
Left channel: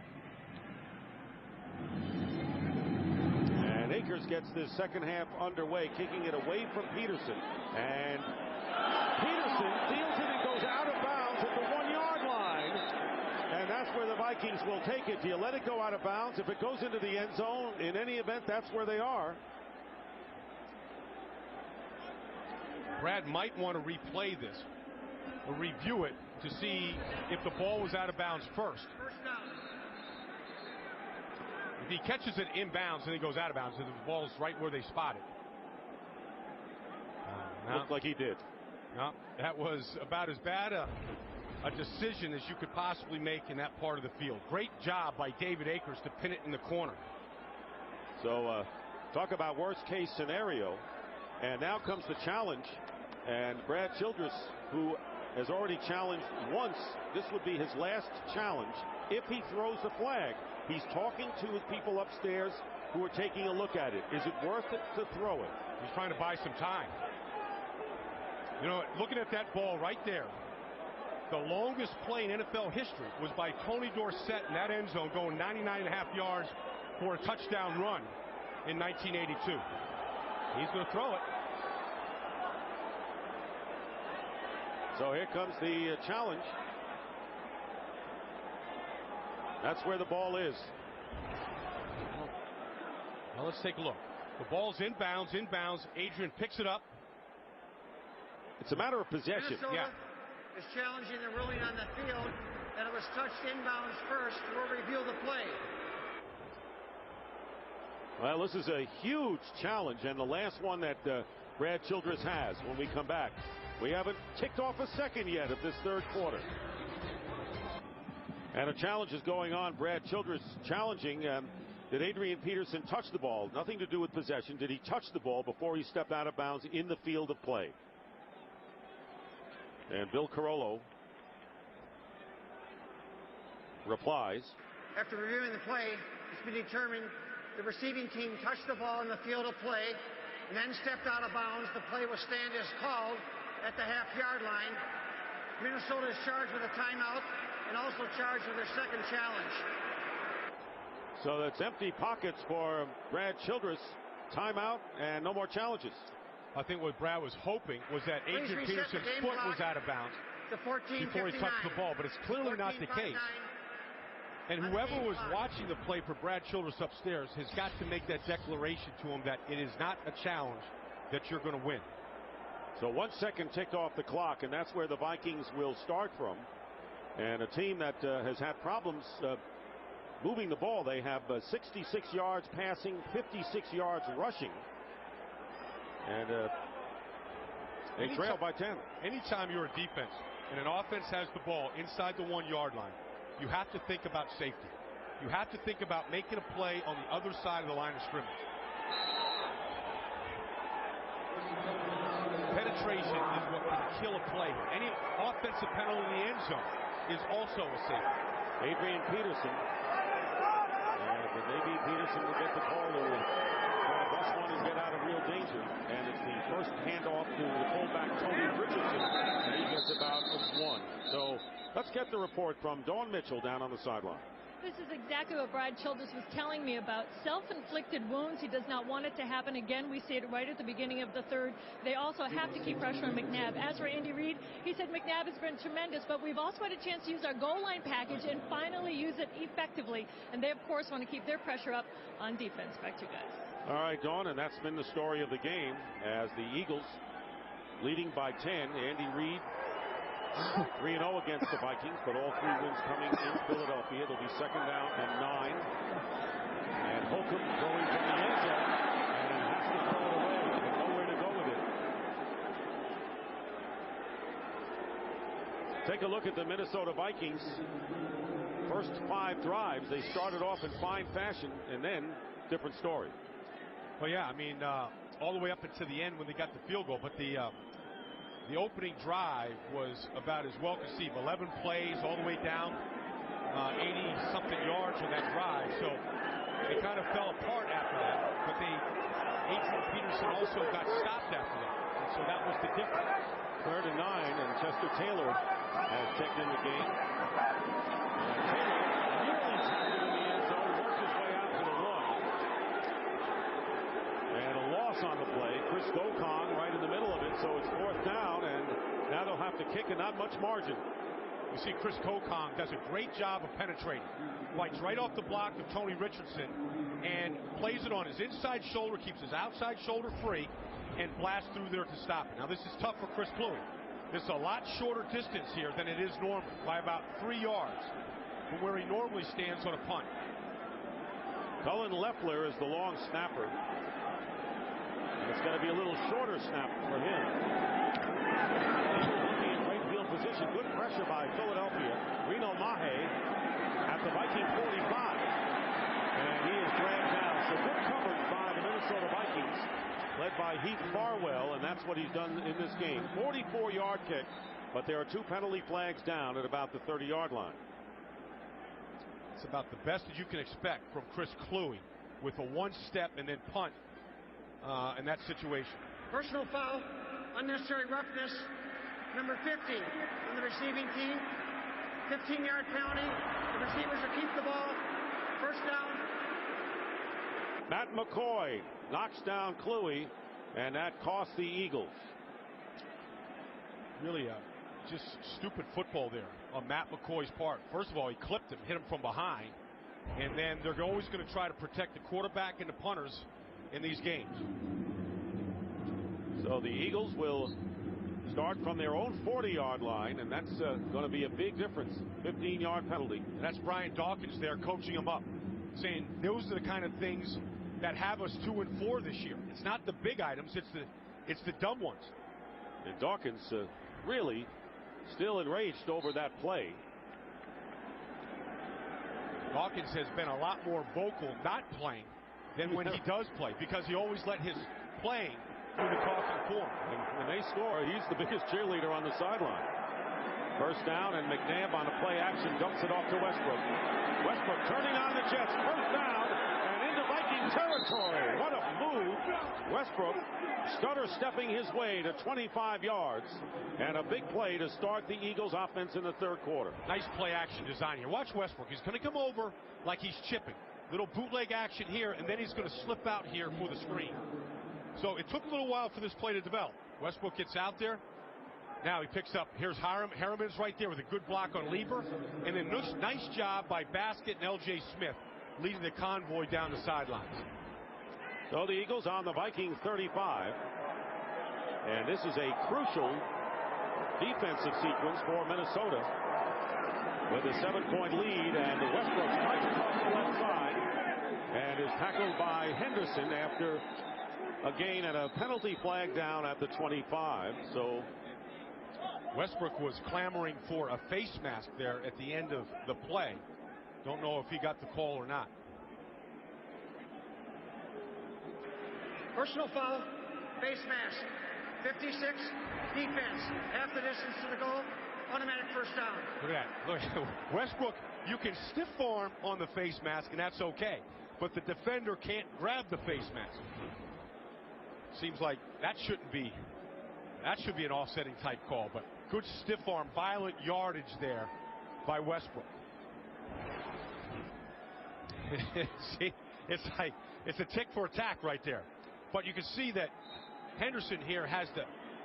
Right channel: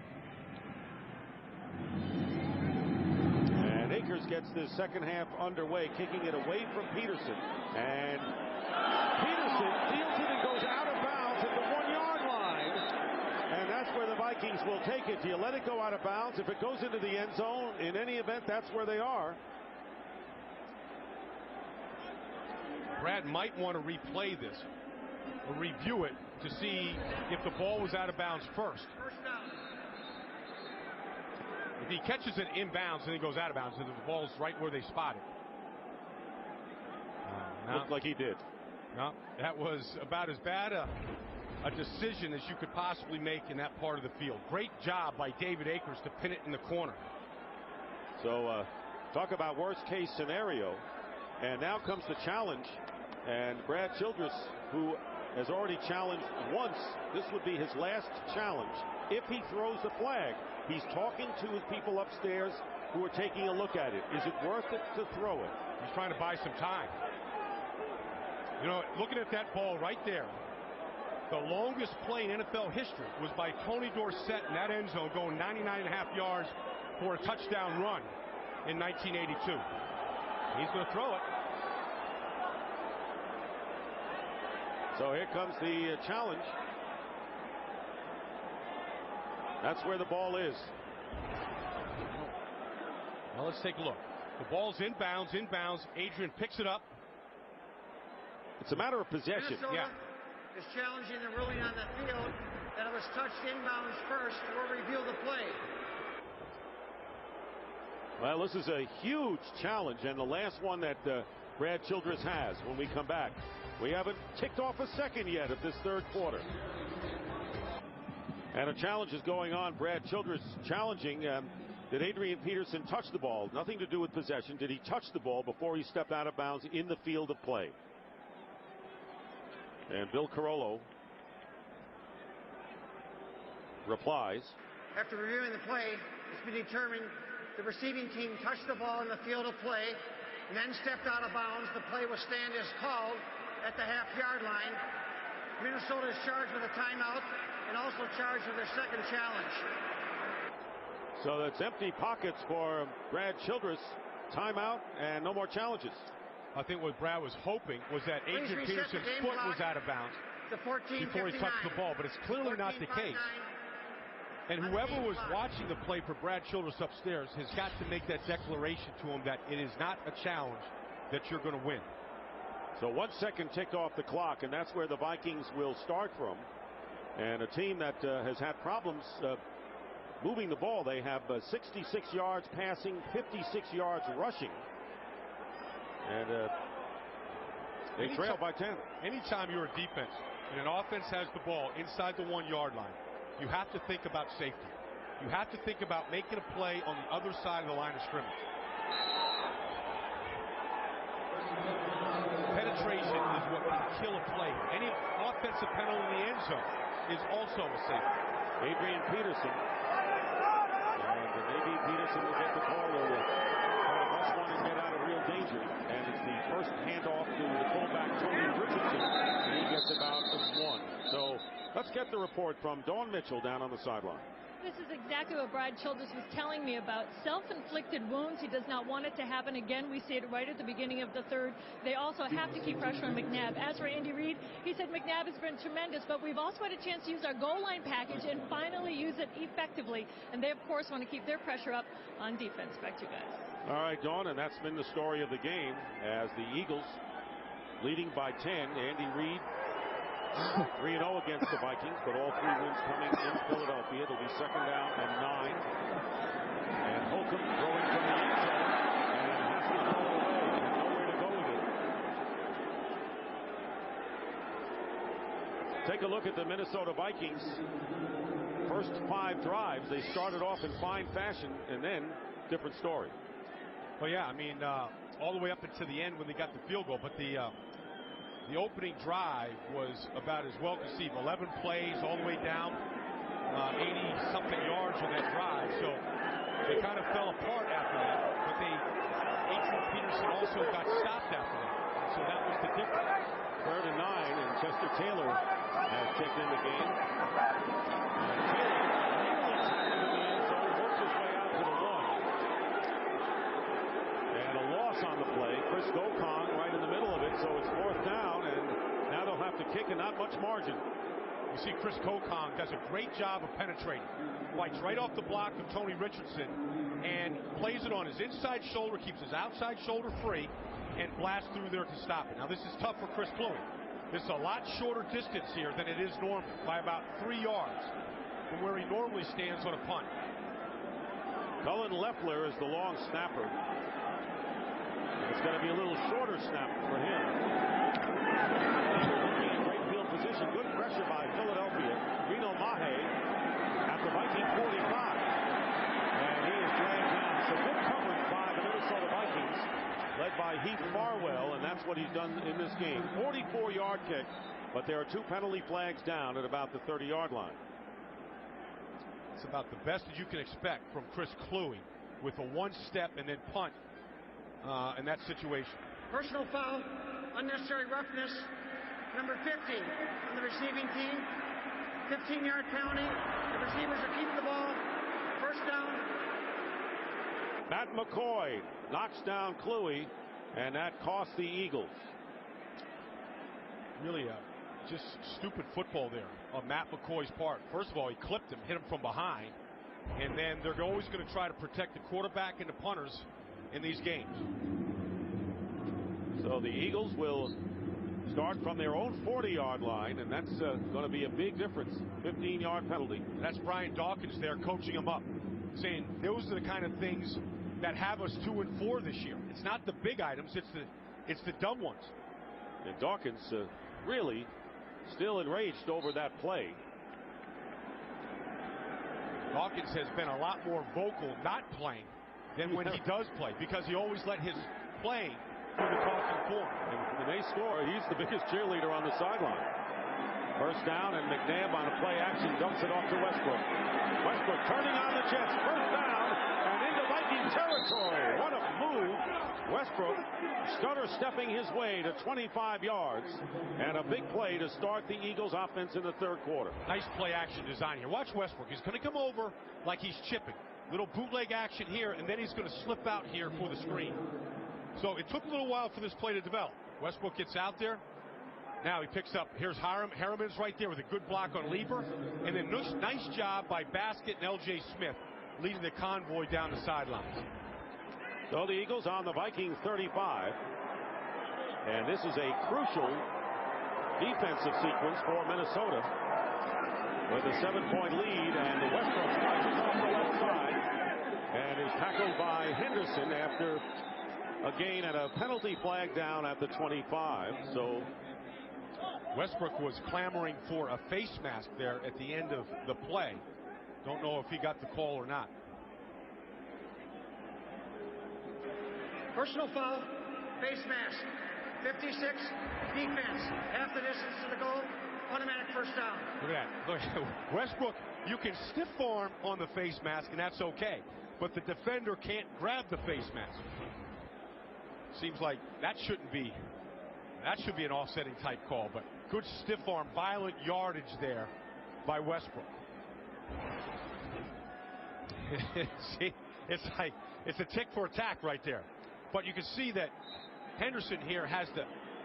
And Akers gets this second half underway, kicking it away from Peterson. And Peterson fields it and goes out of bounds at the 1-yard line. And that's where the Vikings will take it. Do you let it go out of bounds? If it goes into the end zone, in any event, that's where they are. Brad might want to replay this or review it to see if the ball was out of bounds first. First down. If he catches it inbounds and then goes out of bounds, then the ball's right where they spot it. No. Looked like he did. No, that was about as bad a decision as you could possibly make in that part of the field. Great job by David Akers to pin it in the corner. So talk about worst case scenario. And now comes the challenge. And Brad Childress, who has already challenged once, this would be his last challenge if he throws the flag. He's talking to his people upstairs who are taking a look at it. Is it worth it to throw it? He's trying to buy some time. You know, looking at that ball right there, the longest play in NFL history was by Tony Dorsett in that end zone, going 99.5 yards for a touchdown run in 1982. He's going to throw it. So here comes the challenge. That's where the ball is. Well, let's take a look. The ball's inbounds. Adrian picks it up. It's a matter of possession. Minnesota is challenging the ruling on the field that it was touched inbounds first. We'll review the play. Well, this is a huge challenge, and the last one that Brad Childress has when we come back. We haven't ticked off a second yet of this third quarter. And a challenge is going on. Brad Childress challenging, did Adrian Peterson touch the ball? Nothing to do with possession. Did he touch the ball before he stepped out of bounds in the field of play? And Bill Carollo replies. After reviewing the play, it's been determined the receiving team touched the ball in the field of play and then stepped out of bounds. The play will stand as called at the half-yard line. Minnesota is charged with a timeout and also charged with their second challenge. So that's empty pockets for Brad Childress. Timeout and no more challenges. I think what Brad was hoping was that Adrian Peterson's foot was out of bounds before he touched the ball, but it's clearly not the case. And whoever was watching the play for Brad Childress upstairs has got to make that declaration to him that it is not a challenge that you're going to win. So 1 second ticked off the clock, and that's where the Vikings will start from. And a team that has had problems moving the ball. They have 66 yards passing, 56 yards rushing. And they trail by 10. Anytime you're a defense and an offense has the ball inside the 1 yard line, you have to think about safety. You have to think about making a play on the other side of the line of scrimmage. Penetration is what can kill a play here. Any offensive penalty in the end zone is also a safety. Adrian Peterson. And maybe Peterson will get the call to try to bust one and get out of real danger. And it's the first handoff to the fullback, Tony Richardson, and he gets about a 1. So let's get the report from Dawn Mitchell down on the sideline. This is exactly what Brad Childress was telling me about. Self-inflicted wounds. He does not want it to happen again. We see it right at the beginning of the third. They also have to keep pressure on McNabb. As for Andy Reid, he said McNabb has been tremendous, but we've also had a chance to use our goal line package and finally use it effectively. And they, of course, want to keep their pressure up on defense. Back to you guys. All right, Dawn, and that's been the story of the game as the Eagles leading by 10. Andy Reid 3-0 against the Vikings, but all 3 wins coming in Philadelphia. It'll be 2nd down and 9. And Holcomb throwing from the end zone and has to throw it away and nowhere to go with it. Take a look at the Minnesota Vikings. First 5 drives, they started off in fine fashion, and then different story. Well, yeah, I mean, all the way up until the end when they got the field goal, but the opening drive was about as well conceived. 11 plays all the way down, 80-something yards on that drive. So they kind of fell apart after that. But Adrian Peterson also got stopped after that. And so that was the difference. 3rd and 9, and Chester Taylor has checked in the game. And Taylor nearly tackled in the end zone, worked his way out to the 1. And a loss on the play. Chris Gokong right in the middle of it, so it's 4th down, and now they'll have to kick and not much margin. You see Chris Gokong does a great job of penetrating. Fights right off the block of Tony Richardson and plays it on his inside shoulder, keeps his outside shoulder free, and blasts through there to stop it. Now this is tough for Chris Kluwe. This is a lot shorter distance here than it is normally, by about 3 yards from where he normally stands on a punt. Cullen Loeffler is the long snapper. And it's going to be a little shorter snap for him. Eagles looking in great field position. Good pressure by Philadelphia. Reno Mahe at the Viking 45. And he is dragged down. So good coverage by the Minnesota Vikings, led by Heath Farwell. And that's what he's done in this game. 44-yard kick. But there are 2 penalty flags down at about the 30-yard line. It's about the best that you can expect from Chris Kluwe with a 1-step and then punt. In that situation. Personal foul, unnecessary roughness, number 50 on the receiving team. 15-yard penalty. The receivers will keep the ball. 1st down. Matt McCoy knocks down Kluwe, and that cost the Eagles. Really just stupid football there on Matt McCoy's part. First of all, he clipped him, hit him from behind, and then they're always going to try to protect the quarterback and the punters in these games. So the Eagles will start from their own 40-yard line, and that's going to be a big difference. 15-yard penalty. And that's Brian Dawkins there coaching them up, saying those are the kind of things that have us 2-4 this year. It's not the big items, it's the dumb ones. And Dawkins really still enraged over that play. Dawkins has been a lot more vocal not playing than when he does play, because he always let his playing do the talking for him. And when they score, he's the biggest cheerleader on the sideline. 1st down, and McNabb on a play action dumps it off to Westbrook. Westbrook turning on the Jets. 1st down and into Viking territory. What a move. Westbrook stutter stepping his way to 25 yards, and a big play to start the Eagles offense in the 3rd quarter. Nice play action design here. Watch Westbrook. He's going to come over like he's chipping. Little bootleg action here, and then he's going to slip out here for the screen. So it took a little while for this play to develop. Westbrook gets out there. Now he picks up. Here's Harriman's right there with a good block on Lieber. And then nice job by Baskett and L.J. Smith leading the convoy down the sidelines. So the Eagles on the Vikings 35. And this is a crucial defensive sequence for Minnesota with a 7-point lead. And Westbrook slices off the left side and is tackled by Henderson after a gain and a penalty flag down at the 25. So Westbrook was clamoring for a face mask there at the end of the play. Don't know if he got the call or not. Personal foul, face mask. 56, defense. Half the distance to the goal, automatic first down. Look at that. Look at Westbrook. You can stiff arm on the face mask, and that's okay. But the defender can't grab the face mask. Seems like that should be an offsetting type call, but good stiff arm, violent yardage there by Westbrook. See, it's a tick for attack right there. But you can see that Henderson here has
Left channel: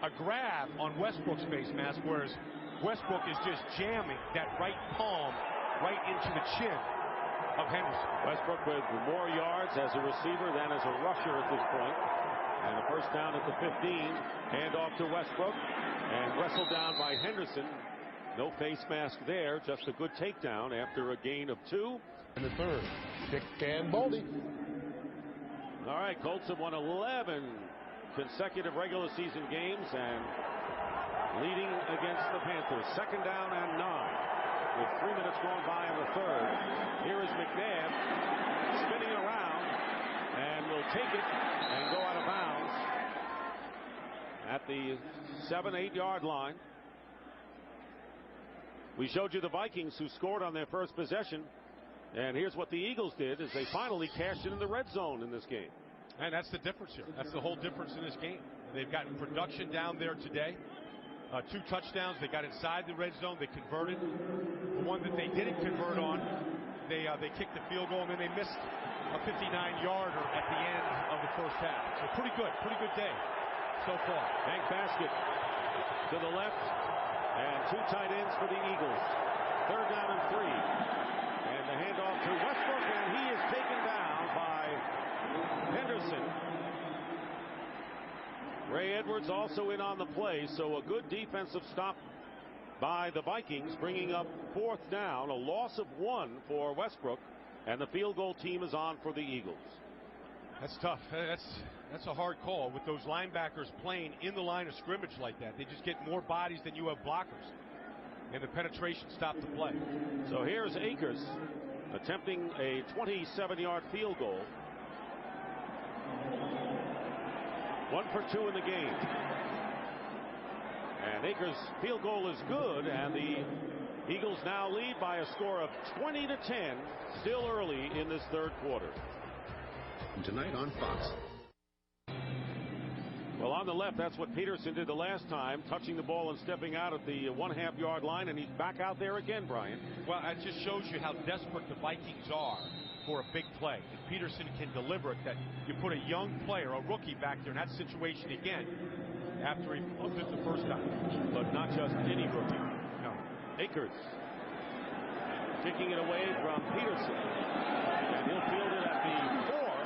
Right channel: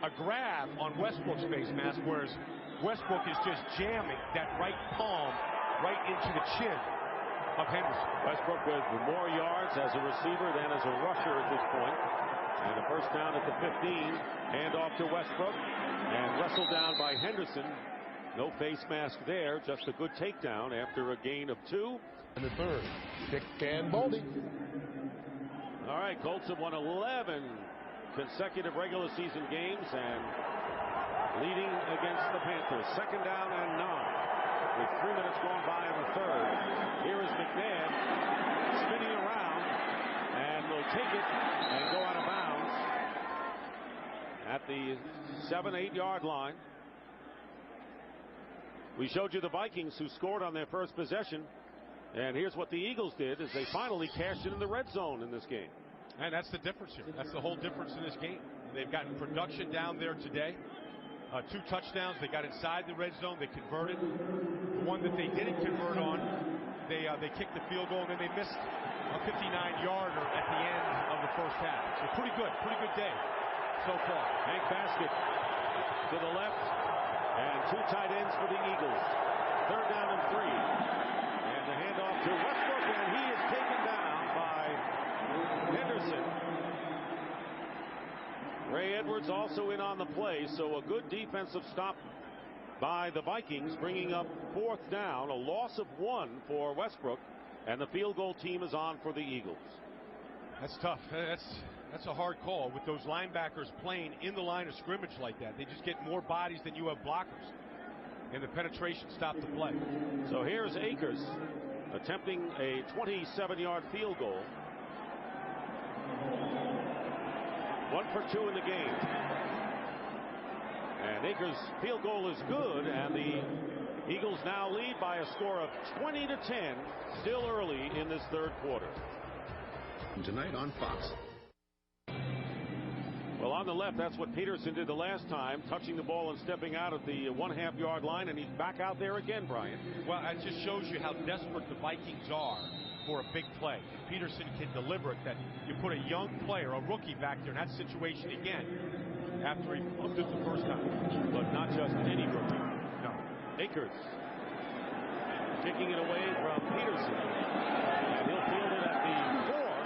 a grab on Westbrook's face mask, whereas Westbrook is just jamming that right palm right into the chin of Henderson. Westbrook with more yards as a receiver than as a rusher at this point. And a first down at the 15. Hand off to Westbrook and wrestled down by Henderson. No face mask there, just a good takedown after a gain of 2. In the third, Dick and Baldy. All right, Colts have won 11 consecutive regular season games and leading against the Panthers. Second down and 9 with 3 minutes gone by in the third. Here is McNabb spinning around and will take it and go out of bounds at the 7-8 yard line. We showed you the Vikings who scored on their first possession. And here's what the Eagles did is they finally cashed it in the red zone in this game. And that's the difference here. That's the whole difference in this game. They've gotten production down there today. 2 touchdowns. They got inside the red zone. They converted. The one that they didn't convert on, they kicked the field goal, and then they missed a 59-yarder at the end of the first half. So pretty good day so far. Hank Baskett to the left, and 2 tight ends for the Eagles. Third down and 3. And the handoff to Westbrook, and he is taken down by Henderson. Ray Edwards also in on the play, so a good defensive stop by the Vikings, bringing up 4th down, a loss of 1 for Westbrook, and the field goal team is on for the Eagles. That's tough. That's a hard call with those linebackers playing in the line of scrimmage like that. They just get more bodies than you have blockers. And the penetration stopped the play. So here's Akers attempting a 27-yard field goal. 1 for 2 in the game. And Akers' field goal is good, and the Eagles now lead by a score of 20-10, still early in this third quarter. Tonight on Fox. Well, on the left, that's what Peterson did the last time, touching the ball and stepping out at the 1/2 yard line, and he's back out there again, Brian. Well, it just shows you how desperate the Vikings are for a big play. If Peterson can deliver it, that you put a young player, a rookie back there in that situation again after he flubbed it the first time. But not just any rookie. No. Akers kicking it away from Peterson, and he'll field it at the 4.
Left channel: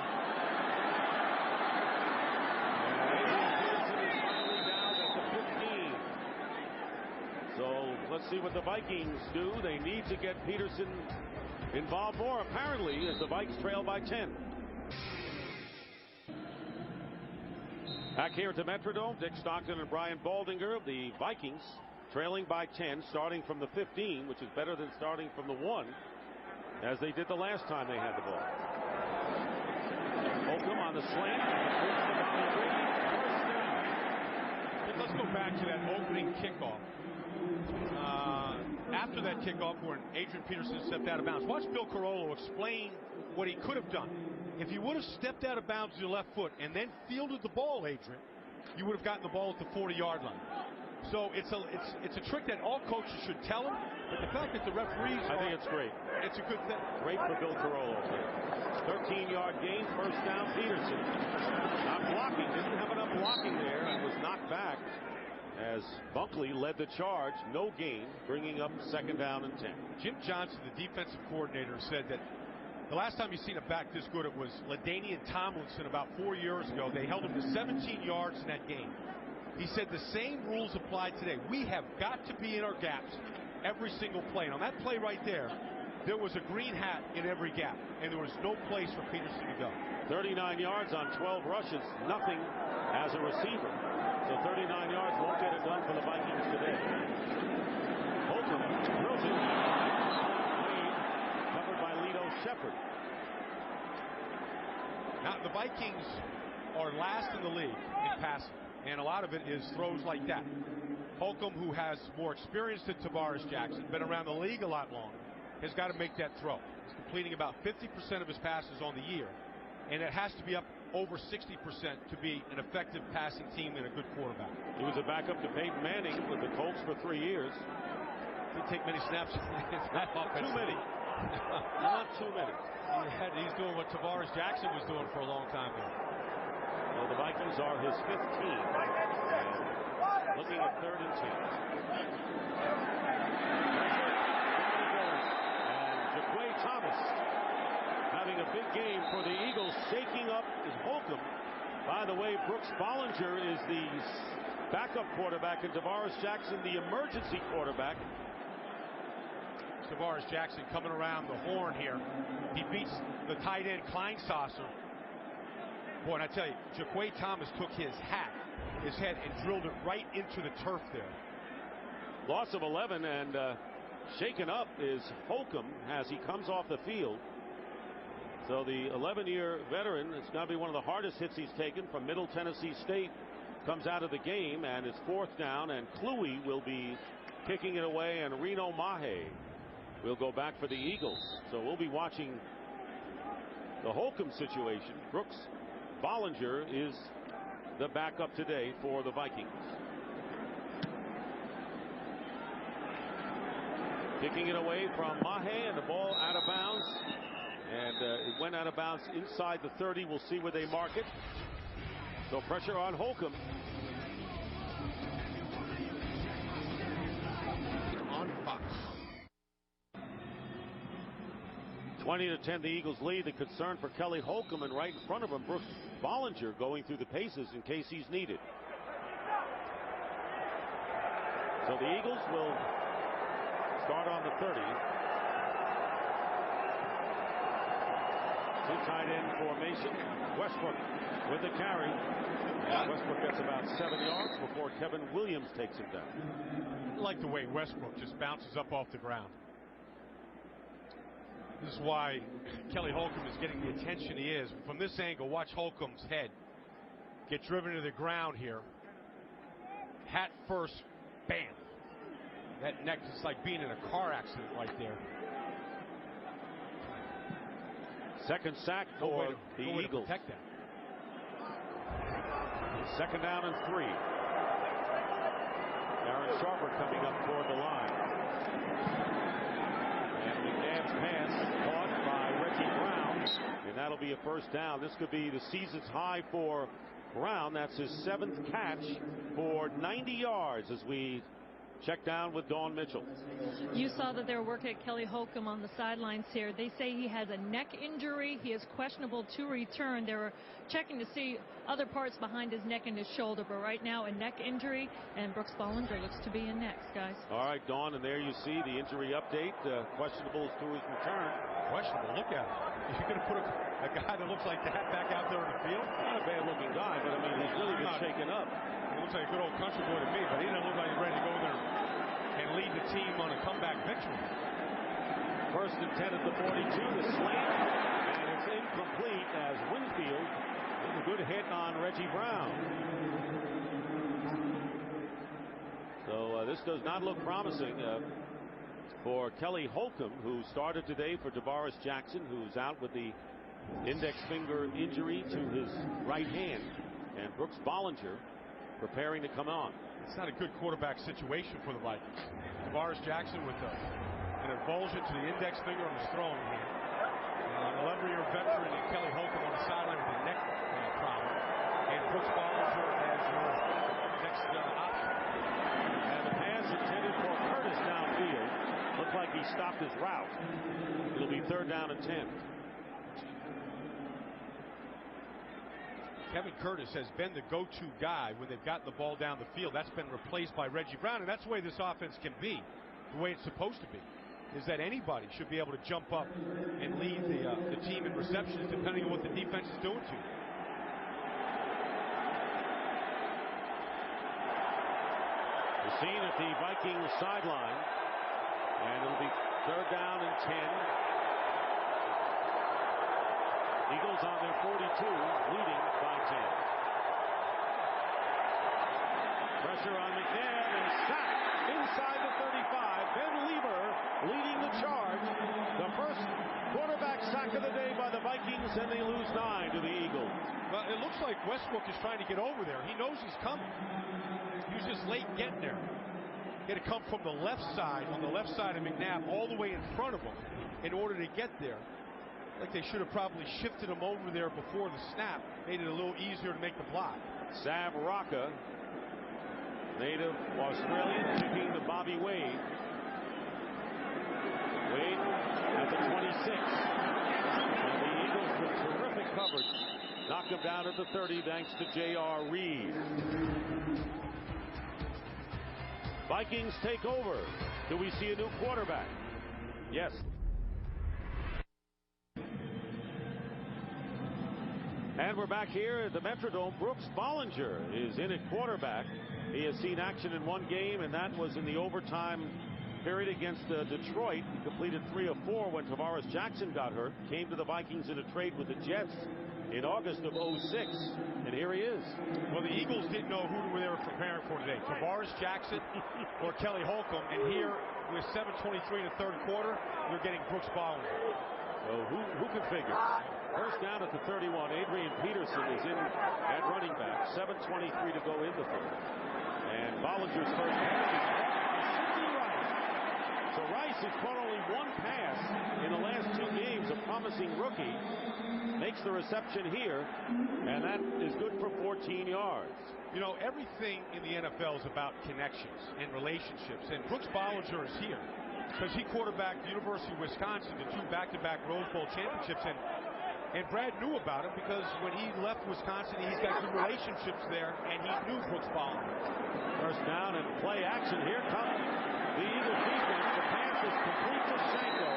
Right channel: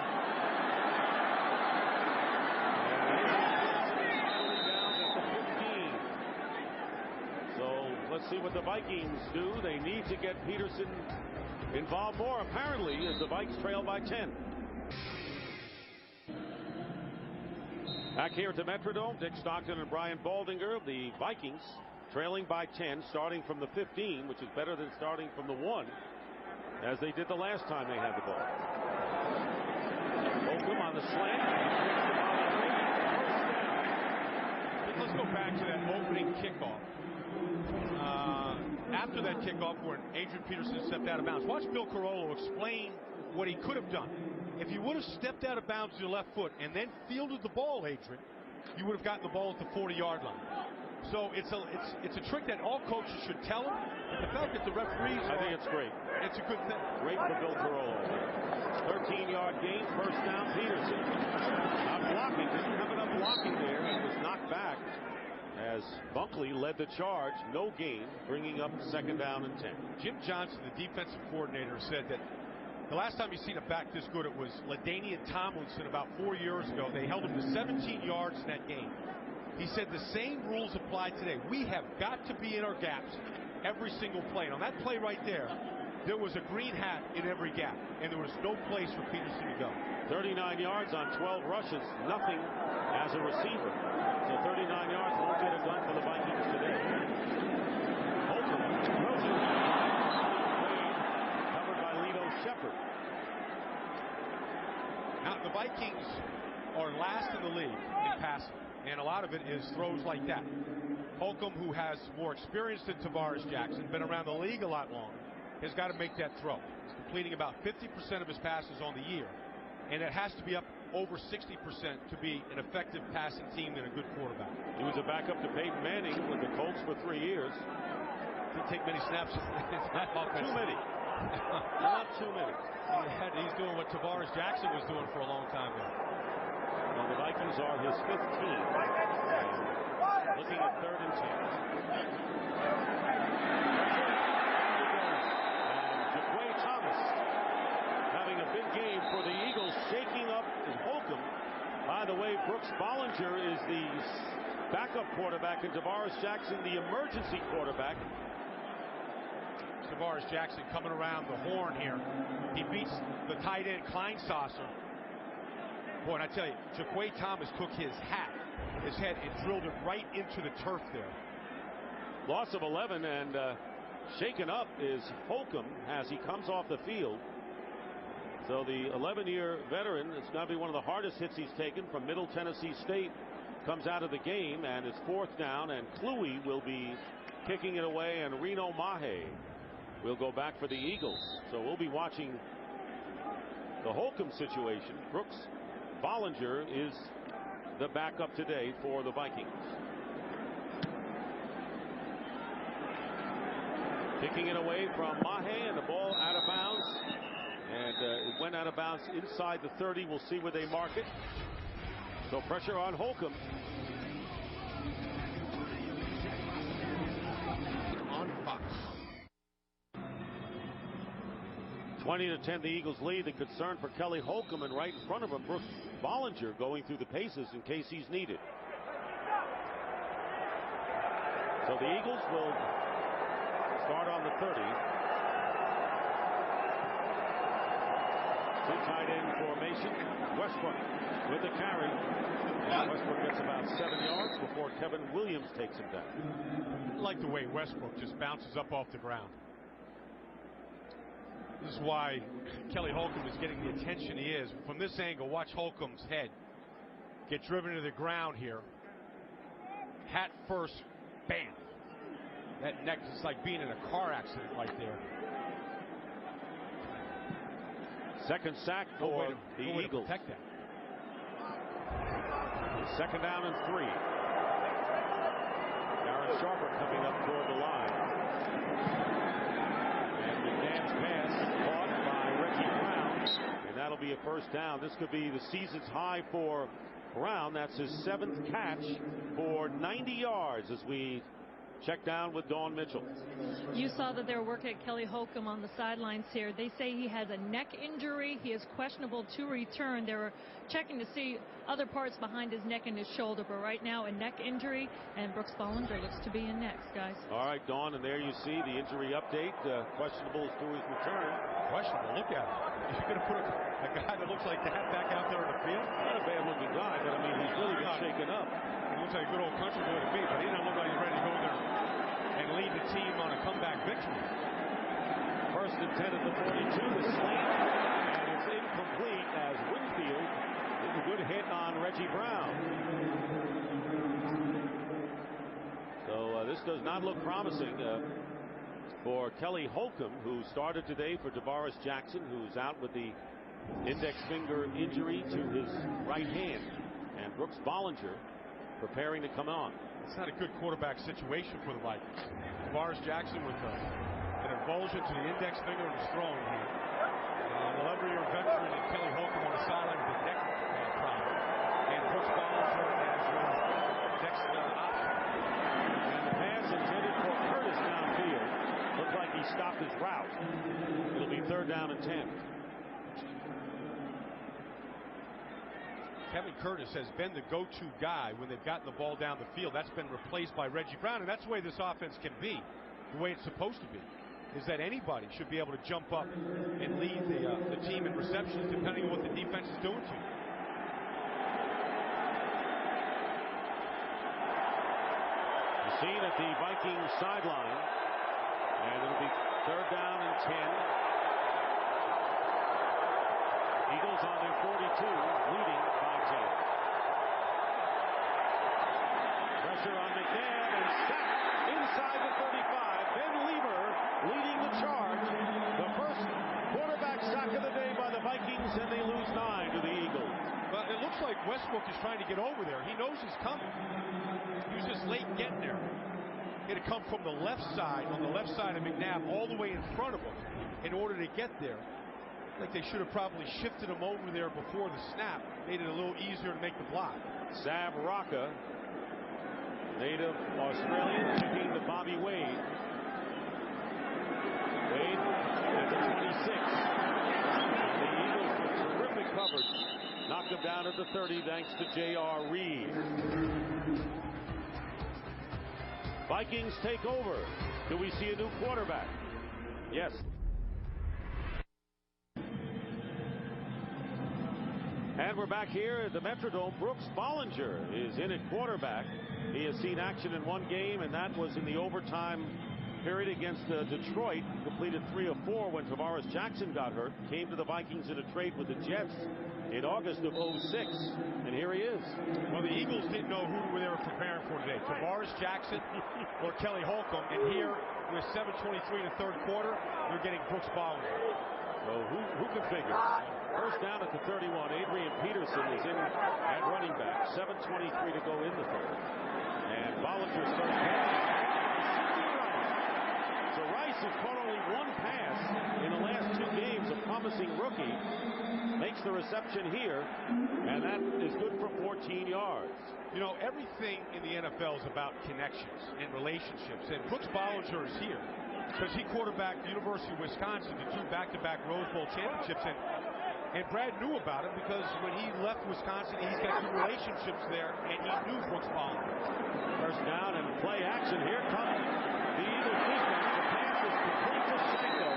And Adrian Peterson is finally down at the 15. So let's see what the Vikings do. They need to get Peterson involved more, apparently, as the Vikes trail by 10. Back here at the Metrodome, Dick Stockton and Brian Baldinger. The Vikings trailing by 10, starting from the 15, which is better than starting from the 1, as they did the last time they had the ball. Holcomb on the slant, completes to Bobby Wade, first down. Dick, let's go back to that opening kickoff. After that kickoff when Adrian Peterson stepped out of bounds, watch Bill Carollo explain what he could have done. If you would have stepped out of bounds with your left foot and then fielded the ball, Adrian, you would have gotten the ball at the 40-yard line. So it's a trick that all coaches should tell them, but the fact that the referees I think it's great. It's a good thing. Great for Bill Carollo there. 13-yard gain, first down, Peterson. Not blocking, didn't have enough blocking there and was knocked back as Bunkley led the charge. No gain, bringing up 2nd down and 10. Jim Johnson, the defensive coordinator, said that the last time you seen a back this good, it was LaDainian Tomlinson about 4 years ago. They held him to 17 yards in that game. He said the same rules apply today. We have got to be in our gaps every single play. And on that play right there was a green hat in every gap, and there was no place for Peterson to go. 39 yards on 12 rushes, nothing as a receiver. So 39 yards won't get it done for the Vikings today. Holcomb drills it, and incomplete. Wade covered by Lito Shepherd. Now, the Vikings are last in the league in passing, and a lot of it is throws like that. Holcomb, who has more experience than Tavares Jackson, been around the league a lot longer, has got to make that throw. He's completing about 50% of his passes on the year, and it has to be up over 60% to be an effective passing team and a good quarterback. He was a backup to Peyton Manning with the Colts for 3 years. Didn't take many snaps. Not too many. Not too many. He's doing what Tavares Jackson was doing for a long time there. So the Vikings are his 5th team, and looking at 3rd and 10. Pressure, down he goes, and Jaquay Thomas having a big game for the Eagles, shaking up Holcomb. By the way, Brooks Bollinger is the backup quarterback, and Tavares Jackson the emergency quarterback. Tavares Jackson coming around the horn here. He beats the tight end Kleinsasser. Boy, and I tell you, Jaquay Thomas took his head, and drilled it right into the turf there. Loss of 11, and shaken up is Holcomb as he comes off the field. So the 11-year veteran, it's going to be one of the hardest hits he's taken from Middle Tennessee State, comes out of the game, and it's 4th down, and Kluwe will be kicking it away, and Reno Mahe will go back for the Eagles. So we'll be watching the Holcomb situation. Brooks Bollinger is the backup today for the Vikings. Kicking it away from Mahe, and the ball out of bounds. And it went out of bounds inside the 30. We'll see where they mark it. So pressure on Holcomb. On Fox. 20-10, the Eagles lead. The concern for Kelly Holcomb, and right in front of him, Brooks Bollinger going through the paces in case he's needed. So the Eagles will start on the 30. 2 tight end formation. Westbrook with the carry, and Westbrook gets about 7 yards before Kevin Williams takes him down. I like the way Westbrook just bounces up off the ground. This is why Kelly Holcomb is getting the attention he is. From this angle, watch Holcomb's head get driven to the ground here. Hat first, bam. That neck is like being in a car accident right there. Second sack for the Eagles. To protect that. 2nd down and 3. Darren Sharper coming up toward the line. And McNabb's pass caught by Reggie Brown, and that'll be a 1st down. This could be the season's high for Brown. That's his 7th catch for 90 yards as we check down with Dawn Mitchell. You saw that they were working at Kelly Holcomb on the sidelines here. They say he has a neck injury. He is questionable to return. They were checking to see other parts behind his neck and his shoulder, but right now a neck injury, and Brooks Bollinger looks to be in next, guys. All right, Dawn, and there you see the injury update. Questionable to his return. Questionable. Look at him. You're going to put a guy that looks like that back out there in the field? Not a bad-looking guy, but I mean, he's really been shaken up. He looks like a good old country boy to me, but he doesn't look like he's ready to go in there and lead the team on a comeback victory. 1st and 10 at the 42, the slant, and it's incomplete as Winfield with a good hit on Reggie Brown. So this does not look promising for Kelly Holcomb, who started today for Tavares Jackson, who's out with the index finger injury to his right hand, and Brooks Bollinger preparing to come on. It's not a good quarterback situation for the Vikings. Tavares Jackson with an avulsion to the index finger on his throwing hand. An 11-year veteran in Kelly Holcomb on the sideline with a neck problem. and Brooks Bollinger as your next option. And the pass intended for Curtis downfield. Looked like he stopped his route. It'll be 3rd down and 10. Kevin Curtis has been the go-to guy when they've gotten the ball down the field. That's been replaced by Reggie Brown, and that's the way this offense can be, the way it's supposed to be, is that anybody should be able to jump up and lead the team in receptions depending on what the defense is doing to you. The scene at the Vikings sideline, and it'll be 3rd down and 10. Eagles on their 42, leading by 10. Pressure on McNabb and sacked inside the 35. Ben Lieber leading the charge. The first quarterback sack of the day by the Vikings, and they lose 9 to the Eagles. Well, it looks like Westbrook is trying to get over there. He knows he's coming. He was just late getting there. He had to come from the left side, on the left side of McNabb, all the way in front of him in order to get there. Like they should have probably shifted him over there before the snap, made it a little easier to make the block. Sav Rocca, native Australian, kicking to Bobby Wade. Wade at the 26. And the Eagles with terrific coverage knock them down at the 30 thanks to J.R. Reed. Vikings take over. Do we see a new quarterback? Yes. And we're back here at the Metrodome. Brooks Bollinger is in at quarterback. He has seen action in one game, and that was in the overtime period against Detroit. He completed 3 of 4 when Tavares Jackson got hurt. Came to the Vikings in a trade with the Jets in August of '06. And here he is. Well, the Eagles didn't know who they were preparing for today, Tavares Jackson or Kelly Holcomb. And here, with 7:23 in the 3rd quarter, they're getting Brooks Bollinger. So who can figure? First down at the 31. Adrian Peterson is in at running back. 7:23 to go in the 3rd. And Bollinger's first pass is caught by Sidney Rice. So Rice has caught only 1 pass in the last 2 games. A promising rookie makes the reception here, and that is good for 14 yards. You know, everything in the NFL is about connections and relationships, and Brooks Bollinger is here because he quarterbacked the University of Wisconsin to 2 back-to-back Rose Bowl championships, and Brad knew about him because when he left Wisconsin, he's got good relationships there, and he knew Brooks Bollinger. First down and play action. Here comes the Eagles defense. The pass is complete to Shanko,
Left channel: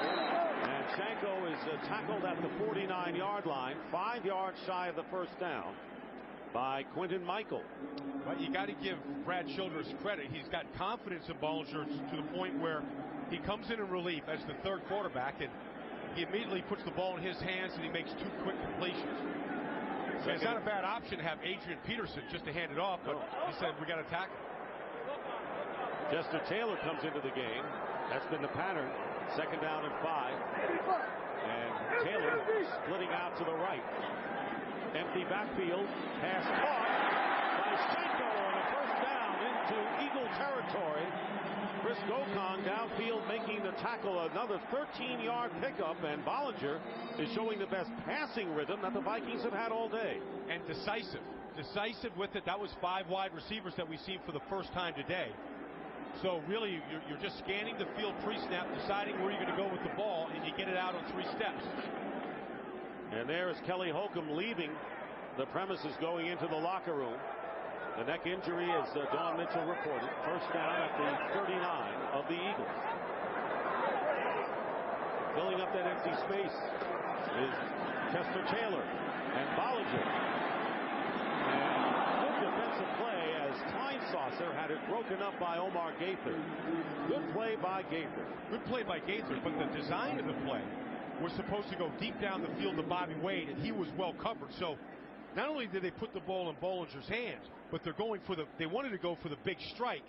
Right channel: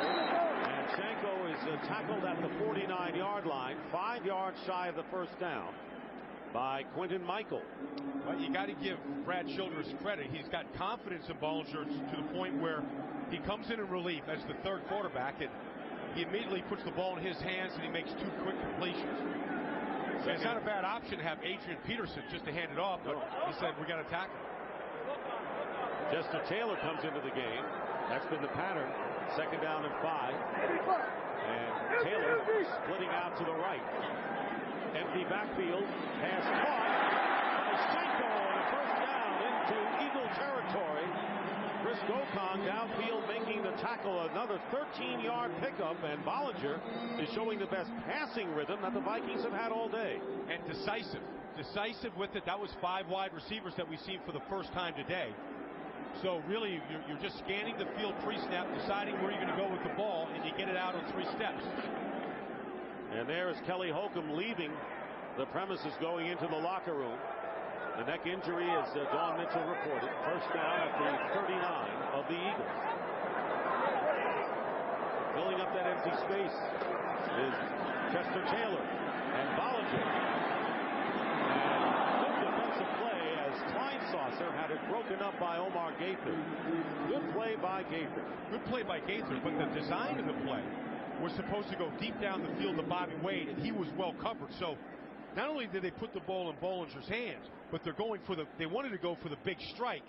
and Shanko is tackled at the 49-yard line, 5 yards shy of the first down by Quinton Michael. Well, you got to give Brad Childress credit. He's got confidence in Bollinger to the point where he comes in relief as the 3rd quarterback, and he immediately puts the ball in his hands, and he makes 2 quick completions. It's not a bad option to have Adrian Peterson just to hand it off, but he said, we got to tackle. Chester Taylor comes into the game. That's been the pattern. 2nd down and 5. And Taylor splitting out to the right. Empty backfield. Pass caught by Shanko, and a first down into Eagle territory. Chris Gokong downfield making the tackle. Another 13-yard pickup, and Bollinger is showing the best passing rhythm that the Vikings have had all day. And decisive with it. That was 5 wide receivers that we've seen for the first time today. So really, you're just scanning the field pre-snap, deciding where you're going to go with the ball, and you get it out on 3 steps. And there is Kelly Holcomb leaving the premises, going into the locker room. The neck injury, as Dawn Mitchell reported. First down at the 39 of the Eagles. Filling up that empty space is Chester Taylor and Bollinger. And good defensive play as Kleinsasser had it broken up by Omar Gaither. Good play by Gaither. Good play by Gaither, but the design of the play was supposed to go deep down the field to Bobby Wade, and he was well covered. So not only did they put the ball in Bollinger's hands, but they wanted to go for the big strike,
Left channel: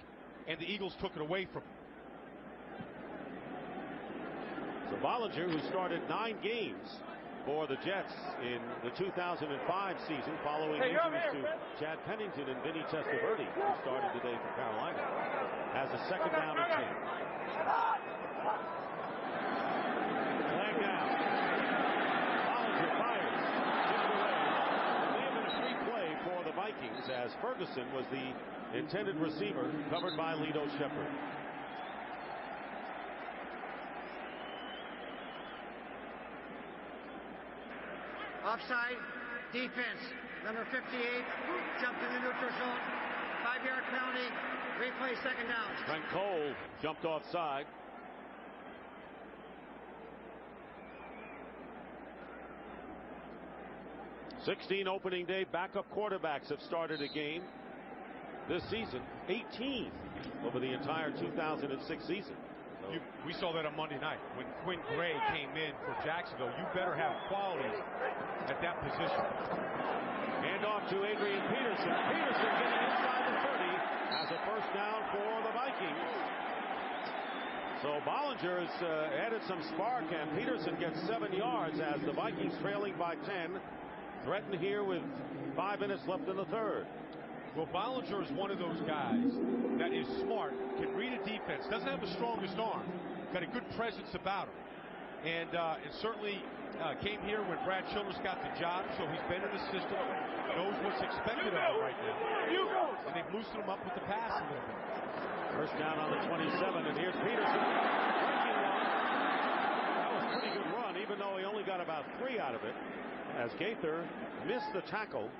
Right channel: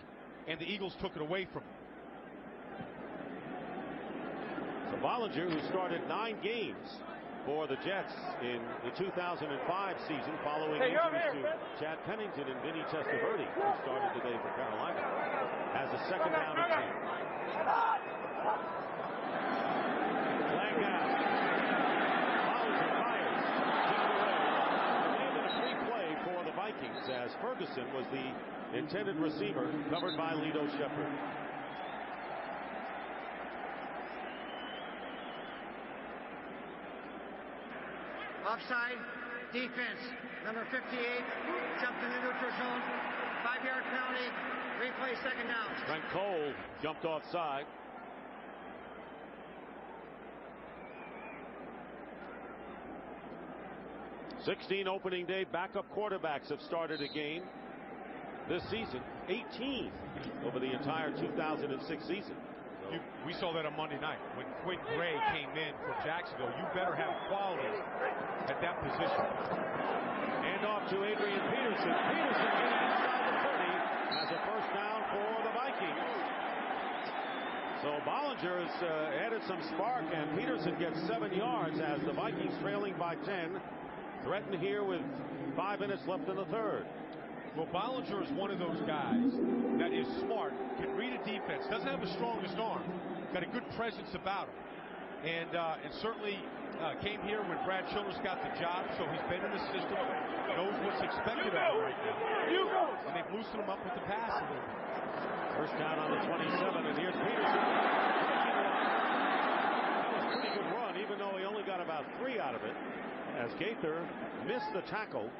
and the Eagles took it away from him. So Bollinger, who started 9 games for the Jets in the 2005 season following injuries to Chad Pennington and Vinny Testaverde, who started today for Carolina, has a 2nd down and 10. Flag down. Bollinger fires. Tipped away. It may have been a free play for the Vikings as Ferguson was the intended receiver, covered by Lito Shepherd. Offside, defense. Number 58 jumped in the neutral zone. 5-yard penalty. Replay, second down. Trent Cole jumped offside. "16 opening day backup quarterbacks have started a game this season. 18 over the entire 2006 season. So We saw that on Monday night when Quinn Gray came in for Jacksonville. You better have quality at that position. hand off to Adrian Peterson. Peterson getting inside the 30 has a first down for the Vikings. So Bollinger has added some spark, and Peterson gets 7 yards as the Vikings trailing by 10. Threatened here with 5 minutes left in the third. Well, Bollinger is one of those guys that is smart, can read a defense, doesn't have the strongest arm, got a good presence about him, and certainly came here when Brad Childress got the job, so he's been in the system, knows what's expected of him right now, and they've loosened him up with the pass a little bit. First down on the 27, and here's Peterson breaking one. That was a pretty good run, even though he only got about 3 out of it, as Gaither missed the tackle.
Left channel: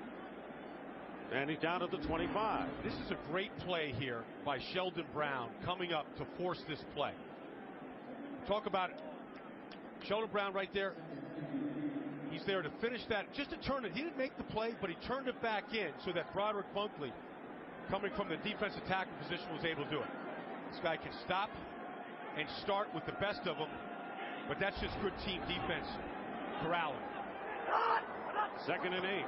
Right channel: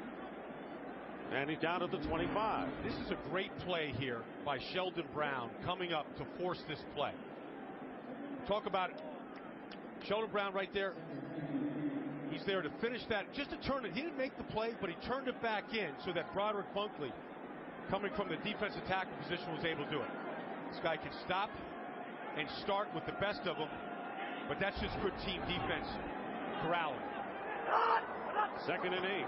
And he's down at the 25. This is a great play here by Sheldon Brown coming up to force this play. Talk about it. Sheldon Brown right there. He's there to finish that, just to turn it. He didn't make the play, but he turned it back in so that Broderick Bunkley, coming from the defensive tackle position, was able to do it. This guy can stop and start with the best of them, but that's just good team defense corralling. 2nd and 8.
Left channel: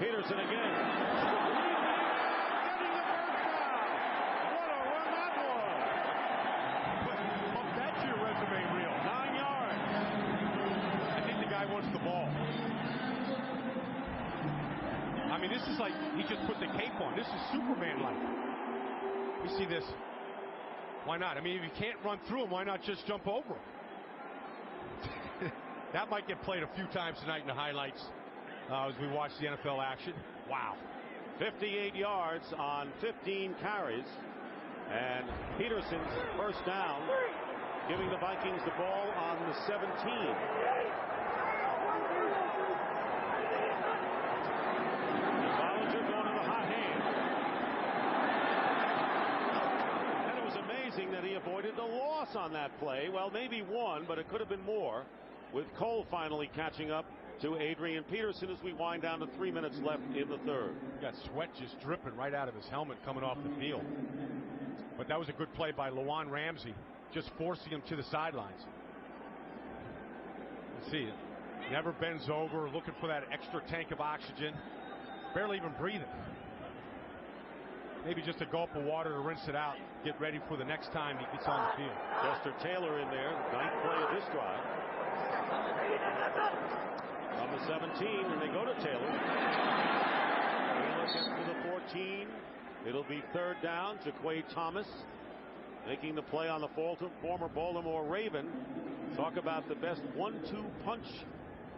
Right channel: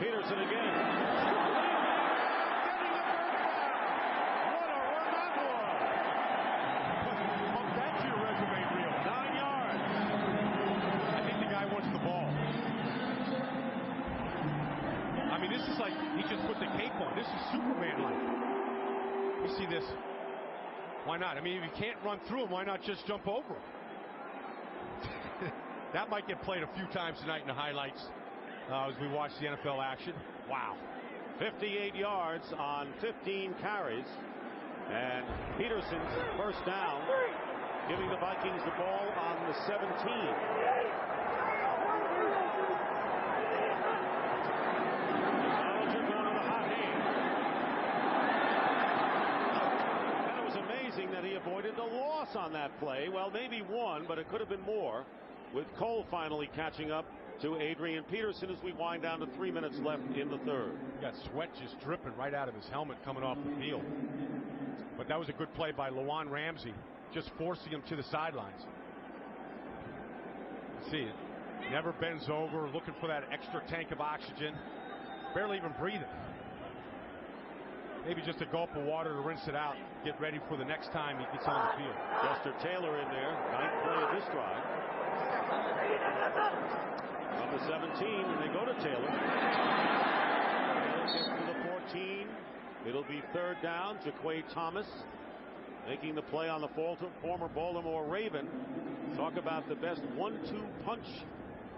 Peterson again, leaping and getting the first down. What a run that was. Bump that to your resume reel. 9 yards. I think the guy wants the ball. I mean, this is like he just put the cape on. This is Superman-like. We see this. Why not? I mean, if you can't run through him, why not just jump over him? That might get played a few times tonight in the highlights. As we watch the NFL action. Wow. 58 yards on 15 carries. And Peterson's first down, giving the Vikings the ball on the 17. And Bollinger going to the hot hand. And it was amazing that he avoided the loss on that play. Well, maybe 1, but it could have been more, with Cole finally catching up to Adrian Peterson as we wind down to 3 minutes left in the third. Got sweat just dripping right out of his helmet coming off the field. But that was a good play by Lawan Ramsey, just forcing him to the sidelines. You see it. Never bends over, looking for that extra tank of oxygen. Barely even breathing. Maybe just a gulp of water to rinse it out. Get ready for the next time he gets on the field. Chester Taylor in there, 9th play of this drive. From the 17, and they go to Taylor. Taylor gets to the 14. It'll be 3rd down. Jaquay Thomas making the play on the former Baltimore Raven. Talk about the best 1-2 punch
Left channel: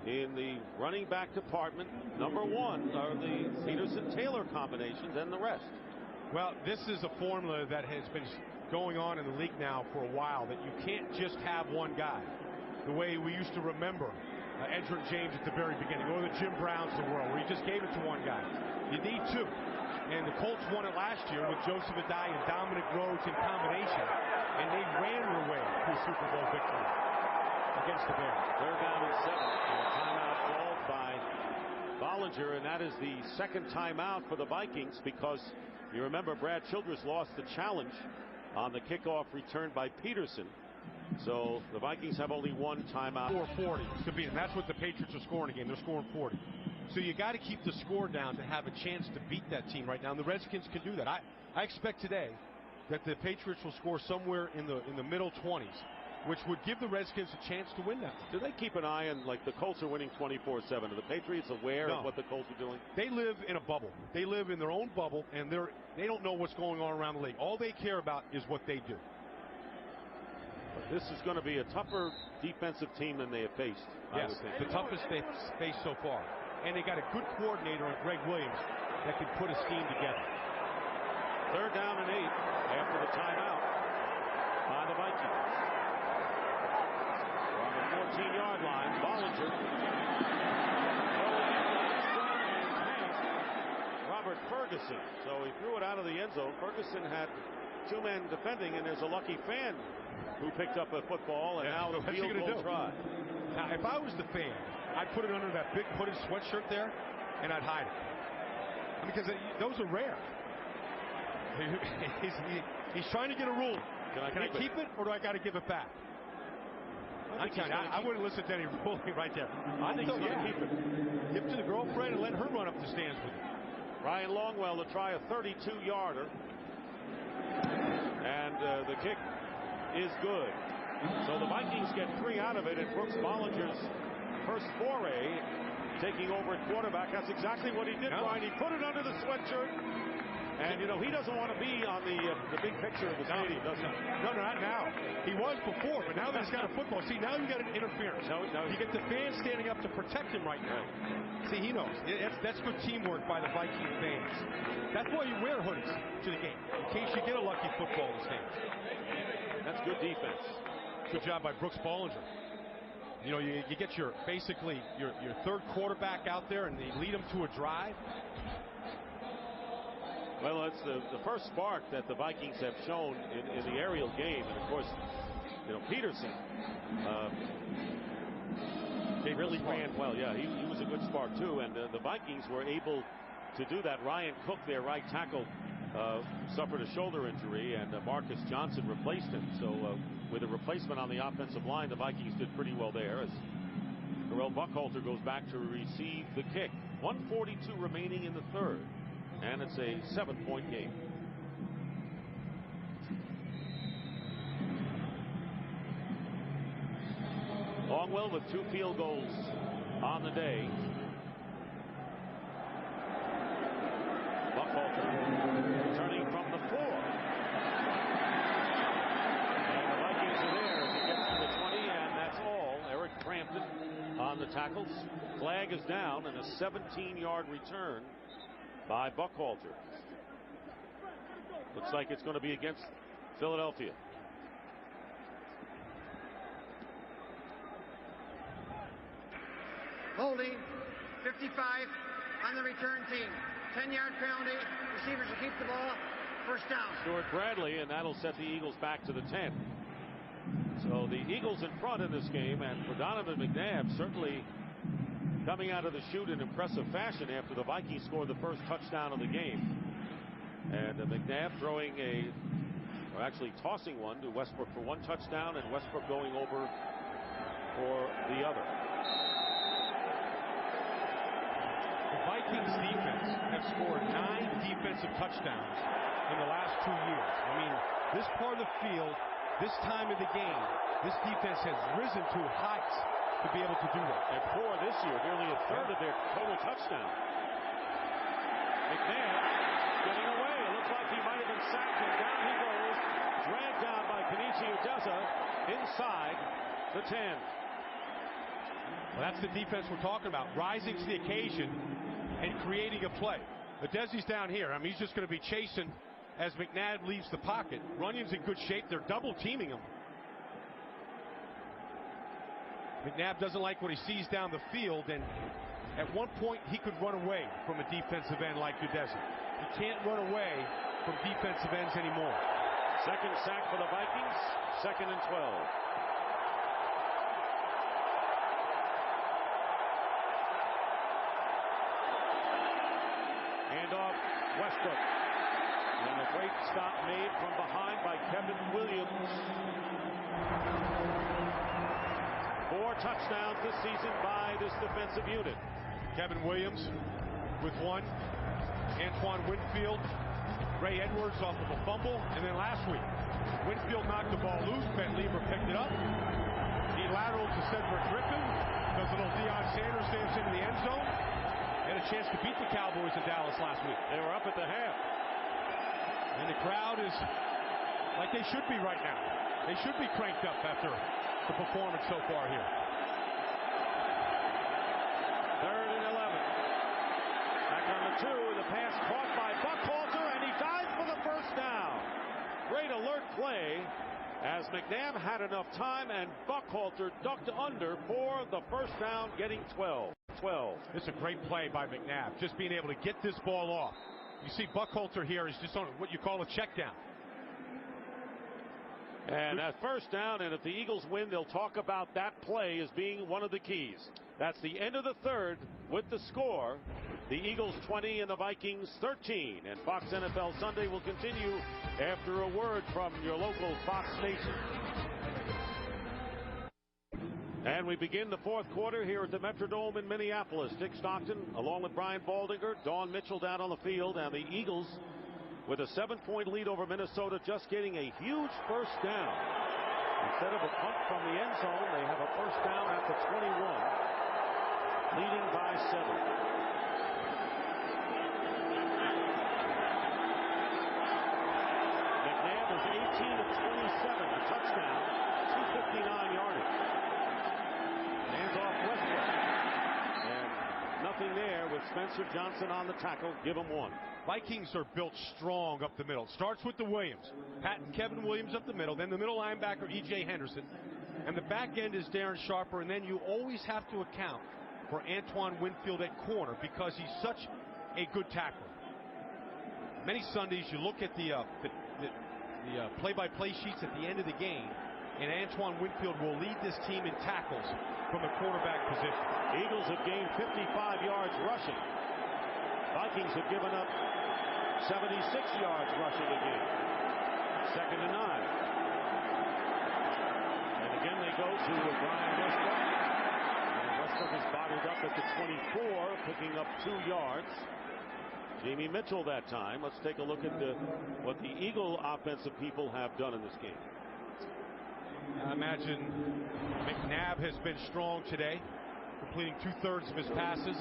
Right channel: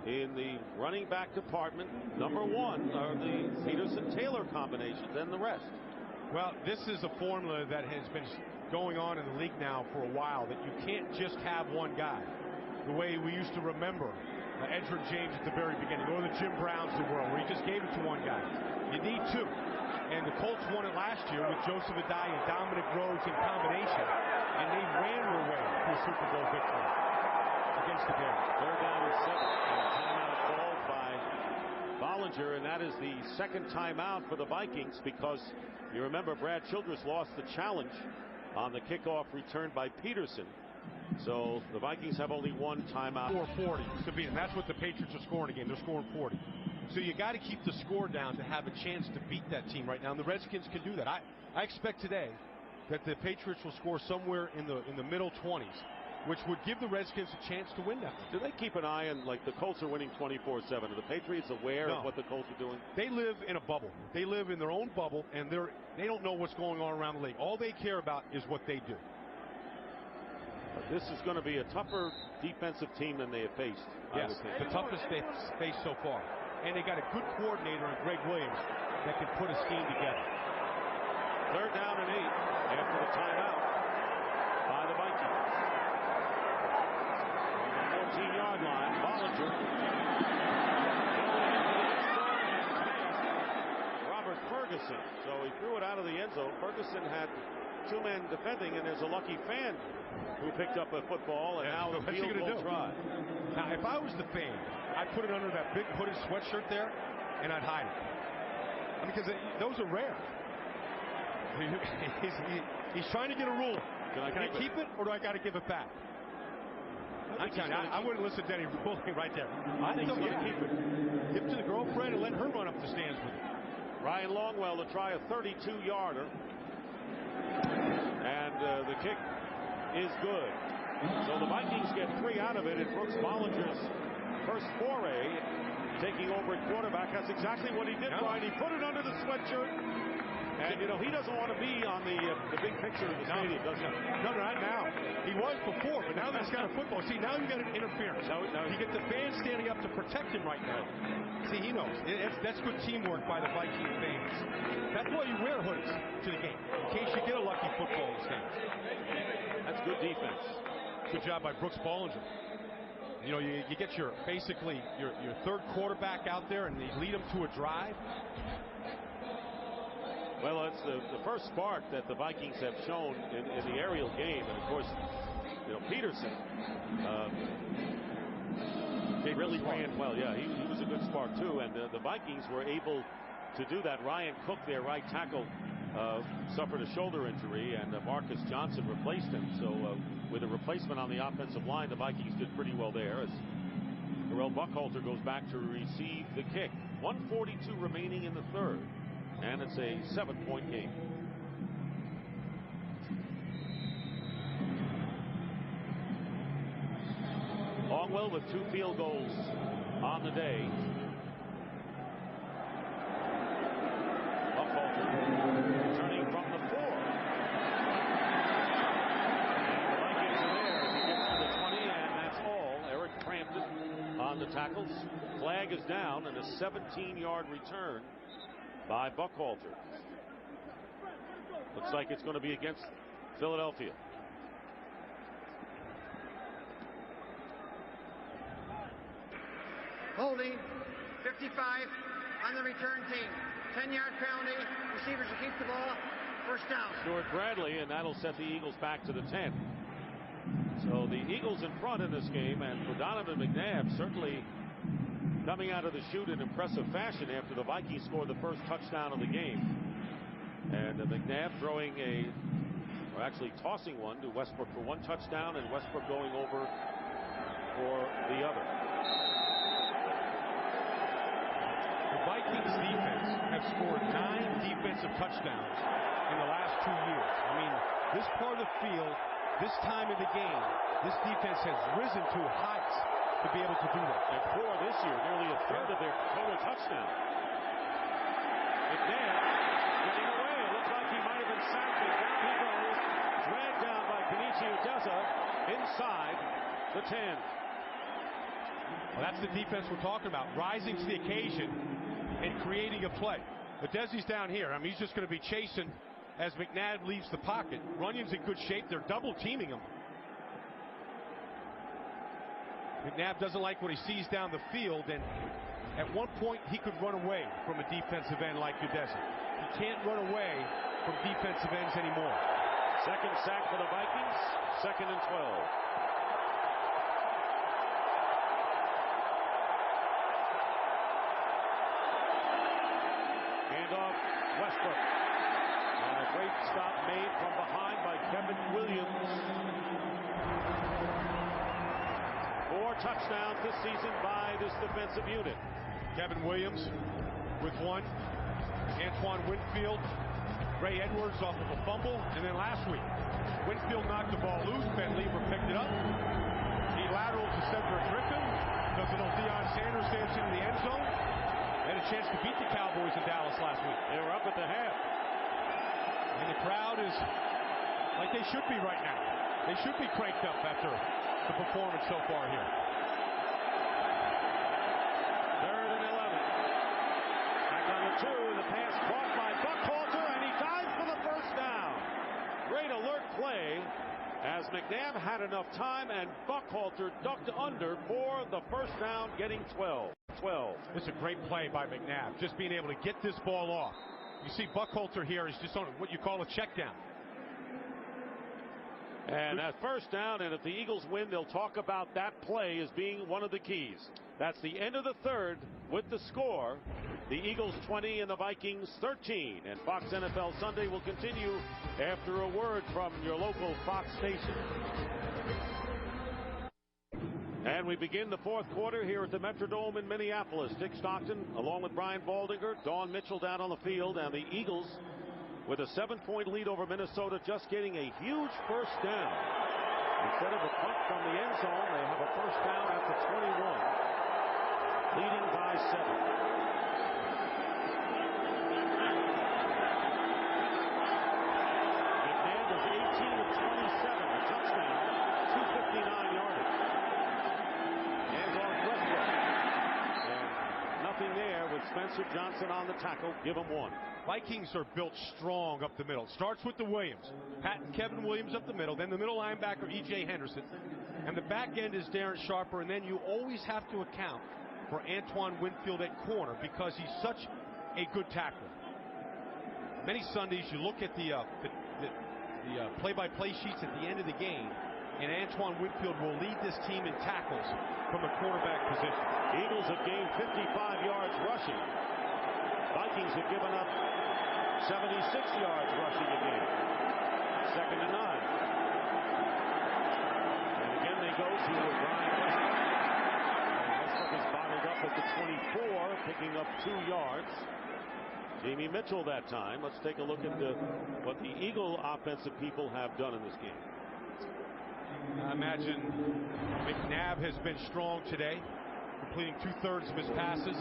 in the running back department. Number 1 are the Peterson-Taylor combinations and the rest. Well, this is a formula that has been going on in the league now for a while, that you can't just have one guy the way we used to remember Edgerrin James at the very beginning, or the Jim Browns of the world, where he just gave it to one guy. You need 2. And the Colts won it last year with Joseph Adai and Dominic Rhodes in combination, and they ran their way to a Super Bowl victory against the Bears. 3rd down and 7, and timeout called by Bollinger, and that is the 2nd timeout for the Vikings, because you remember Brad Childress lost the challenge on the kickoff return by Peterson. So the Vikings have only 1 timeout. 440 to beat them. That's what the Patriots are scoring again. They're scoring 40. So you got to keep the score down to have a chance to beat that team right now. And the Redskins can do that. I expect today that the Patriots will score somewhere in the middle 20s, which would give the Redskins a chance to win that one. Do they keep an eye on, like, the Colts are winning 24/7? Are the Patriots aware of what the Colts are doing? They live in a bubble. They live in their own bubble, and they don't know what's going on around the league. All they care about is what they do. But this is going to be a tougher defensive team than they have faced, I would think. The toughest they've faced so far. and they got a good coordinator in Greg Williams that can put a scheme together. 3rd down and 8 after the timeout by the Vikings. They're on the 14-yard line. Bollinger throwing into the end zone and past Robert Ferguson. So he threw it out of the end zone. Ferguson had 2 men defending, and there's a lucky fan who picked up a football, and now the field goal try. Now, if I was the fan, I'd put it under that big hooded sweatshirt there, and I'd hide it. I mean, because those are rare. He's trying to get a ruling. Can I keep it, or do I got to give it back? I'm telling you, I wouldn't listen to any ruling right there. I think he's going to keep it. Give it to the girlfriend and let her run up the stands with it. Ryan Longwell to try a 32-yarder. And the kick is good. So the Vikings get 3 out of it, and Brooks Bollinger's first foray taking over at quarterback. That's exactly what he did, Brian. He put it under the sweatshirt. And, you know, he doesn't want to be on the big picture of the stadium, does he? No, not now. He was before, but now that he's got a football. See, now you got an interference. You get the fans standing up to protect him right now. Right. Yeah. See, he knows. That's good teamwork by the Viking fans. That's why you wear hoodies to the game, in case you get a lucky football in the stands. That's good defense. Good job by Brooks Bollinger. You know, you get basically your 3rd quarterback out there, and they lead him to a drive. Well, it's the first spark that the Vikings have shown in the aerial game. And, of course, you know, Peterson really ran well. Yeah, he was a good spark, too. And the Vikings were able to do that. Ryan Cook, their right tackle, suffered a shoulder injury, and Marcus Johnson replaced him. So with a replacement on the offensive line, the Vikings did pretty well there, as Terrell Buckhalter goes back to receive the kick. 1:42 remaining in the 3rd. And it's a 7-point game. Longwell with 2 field goals on the day. Buckhalter returning from the 4. And the Vikings are there as he gets to the 20, and that's all. Eric Frampton on the tackles. Flag is down, and a 17-yard return by Buckhalter. Looks like it's going to be against Philadelphia. Holding 55 on the return team. 10-yard penalty. Receivers will keep the ball. First down. Stuart Bradley, and that'll set the Eagles back to the 10. So the Eagles in front in this game, and for Donovan McNabb, certainly coming out of the chute in impressive fashion after the Vikings scored the first touchdown of the game. And McNabb throwing or actually tossing one to Westbrook for 1 touchdown, and Westbrook going over for the other. The Vikings defense have scored 9 defensive touchdowns in the last 2 years. I mean, this part of the field, this time of the game, this defense has risen to heights to be able to do that. And 4 this year, nearly a third of their total touchdowns. McNabb getting away. It looks like he might have been sacked, and down he goes, dragged down by Kenichi Udeza inside the 10. Well, that's the defense we're talking about, rising to the occasion and creating a play. Udeza's down here. I mean, he's just going to be chasing as McNabb leaves the pocket. Runyon's in good shape. They're double teaming him. McNabb doesn't like what he sees down the field, and at one point he could run away from a defensive end like Udeza. He can't run away from defensive ends anymore. Second sack for the Vikings. 2nd and 12. Handoff Westbrook. And a great stop made from behind by Kevin Williams. 4 touchdowns this season by this defensive unit. Kevin Williams with 1. Antoine Winfield, Ray Edwards off of a fumble, and then last week Winfield knocked the ball loose. Ben Lieber picked it up. He lateraled to Cedric Griffin, does a little Deion Sanders dance into the end zone. They had a chance to beat the Cowboys in Dallas last week. They were up at the half. And the crowd is like they should be right now. They should be cranked up after the performance so far here. 3rd and 11. Back on the 2, and the pass caught by Buckhalter, and he dives for the first down. Great alert play as McNabb had enough time, and Buckhalter ducked under for the first down, getting 12. It's a great play by McNabb, just being able to get this ball off. You see Buckhalter here is just on what you call a check down. And that first down, and if the Eagles win, they'll talk about that play as being one of the keys. That's the end of the 3rd with the score. The Eagles 20 and the Vikings 13. And Fox NFL Sunday will continue after a word from your local Fox station. And we begin the 4th quarter here at the Metrodome in Minneapolis. Dick Stockton along with Brian Baldinger, Dawn Mitchell down on the field, and the Eagles with a 7-point lead over Minnesota, just getting a huge first down. Instead of a punt from the end zone, they have a first down at the 21, leading by 7. McNabb is 18 of 27, a touchdown, 259 yardage. Hands off Westbrook. And nothing there with Spencer Johnson on the tackle. Give him 1. Vikings are built strong up the middle. It starts with the Williams. Pat and Kevin Williams up the middle. Then the middle linebacker, E.J. Henderson. And the back end is Darren Sharper. And then you always have to account for Antoine Winfield at corner because he's such a good tackler. Many Sundays you look at the play-by-play sheets at the end of the game, and Antoine Winfield will lead this team in tackles from the quarterback position. Eagles have gained 55 yards rushing. Vikings have given up 76 yards rushing a game. 2nd and 9. And again they go to Brian Westbrook. And Westbrook is bottled up at the 24, picking up 2 yards. Jamie Mitchell that time. Let's take a look at what the Eagle offensive people have done in this game. I imagine McNabb has been strong today, completing 2/3 of his passes.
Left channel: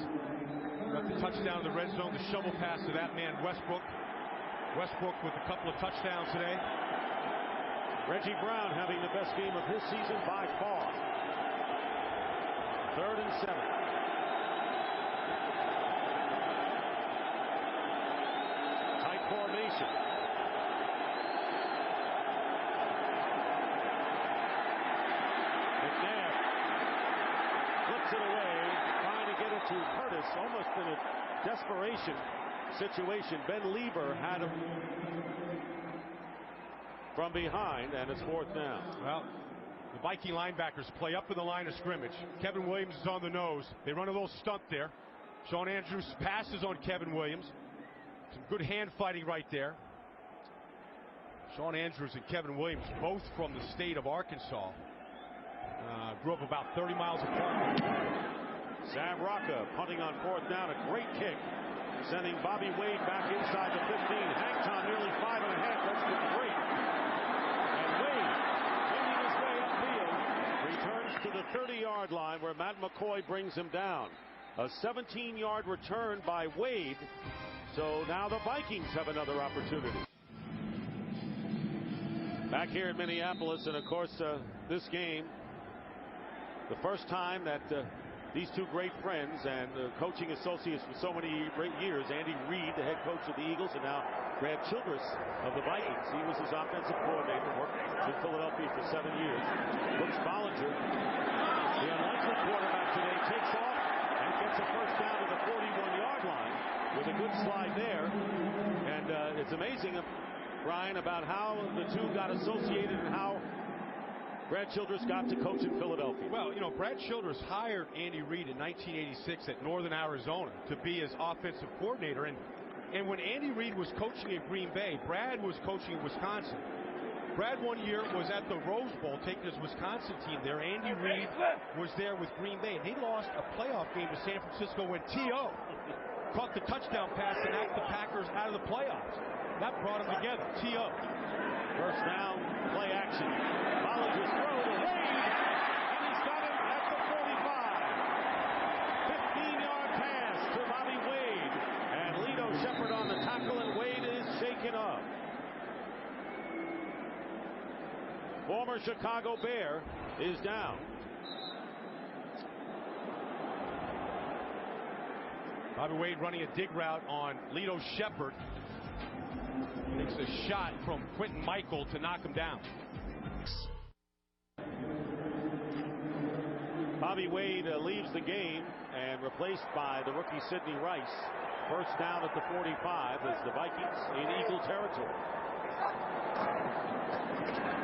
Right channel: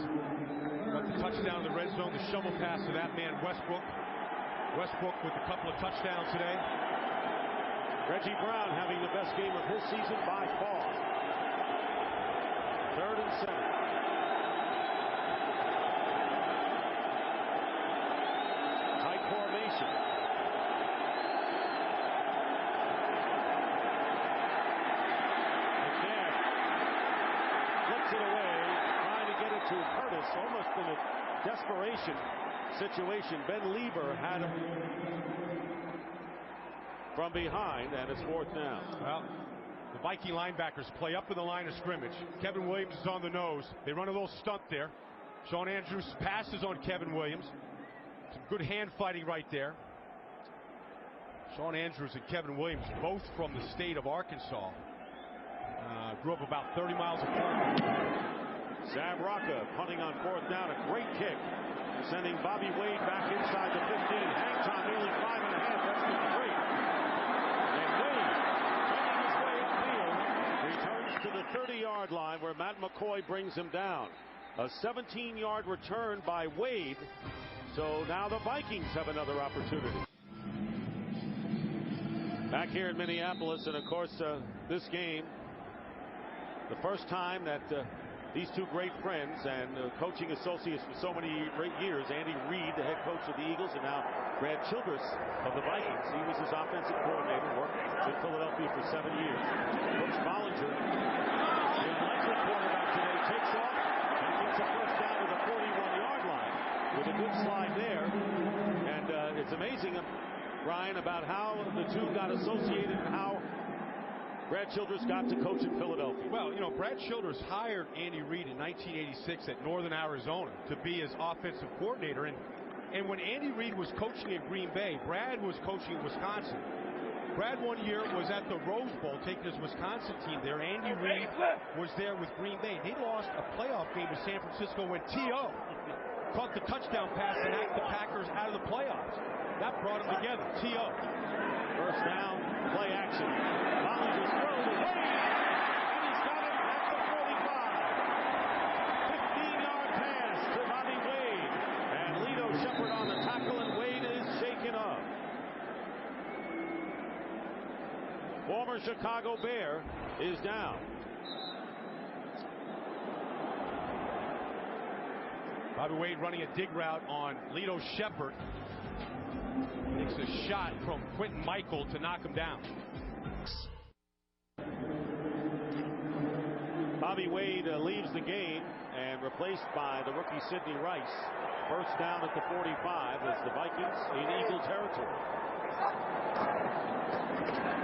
Got the touchdown in the red zone, the shovel pass to that man Westbrook. Westbrook with a couple of touchdowns today. Reggie Brown having the best game of his season by far. 3rd and 7. Tight formation. McNabb flips it away, trying to get it to Curtis, almost in a desperation situation. Ben Lieber had him from behind, and it's 4th down. Well, the Viking linebackers play up in the line of scrimmage. Kevin Williams is on the nose. They run a little stunt there. Sean Andrews passes on Kevin Williams. Some good hand fighting right there. Sean Andrews and Kevin Williams, both from the state of Arkansas. Grew up about 30 miles apart from one another. Sav Rocca punting on 4th down. A great kick, sending Bobby Wade back inside the 15. Hang time nearly 5.5. That's great. And Wade, winding his way upfield, returns to the 30-yard line where Matt McCoy brings him down. A 17-yard return by Wade. So now the Vikings have another opportunity. Back here in Minneapolis, and of course this game, the first time that these two great friends and coaching associates for so many years, Andy Reid, the head coach of the Eagles, and now Brad Childress of the Vikings. He was his offensive coordinator, worked in Philadelphia for 7 years. Brooks Bollinger, the unlikely quarterback today, takes off and gets a first down to the 41-yard line with a good slide there. And it's amazing, Brian, about how the two got associated and how Brad Childress got to coach in Philadelphia. Well, you know, Brad Childress hired Andy Reid in 1986 at Northern Arizona to be his offensive coordinator. And when Andy Reid was coaching in Green Bay, Brad was coaching in Wisconsin. Brad one year was at the Rose Bowl taking his Wisconsin team there. Andy Reid was there with Green Bay. And they lost a playoff game to San Francisco when T.O. caught the touchdown pass and knocked the Packers out of the playoffs. That brought them together. T.O. First down, play action. Bollinger's throw to Wade, and he's got it at the 45. 15-yard pass to Bobby Wade, and Lito Shepherd on the tackle, and Wade is shaken up. Former Chicago Bear is down. Bobby Wade running a dig route on Lito Shepard. Takes a shot from Quentin Michael to knock him down. Bobby Wade leaves the game and replaced by the rookie Sidney Rice. First down at the 45 as the Vikings in Eagle territory.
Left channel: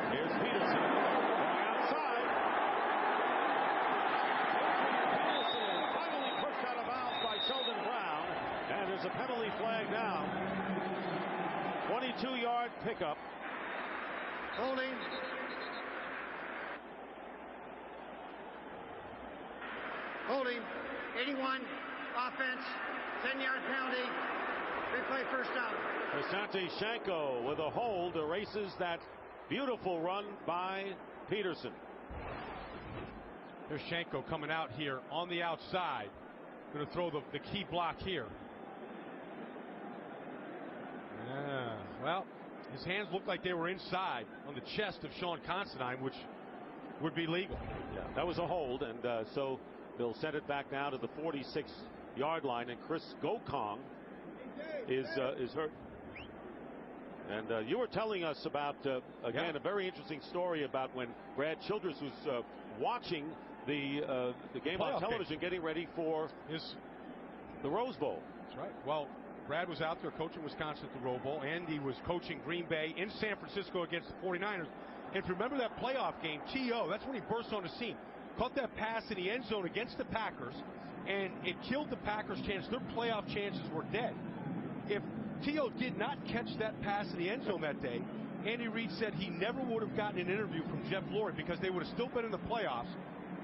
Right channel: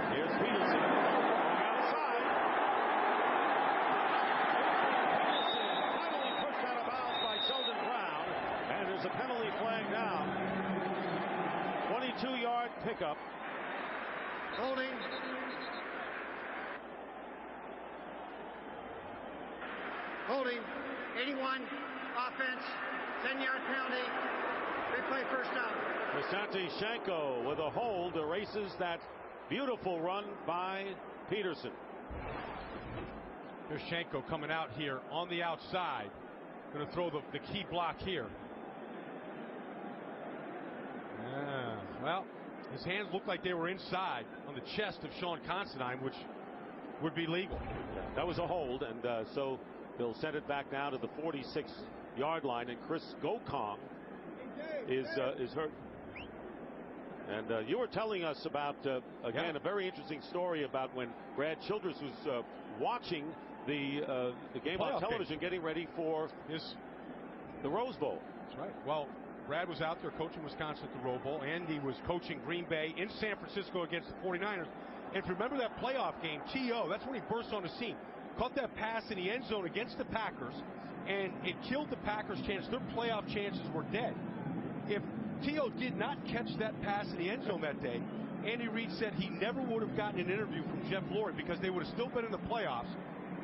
Here's Peterson going outside. Adrian Peterson finally pushed out of bounds by Sheldon Brown, and there's a penalty flag down. 22-yard pickup. Holding. Holding. 81. Offense. 10-yard penalty. Replay first down. Asante Shanko with a hold erases that beautiful run by Peterson. There's Shanko coming out here on the outside. Going to throw the key block here. Well, his hands looked like they were inside on the chest of Sean Considine, which would be legal. Yeah, that was a hold, and so they'll send it back now to the 46-yard line, and Chris Gokong is hurt. And you were telling us about, again, a very interesting story about when Brad Childress was watching the game on television, getting ready for the Rose Bowl. That's right. Well, Brad was out there coaching Wisconsin at the Rose Bowl. Andy was coaching Green Bay in San Francisco against the 49ers. And if you remember that playoff game, T.O., that's when he burst on the scene. Caught that pass in the end zone against the Packers, and it killed the Packers' chance. Their playoff chances were dead. If T.O. did not catch that pass in the end zone that day, Andy Reid said he never would have gotten an interview from Jeff Lurie because they would have still been in the playoffs.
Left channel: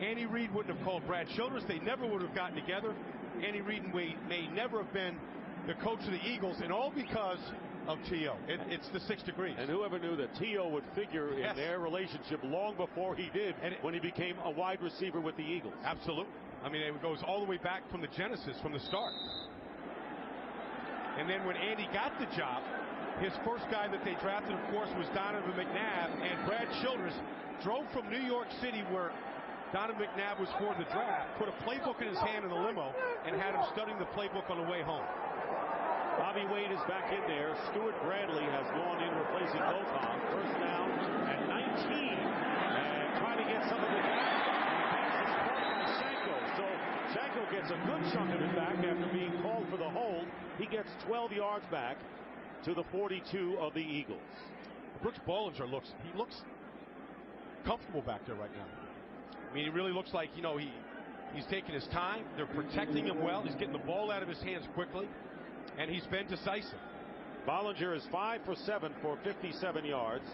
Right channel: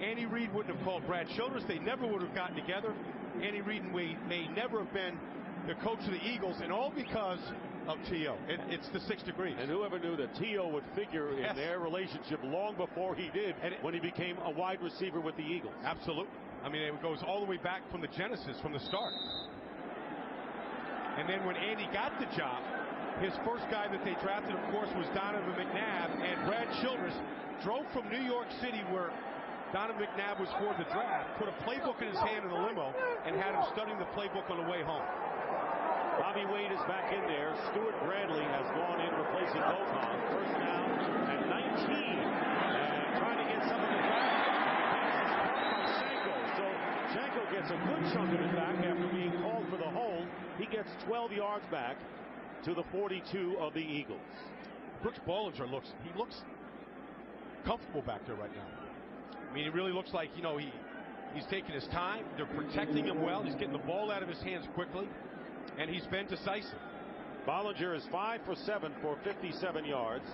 Andy Reid wouldn't have called Brad Childress. They never would have gotten together. Andy Reid may never have been the coach of the Eagles, and all because of T.O. It's the 6 degrees. And whoever knew that T.O. would figure in their relationship long before he did, when he became a wide receiver with the Eagles. Absolutely. I mean, it goes all the way back from the genesis, from the start. And then when Andy got the job, his first guy that they drafted, of course, was Donovan McNabb. And Brad Childress drove from New York City, where Donovan McNabb was for the draft, put a playbook in his hand in the limo, and had him studying the playbook on the way home. Bobby Wade is back in there. Stuart Bradley has gone in replacing Gokong. First down at 19. And trying to get some of it back. And the pass is caught by Shanko. So Shanko gets a good chunk of it back after being called for the hold. He gets 12 yards back to the 42 of the Eagles. Brooks Bollinger looks comfortable back there right now. I mean, he really looks like, he's taking his time. They're protecting him well. He's getting the ball out of his hands quickly. And he's been decisive. Bollinger is 5 for 7 for 57 yards.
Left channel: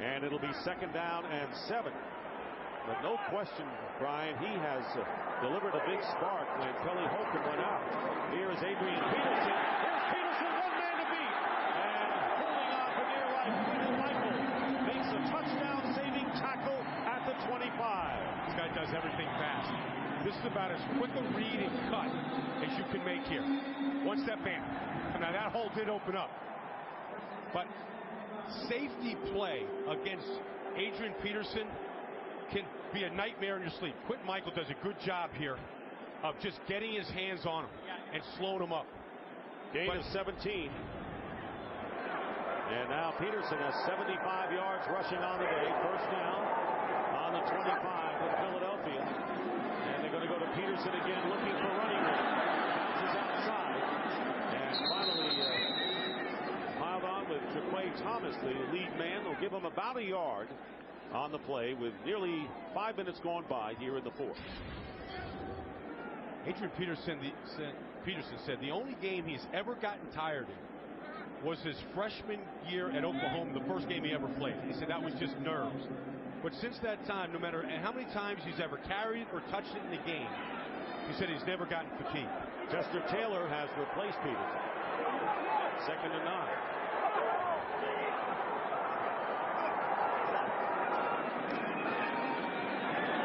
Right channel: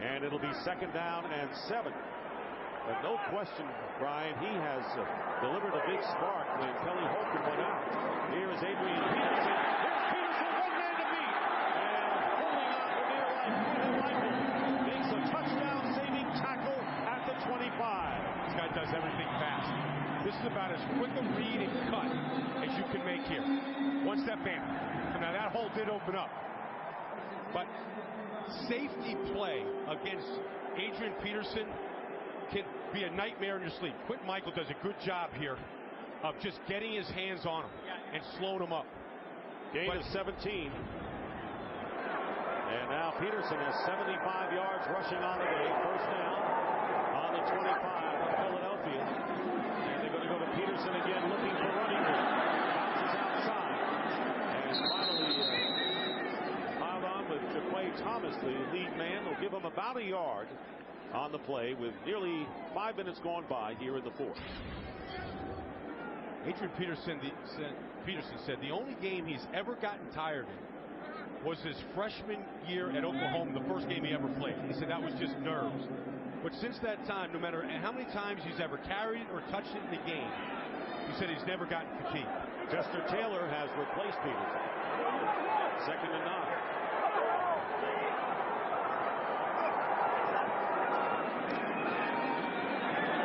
And it'll be second down and 7. But no question, Brian, he has delivered a big spark when Kelly Holcomb went out. Here is Adrian Peterson. Here's Peterson, one man to beat. And holding on for dear life, Quentin Michael makes a touchdown-saving tackle at the 25. This guy does everything fast. This is about as quick a read and cut as you can make here. One step in. Now that hole did open up. But safety play against Adrian Peterson can be a nightmare in your sleep. Quentin Michael does a good job here of just getting his hands on him and slowing him up. Gain of 17. And now Peterson has 75 yards rushing on the day. First down on the 25 of Philadelphia. And they're going to go to Peterson again, looking for running room. Bounces outside. And finally piled on with Jaquay Thomas, the lead man. They'll give him about a yard on the play with nearly 5 minutes gone by here in the fourth. Adrian Peterson said the only game he's ever gotten tired in was his freshman year at Oklahoma, the first game he ever played. He said that was just nerves. But since that time, no matter how many times he's ever carried it or touched it in the game, he said he's never gotten fatigued. Chester Taylor has replaced Peterson. Second and 9.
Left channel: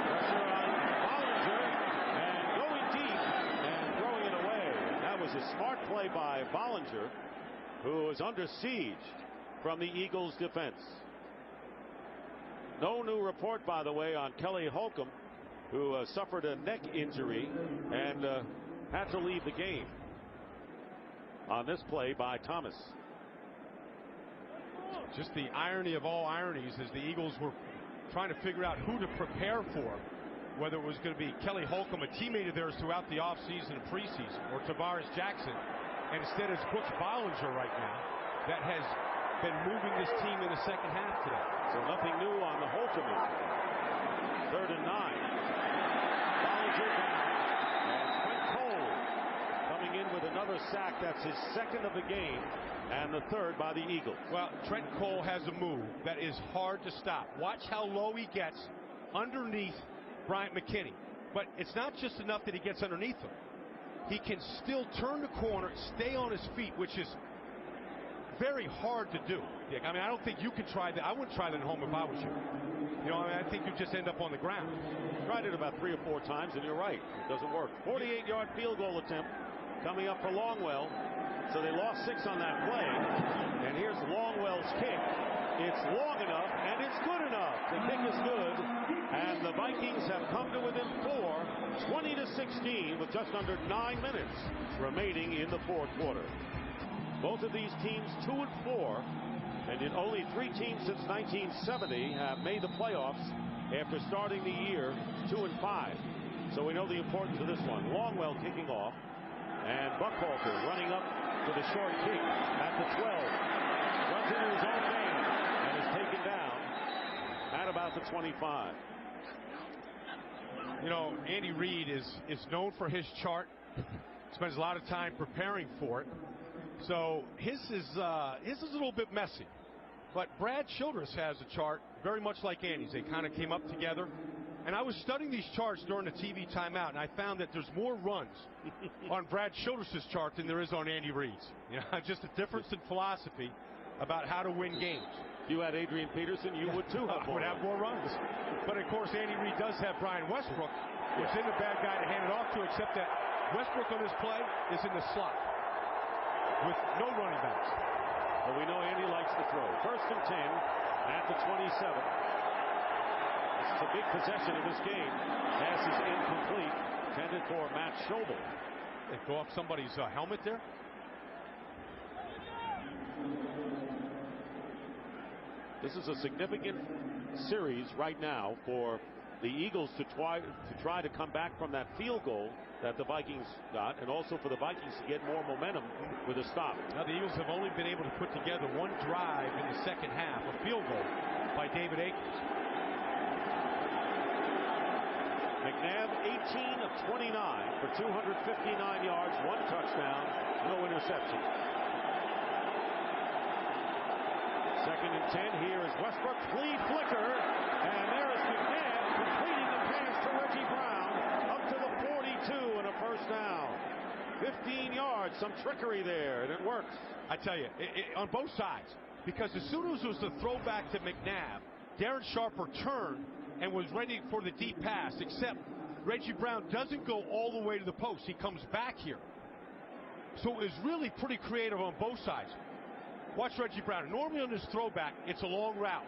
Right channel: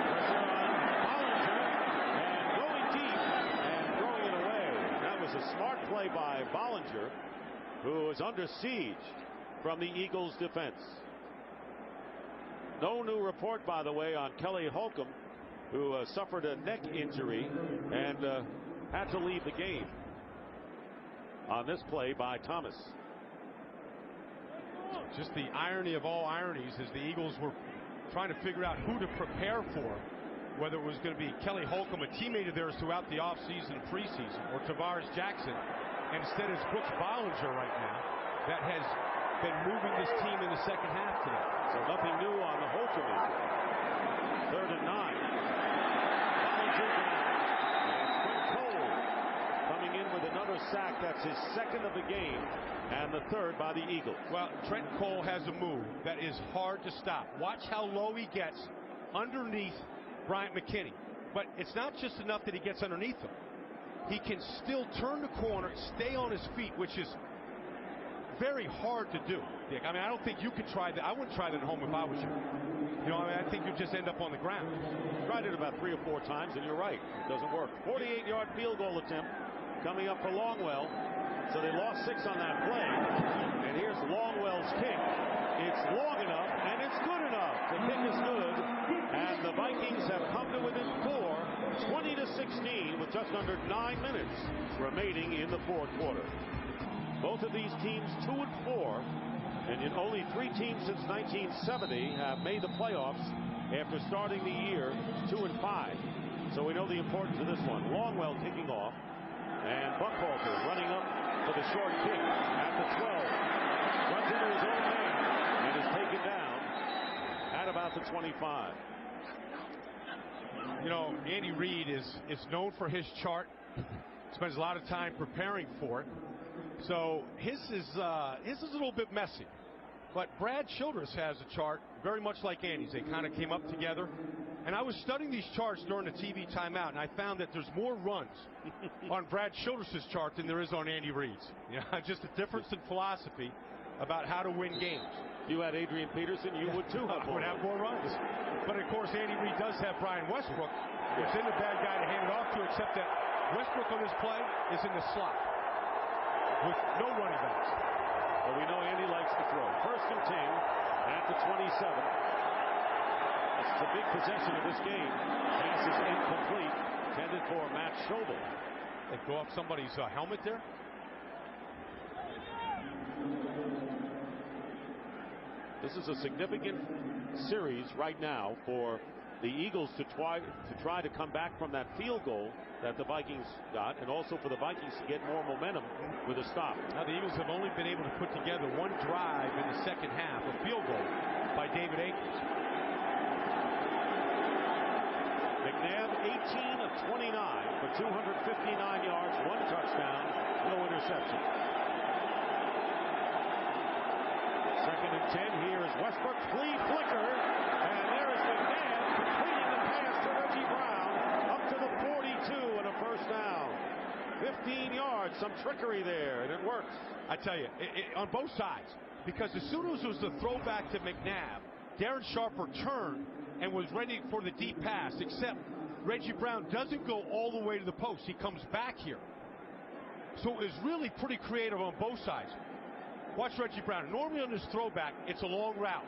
Pressure on Bollinger and going deep and throwing it away. And that was a smart play by Bollinger, who is under siege from the Eagles defense. No new report, by the way, on Kelly Holcomb, who suffered a neck injury and had to leave the game. on this play by Thomas. Just the irony of all ironies is the Eagles were trying to figure out who to prepare for, whether it was going to be Kelly Holcomb, a teammate of theirs throughout the offseason and preseason, or Tavares Jackson. And instead it's Brooks Bollinger right now that has been moving this team in the second half today. So nothing new on the Holcomb injury. 3rd and 9. Bollinger down, and Trent Cole coming in with another sack. That's his 2nd of the game, and the 3rd by the Eagles. Well, Trent Cole has a move that is hard to stop. Watch how low he gets underneath Bryant McKinney. But it's not just enough that he gets underneath him. He can still turn the corner, stay on his feet, which is very hard to do, Dick. I mean, I don't think you could try that. I wouldn't try that at home if I was you. You know, I mean, I think you just end up on the ground. Tried it about 3 or 4 times, and you're right. It doesn't work. 48-yard field goal attempt coming up for Longwell. So they lost 6 on that play. And here's Longwell's kick. It's long enough, and it's good enough. The kick is good, and the Vikings have come to within 4, 20-16, with just under 9 minutes remaining in the 4th quarter. Both of these teams 2-4, and in only 3 teams since 1970 have made the playoffs after starting the year 2-5. So we know the importance of this one. Longwell kicking off, and Buckhalter running up for the short kick at the 12. Runs into his own man and is taken down at about the 25. You know, Andy Reid is known for his chart. Spends a lot of time preparing for it. So his is a little bit messy. But Brad Childress has a chart very much like Andy's. They kind of came up together. And I was studying these charts during the TV timeout, and I found that there's more runs on Brad Childress' chart than there is on Andy Reid's. You know, just a difference in philosophy about how to win games. If you had Adrian Peterson, you would too have more runs. Have more runs. But of course, Andy Reid does have Brian Westbrook, which isn't a bad guy to hand it off to, except that Westbrook on this play is in the slot with no running backs. But we know Andy likes to throw. 1st and 10 at the 27. This is a big possession of this game. Pass is incomplete. Intended for Matt Schobel. They go off somebody's helmet there. This is a significant series right now for the Eagles to try to come back from that field goal that the Vikings got, and also for the Vikings to get more momentum with a stop. Now the Eagles have only been able to put together one drive in the second half, a field goal by David Akers. McNabb 18 of 29 for 259 yards, 1 touchdown, no interception. 2nd and 10. Here is Westbrook. Flea flicker. And there is McNabb completing the pass to Reggie Brown up to the 42 and a 1st down. 15 yards. Some trickery there, and it works. I tell you, on both sides. Because as soon as it was the throwback to McNabb, Darren Sharper turned and was ready for the deep pass, except Reggie Brown doesn't go all the way to the post. He comes back here. So it was really pretty creative on both sides. Watch Reggie Brown. Normally on this throwback, it's a long route.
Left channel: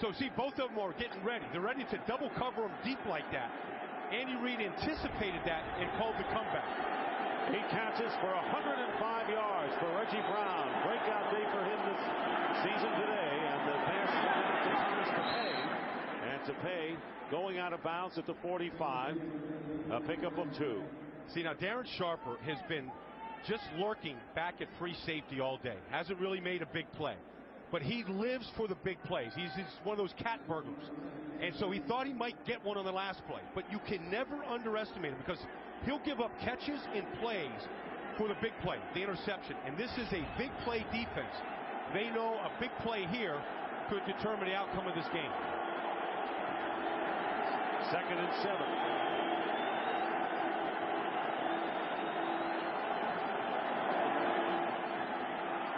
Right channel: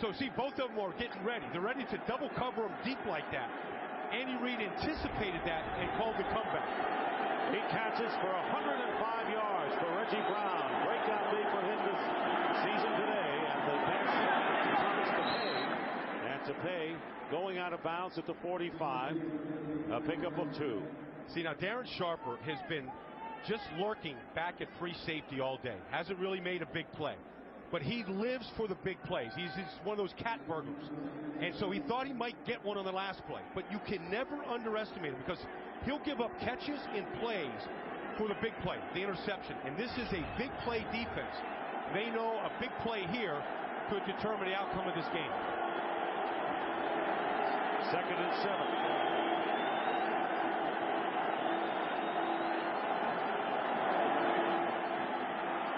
So see, both of them are getting ready. They're ready to double cover him deep like that. Andy Reid anticipated that and called the comeback. 8 catches for 105 yards for Reggie Brown. Breakout day for him this season today. And the pass swung out to Thomas Tepay. And Tepay going out of bounds at the 45. A pickup of 2. See, now Darren Sharper has been just lurking back at free safety all day. Hasn't really made a big play. But he lives for the big plays. He's one of those cat burglars. And so he thought he might get one on the last play. But you can never underestimate him because he'll give up catches and plays for the big play, the interception. And this is a big play defense. They know a big play here could determine the outcome of this game. 2nd and 7.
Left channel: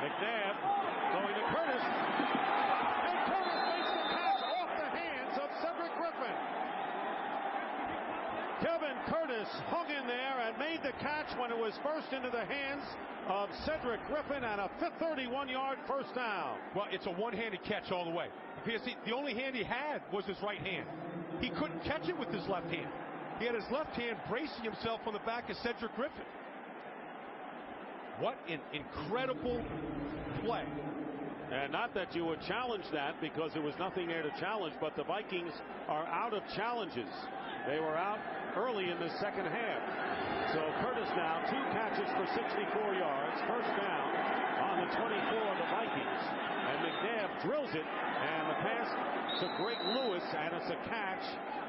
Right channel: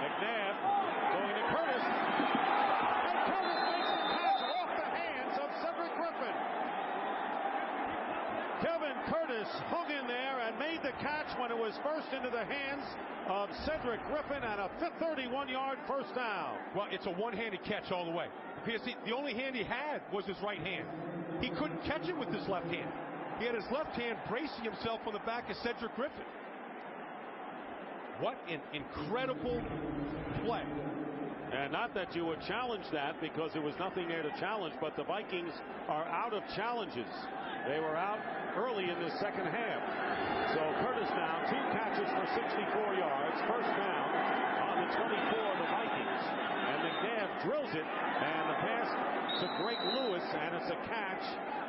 McNabb going to Curtis. And Curtis makes the catch off the hands of Cedric Griffin. Kevin Curtis hung in there and made the catch when it was first into the hands of Cedric Griffin, and a 31-yard 1st down. Well, it's a one-handed catch all the way. Because the only hand he had was his right hand. He couldn't catch it with his left hand. He had his left hand bracing himself on the back of Cedric Griffin. What an incredible play. And not that you would challenge that, because there was nothing there to challenge, but the Vikings are out of challenges. They were out early in the second half. So Curtis now 2 catches for 64 yards. First down on the 24 of the Vikings. And McNabb drills it, and the pass to Greg Lewis, and it's a catch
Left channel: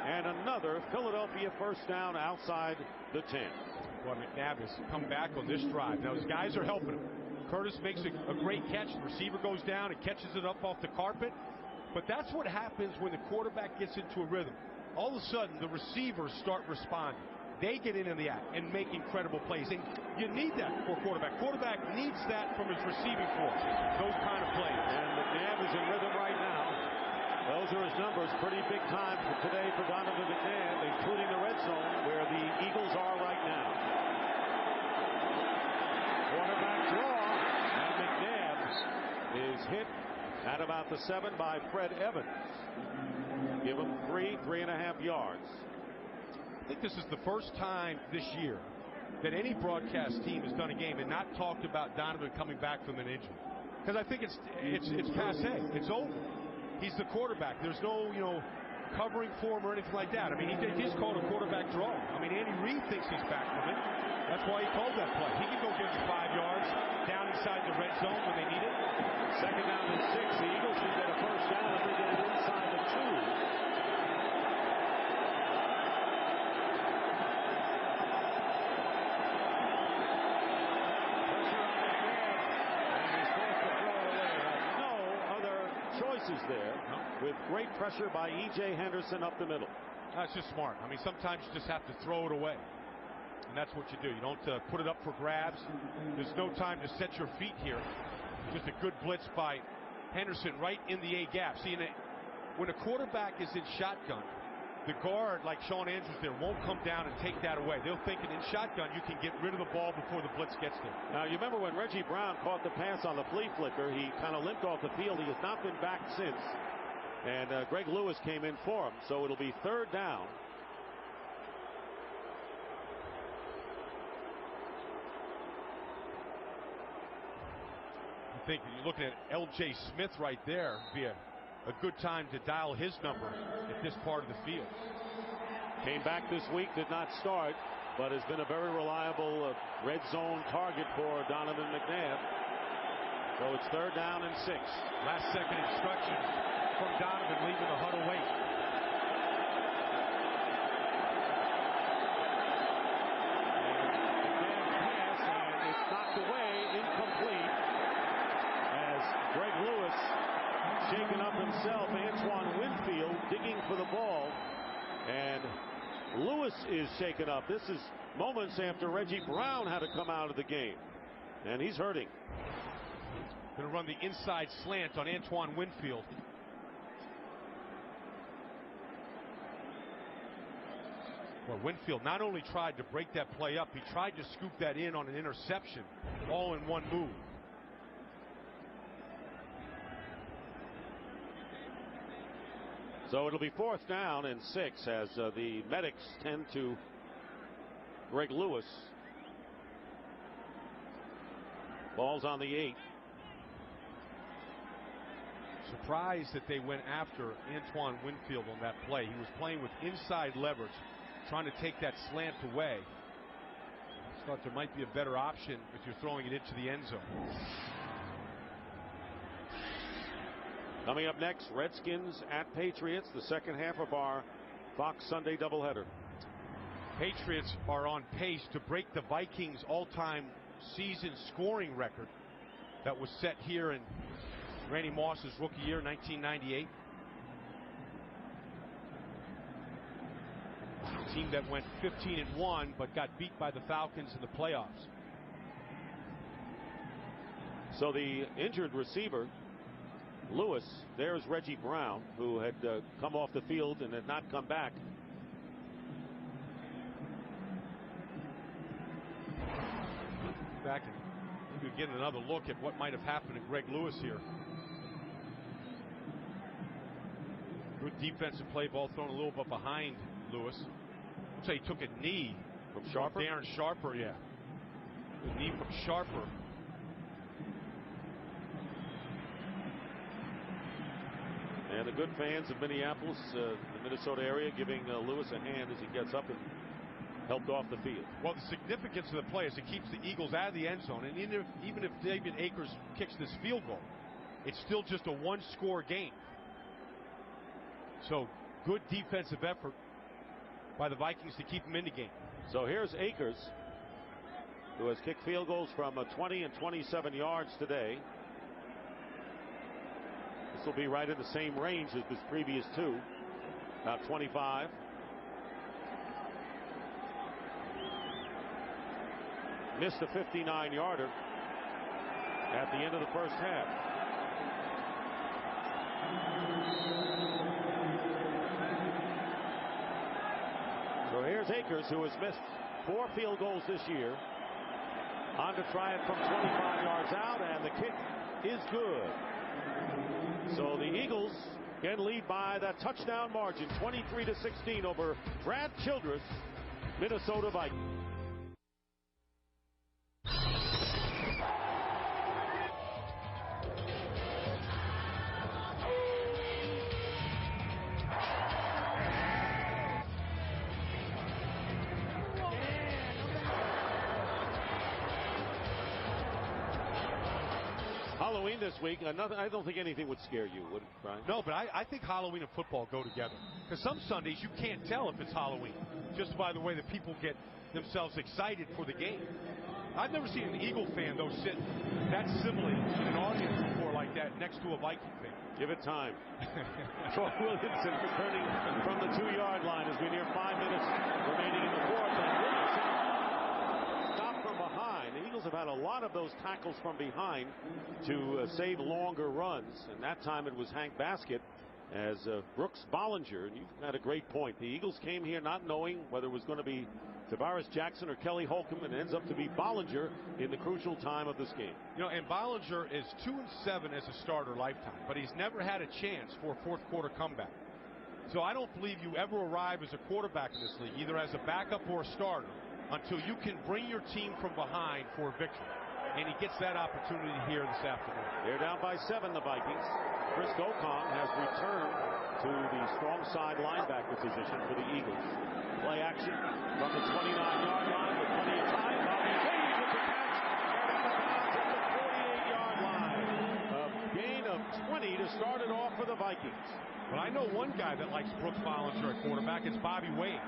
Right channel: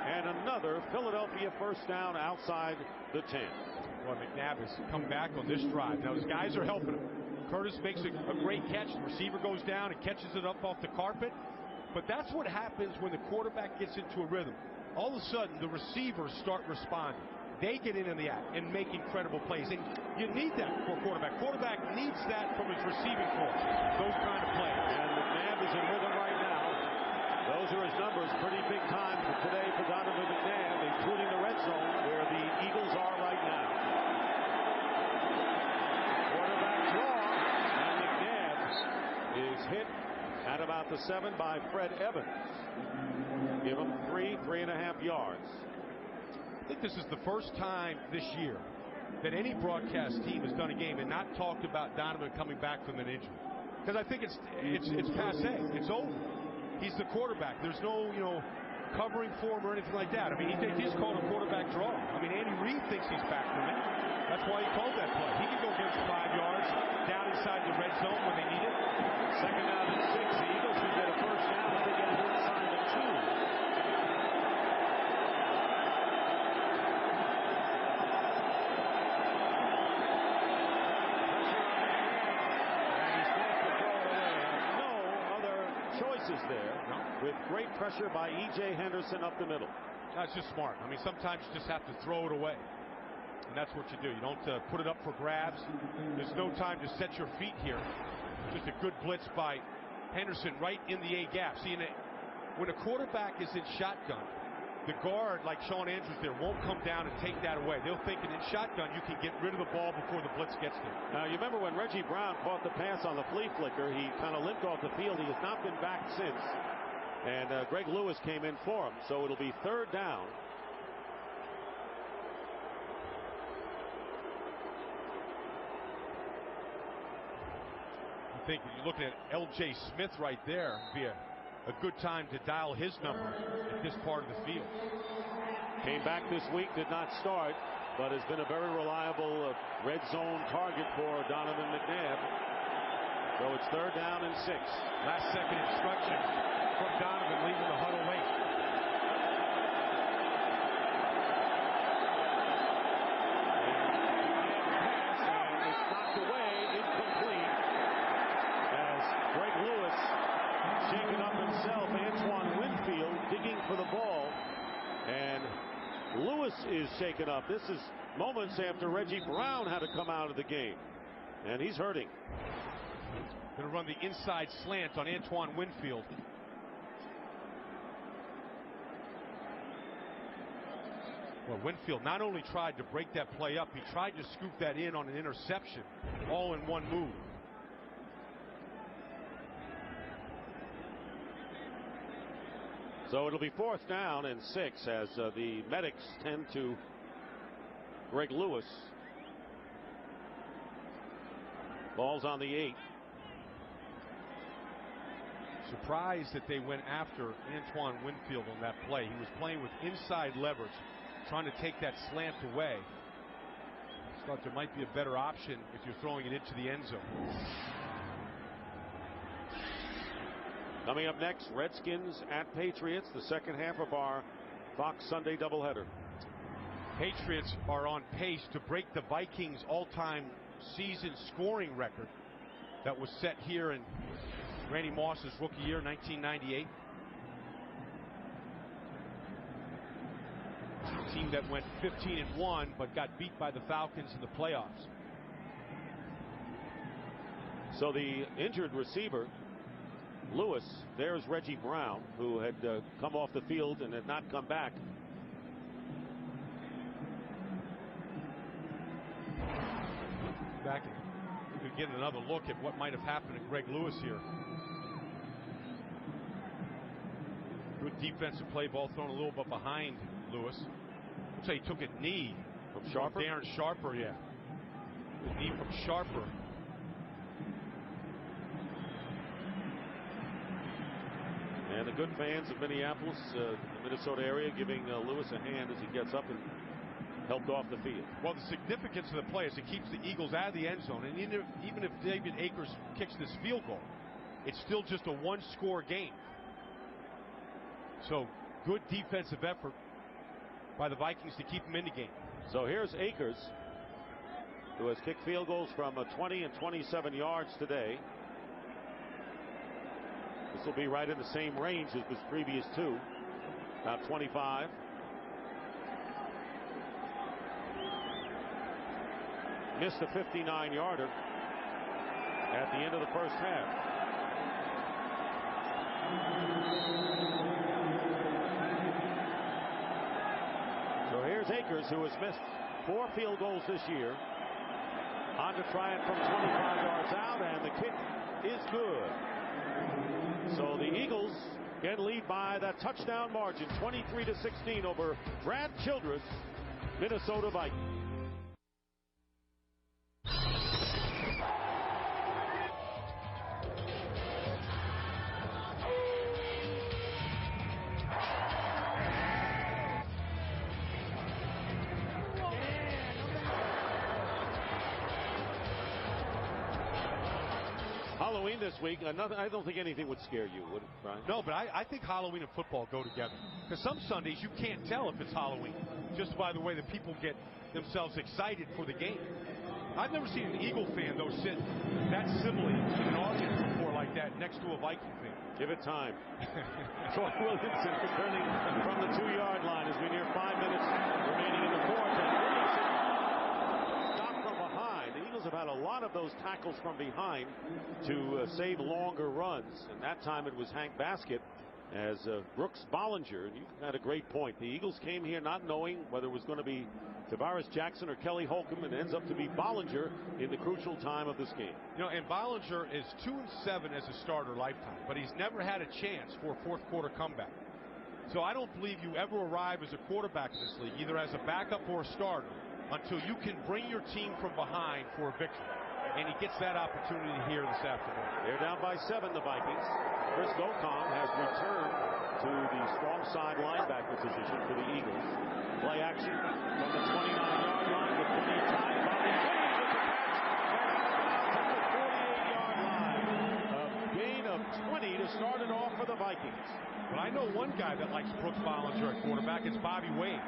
and another Philadelphia first down outside the 10. Boy, McNabb has come back on this drive. Now his guys are helping him. Curtis makes a great catch. The receiver goes down and catches it up off the carpet. But that's what happens when the quarterback gets into a rhythm. All of a sudden, the receivers start responding. They get in the act and make incredible plays. And you need that for a quarterback. Quarterback needs that from his receiving corps, those kind of plays. And McNabb is in rhythm right now. Those are his numbers. Pretty big time for today for Donovan McNabb, including the red zone where the Eagles are right now. Quarterback draw, and McNabb is hit at about the 7 by Fred Evans. Give him 3.5 yards. I think this is the first time this year that any broadcast team has done a game and not talked about Donovan coming back from an injury. Because I think it's passé. It's over. He's the quarterback. There's no, covering for him or anything like that. I mean, he just called a quarterback draw. I mean, Andy Reid thinks he's back from it. That's why he called that play. He can go get him 5 yards down inside the red zone when they need it. Second down and 6. The Eagles can get a first down if they get it inside the 2. Pressure on McNabb, and he's forced to throw it away. Has no other choices there. No. With great pressure by E.J. Henderson up the middle. That's just smart. I mean, sometimes you just have to throw it away. And that's what you do. You don't put it up for grabs. There's no time to set your feet here. Just a good blitz by Henderson right in the A gap. See, when a quarterback is in shotgun, the guard, like Sean Andrews there, won't come down and take that away. They'll think in shotgun you can get rid of the ball before the blitz gets there. Now, you remember when Reggie Brown caught the pass on the flea flicker, he kind of limped off the field. He has not been back since. And Greg Lewis came in for him. So it'll be third down. I think you're looking at L.J. Smith right there. It'd be a good time to dial his number at this part of the field. Came back this week, did not start, but has been a very reliable red zone target for Donovan McNabb. So it's third down and 6. Last second instructions from Donovan leaving the huddle late. And McNabb's pass, and it's knocked away, incomplete. As Greg Lewis, shaken up himself, Antoine Winfield digging for the ball, and Lewis is shaken up. This is moments after Reggie Brown had to come out of the game, and he's hurting. Going to run the inside slant on Antoine Winfield. Well, Winfield not only tried to break that play up, he tried to scoop that in on an interception, all in one move. So it'll be fourth down and 6 as the medics tend to Greg Lewis. Ball's on the 8. Surprised that they went after Antoine Winfield on that play. He was playing with inside leverage, trying to take that slant away. Just thought there might be a better option if you're throwing it into the end zone. Coming up next, Redskins at Patriots, the second half of our Fox Sunday doubleheader. Patriots are on pace to break the Vikings' all-time season scoring record that was set here in Randy Moss's rookie year, 1998. A team that went 15-1 but got beat by the Falcons in the playoffs. So the injured receiver, Lewis, there's Reggie Brown, who had come off the field and had not come back. Back and maybe get another look at what might have happened to Greg Lewis here. Good defensive play, ball thrown a little bit behind Lewis. Looks like he took a knee from Sharper. Darren Sharper, yeah. The knee from Sharper. And the good fans of Minneapolis, the Minnesota area, giving Lewis a hand as he gets up and helped off the field. Well, the significance of the play is it keeps the Eagles out of the end zone. And even if David Akers kicks this field goal, it's still just a one-score game. So good defensive effort by the Vikings to keep him in the game. So here's Akers, who has kicked field goals from 20 and 27 yards today. This will be right in the same range as his previous two, about 25. Missed a 59-yarder at the end of the first half. So here's Akers, who has missed 4 field goals this year. On to try it from 25 yards out, and the kick is good. So the Eagles can lead by that touchdown margin, 23-16 over Brad Childress, Minnesota Vikings. Halloween this week. I don't think anything would scare you, would it, Brian? No, but I think Halloween and football go together. Because some Sundays you can't tell if it's Halloween, just by the way that people get themselves excited for the game. I've never seen an Eagle fan, though, sit that civilly in an audience before like that next to a Viking fan. Give it time. Troy Williamson returning from the 2-yard line as we near 5 minutes remaining in the fourth. And Williamson stopped from behind. The Eagles have had a lot of those tackles from behind to save longer runs, and that time it was Hank Baskett as Brooks Bollinger. And you had a great point. The Eagles came here not knowing whether it was going to be Tavares Jackson or Kelly Holcomb, and it ends up to be Bollinger in the crucial time of this game. You know, and Bollinger is 2-7 as a starter lifetime, but he's never had a chance for a fourth quarter comeback. So I don't believe you ever arrive as a quarterback in this league, either as a backup or a starter, until you can bring your team from behind for a victory. And he gets that opportunity here this afternoon. They're down by 7, the Vikings. Chris Gokong has returned to the strong side linebacker position for the Eagles. Play action from the 29-yard line with plenty of time. Bobby Wade with the catch and out of bounds at the 48-yard line. A gain of 20 to start it off for the Vikings. But I know one guy that likes Brooks Bollinger at quarterback. It's Bobby Wade,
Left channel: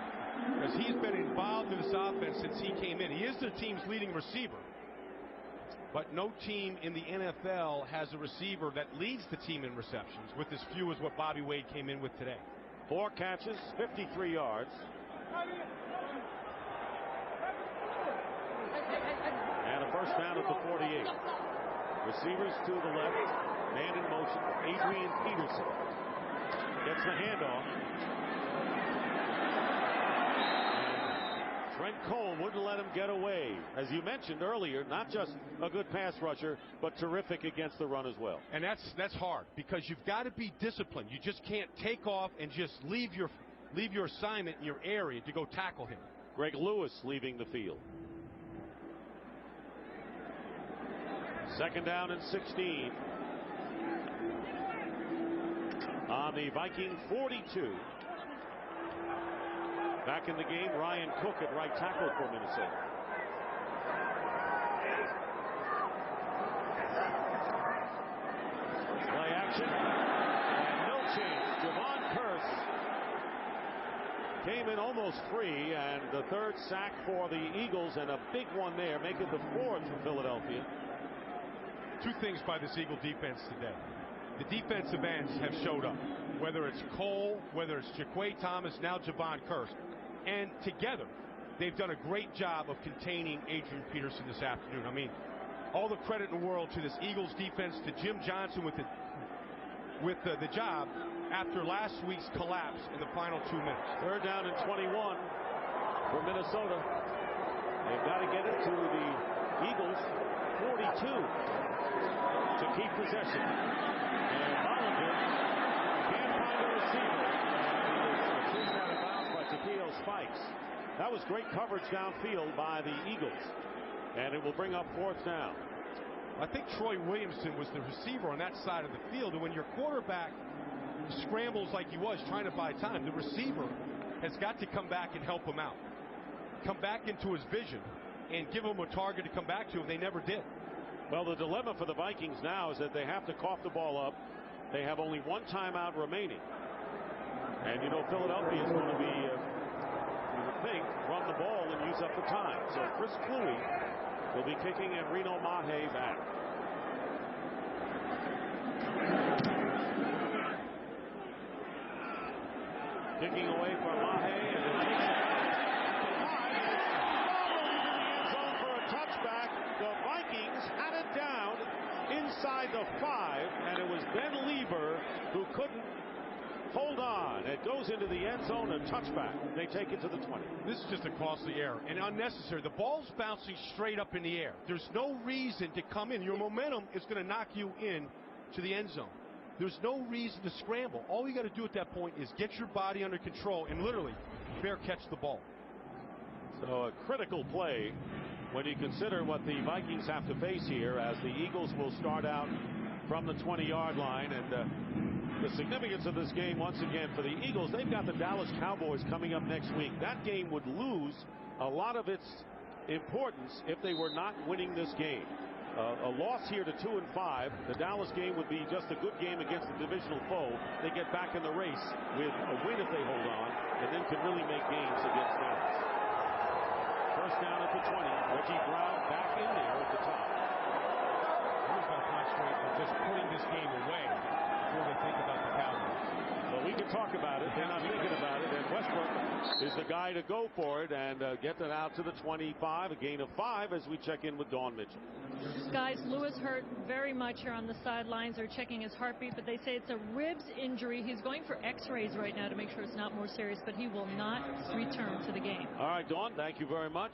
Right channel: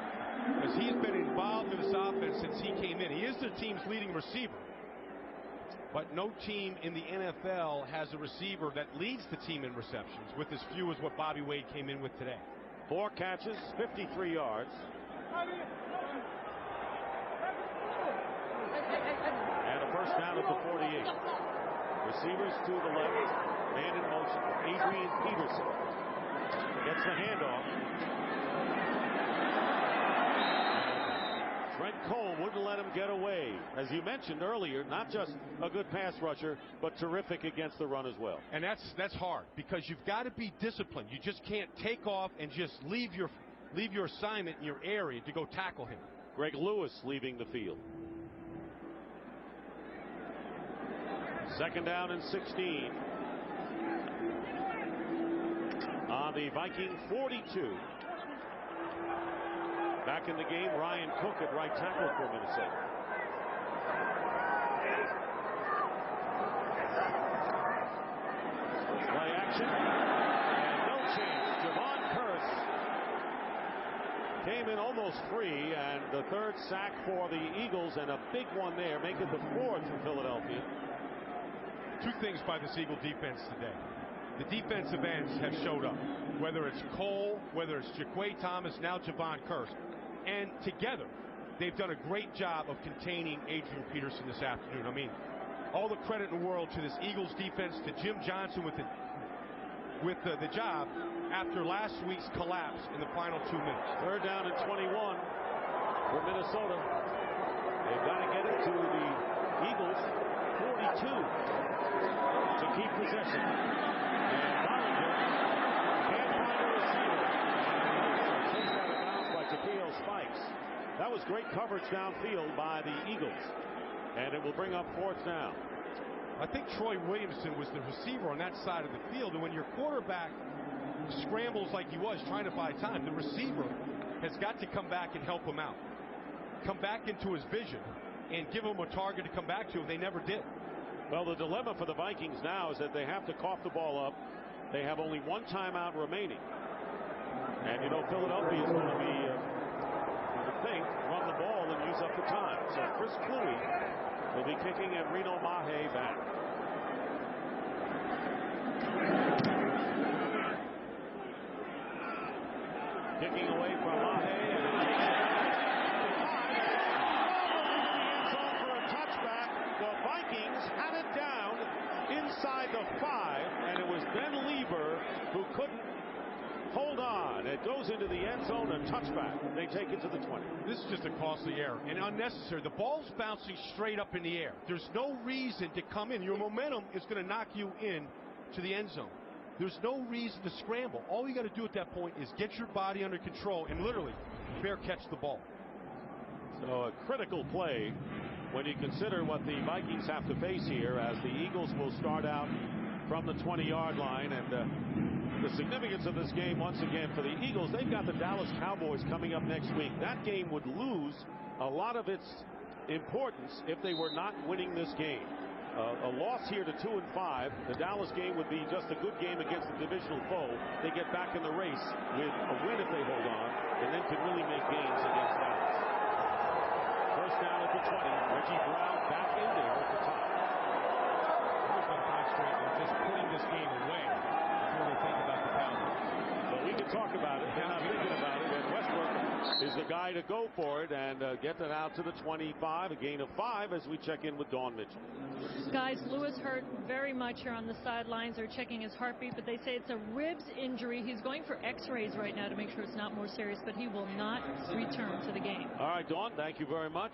because he's been involved in this offense since he came in. He is the team's leading receiver. But no team in the NFL has a receiver that leads the team in receptions with as few as what Bobby Wade came in with today. 4 catches, 53 yards. And a first down at the 48. Receivers to the left. Man in motion. Adrian Peterson gets the handoff. And Trent Cole wouldn't let him get away. As you mentioned earlier, not just a good pass rusher, but terrific against the run as well. And that's hard, because you've got to be disciplined. You just can't take off and just leave your assignment in your area to go tackle him. Greg Lewis leaving the field. 2nd down and 16. On the Viking 42. Back in the game, Ryan Cook at right tackle for Minnesota. Play action, and no chance. Javon Curse came in almost free, and the 3rd sack for the Eagles, and a big one there, make it the 4th for Philadelphia. 2 things by this Eagle defense today. The defensive ends have showed up, whether it's Cole, whether it's Jaquay Thomas, now Javon Curse. And together, they've done a great job of containing Adrian Peterson this afternoon. I mean, all the credit in the world to this Eagles defense, to Jim Johnson with the job after last week's collapse in the final 2 minutes. 3rd down and 21 for Minnesota. They've got to get it to the Eagles 42 to keep possession. And Bollinger can't find a receiver, and he is chased out of bounds by Takeo Spikes. That was great coverage downfield by the Eagles. And it will bring up 4th down. I think Troy Williamson was the receiver on that side of the field. And when your quarterback scrambles like he was trying to buy time, the receiver has got to come back and help him out. Come back into his vision and give him a target to come back to, and they never did. Well, the dilemma for the Vikings now is that they have to cough the ball up. They have only 1 timeout remaining. And, you know, Philadelphia is going to be, you would think, run the ball and use up the time. So Chris Kluwe will be kicking and Reno Mahe back. Kicking away from Mahe, and it takes it out at the 5, and it's fumbled into the end zone for a touchback. The Vikings had it down inside the 5, and it was Ben Lieber who couldn't hold on. It goes into the end zone, a touchback. They take it to the 20. This is just a costly error and unnecessary. The ball's bouncing straight up in the air. There's no reason to come in. Your momentum is going to knock you in to the end zone. There's no reason to scramble. All you got to do at that point is get your body under control and literally fair catch the ball. So a critical play when you consider what the Vikings have to face here, as the Eagles will start out from the 20-yard line. And the significance of this game, once again, for the Eagles, they've got the Dallas Cowboys coming up next week. That game would lose a lot of its importance if they were not winning this game. A loss here to 2-5. The Dallas game would be just a good game against the divisional foe. They get back in the race with a win if they hold on, and then can really make gains against Dallas. First down at the 20. Reggie Brown back in there at the top. He's going to concentrate on just putting this game away before they think about the Cowboys. But we can talk about it. They're not thinking about it. And Westbrook is the guy to go for it and get it out to the 25. A gain of 5 as we check in with Dawn Mitchell. Guys, Lewis hurt very much here on the sidelines. They're checking his heartbeat, but they say it's a ribs injury. He's going for x-rays right now to make sure it's not more serious, but he will not return to the game. All right, Dawn, thank you very much.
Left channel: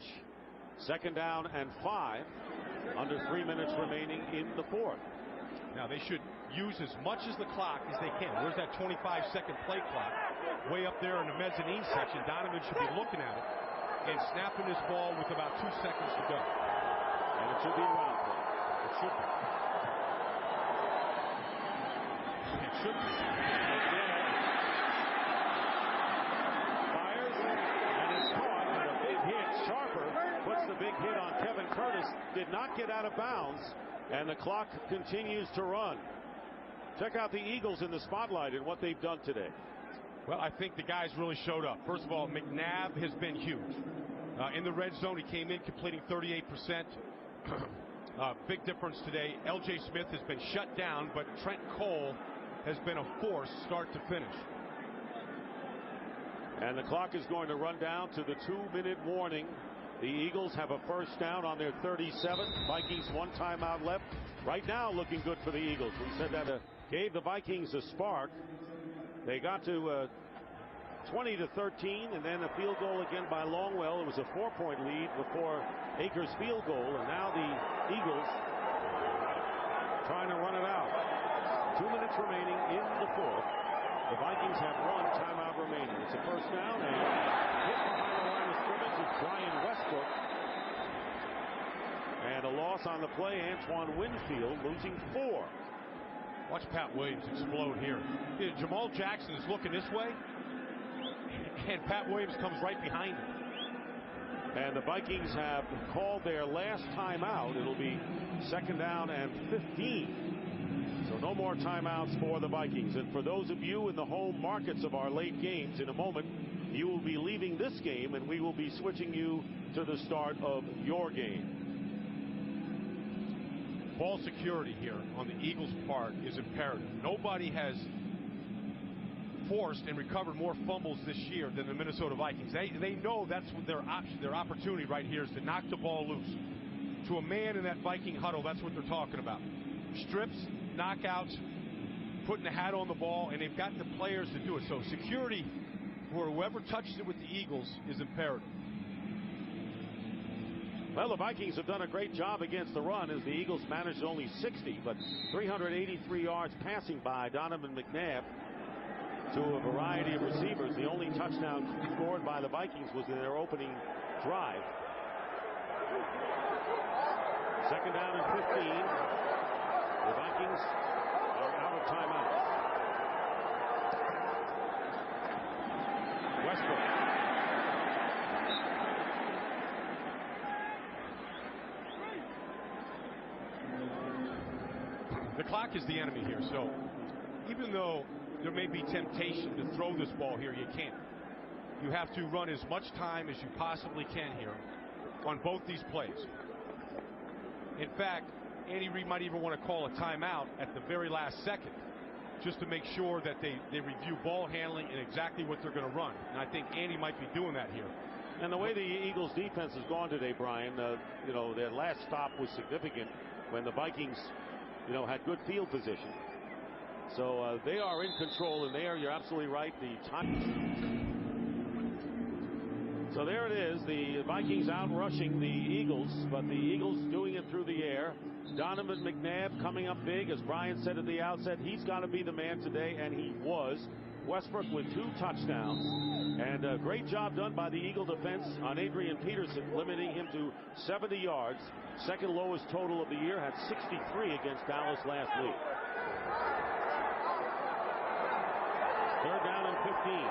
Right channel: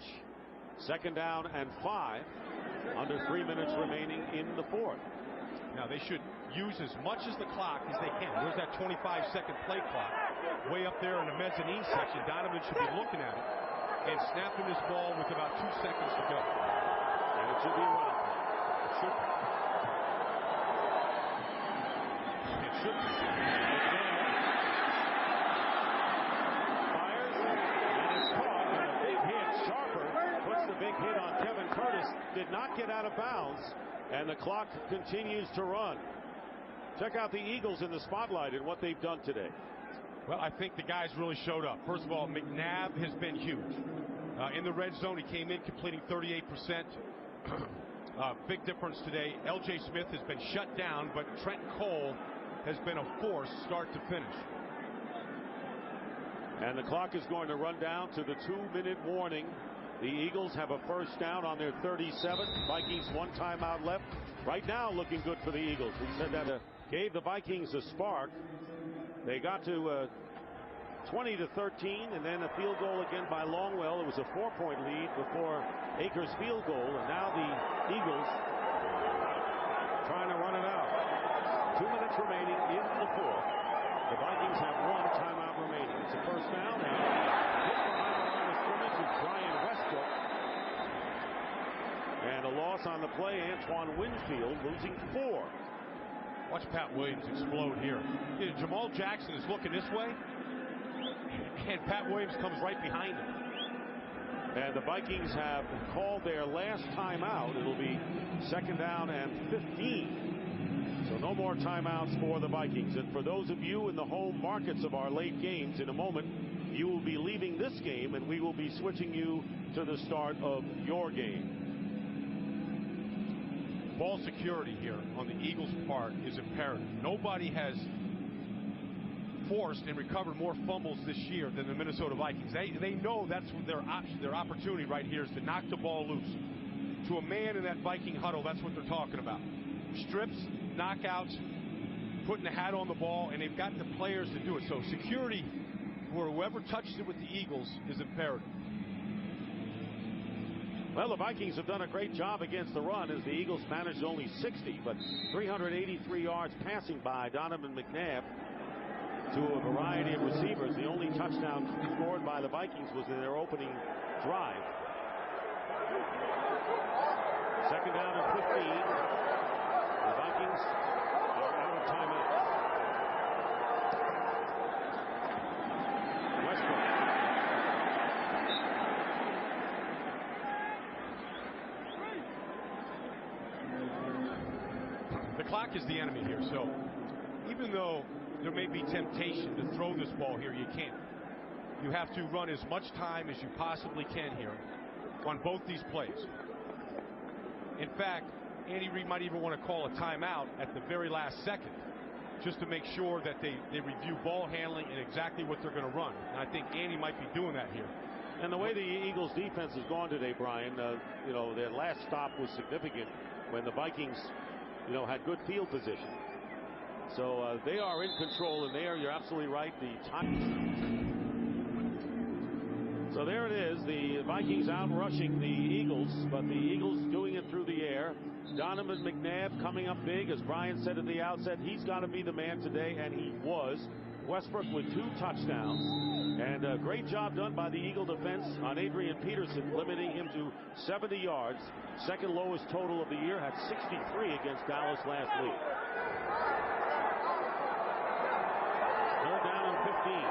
2nd down and 5. Under 3 minutes remaining in the 4th. Now they should use as much as the clock as they can. Where's that 25-second play clock? Way up there in the mezzanine section. Donovan should be looking at it and snapping this ball with about 2 seconds to go. And it should be a running play. It should be. It should be. McNabb fires, and it's caught, and a big hit. Sharper puts the big hit on Kevin Curtis. Did not get out of bounds, and the clock continues to run. Check out the Eagles in the spotlight and what they've done today. Well, I think the guys really showed up. First of all, McNabb has been huge. In the red zone, he came in completing 38%. Big difference today. L.J. Smith has been shut down, but Trent Cole has been a force start to finish. And the clock is going to run down to the 2-minute warning. The Eagles have a first down on their 37. Vikings 1 timeout left. Right now looking good for the Eagles. We said that gave the Vikings a spark. They got to 20-13, and then a field goal again by Longwell. It was a 4-point lead before Akers' field goal, and now the Eagles trying to run it out. 2 minutes remaining in the 4th. The Vikings have 1 timeout remaining. It's a first down, and hit behind the line of scrimmage is Brian Westbrook. And a loss on the play, Antoine Winfield losing 4. Watch Pat Williams explode here. Jamal Jackson is looking this way, and Pat Williams comes right behind him. And the Vikings have called their last timeout. It'll be 2nd down and 15. So no more timeouts for the Vikings. And for those of you in the home markets of our late games, in a moment, you will be leaving this game, and we will be switching you to the start of your game. Ball security here on the Eagles' part is imperative. Nobody has forced and recovered more fumbles this year than the Minnesota Vikings. They know that's what their option, their opportunity right here is to knock the ball loose. To a man in that Viking huddle, that's what they're talking about. Strips, knockouts, putting the hat on the ball, and they've got the players to do it. So security for whoever touches it with the Eagles is imperative. Well, the Vikings have done a great job against the run, as the Eagles managed only 60, but 383 yards passing by Donovan McNabb to a variety of receivers. The only touchdown scored by the Vikings was in their opening drive. Second down and 15. The Vikings are out of timeouts. Westbrook. The clock is the enemy here, so even though there may be temptation to throw this ball here, you can't. You have to run as much time as you possibly can here on both these plays. In fact, Andy Reid might even want to call a timeout at the very last second just to make sure that they review ball handling and exactly what they're going to run. And I think Andy might be doing that here. And the way the Eagles defense has gone today, Brian, their last stop was significant when the Vikings, had good field position. So they are in control, and you're absolutely right. So there it is, the Vikings out rushing the Eagles, but the Eagles doing it through the air. Donovan McNabb coming up big, as Brian said at the outset. He's got to be the man today, and he was. Westbrook with 2 touchdowns, and a great job done by the Eagle defense on Adrian Peterson, limiting him to 70 yards. Second lowest total of the year, had 63 against Dallas last week. Third down and 15.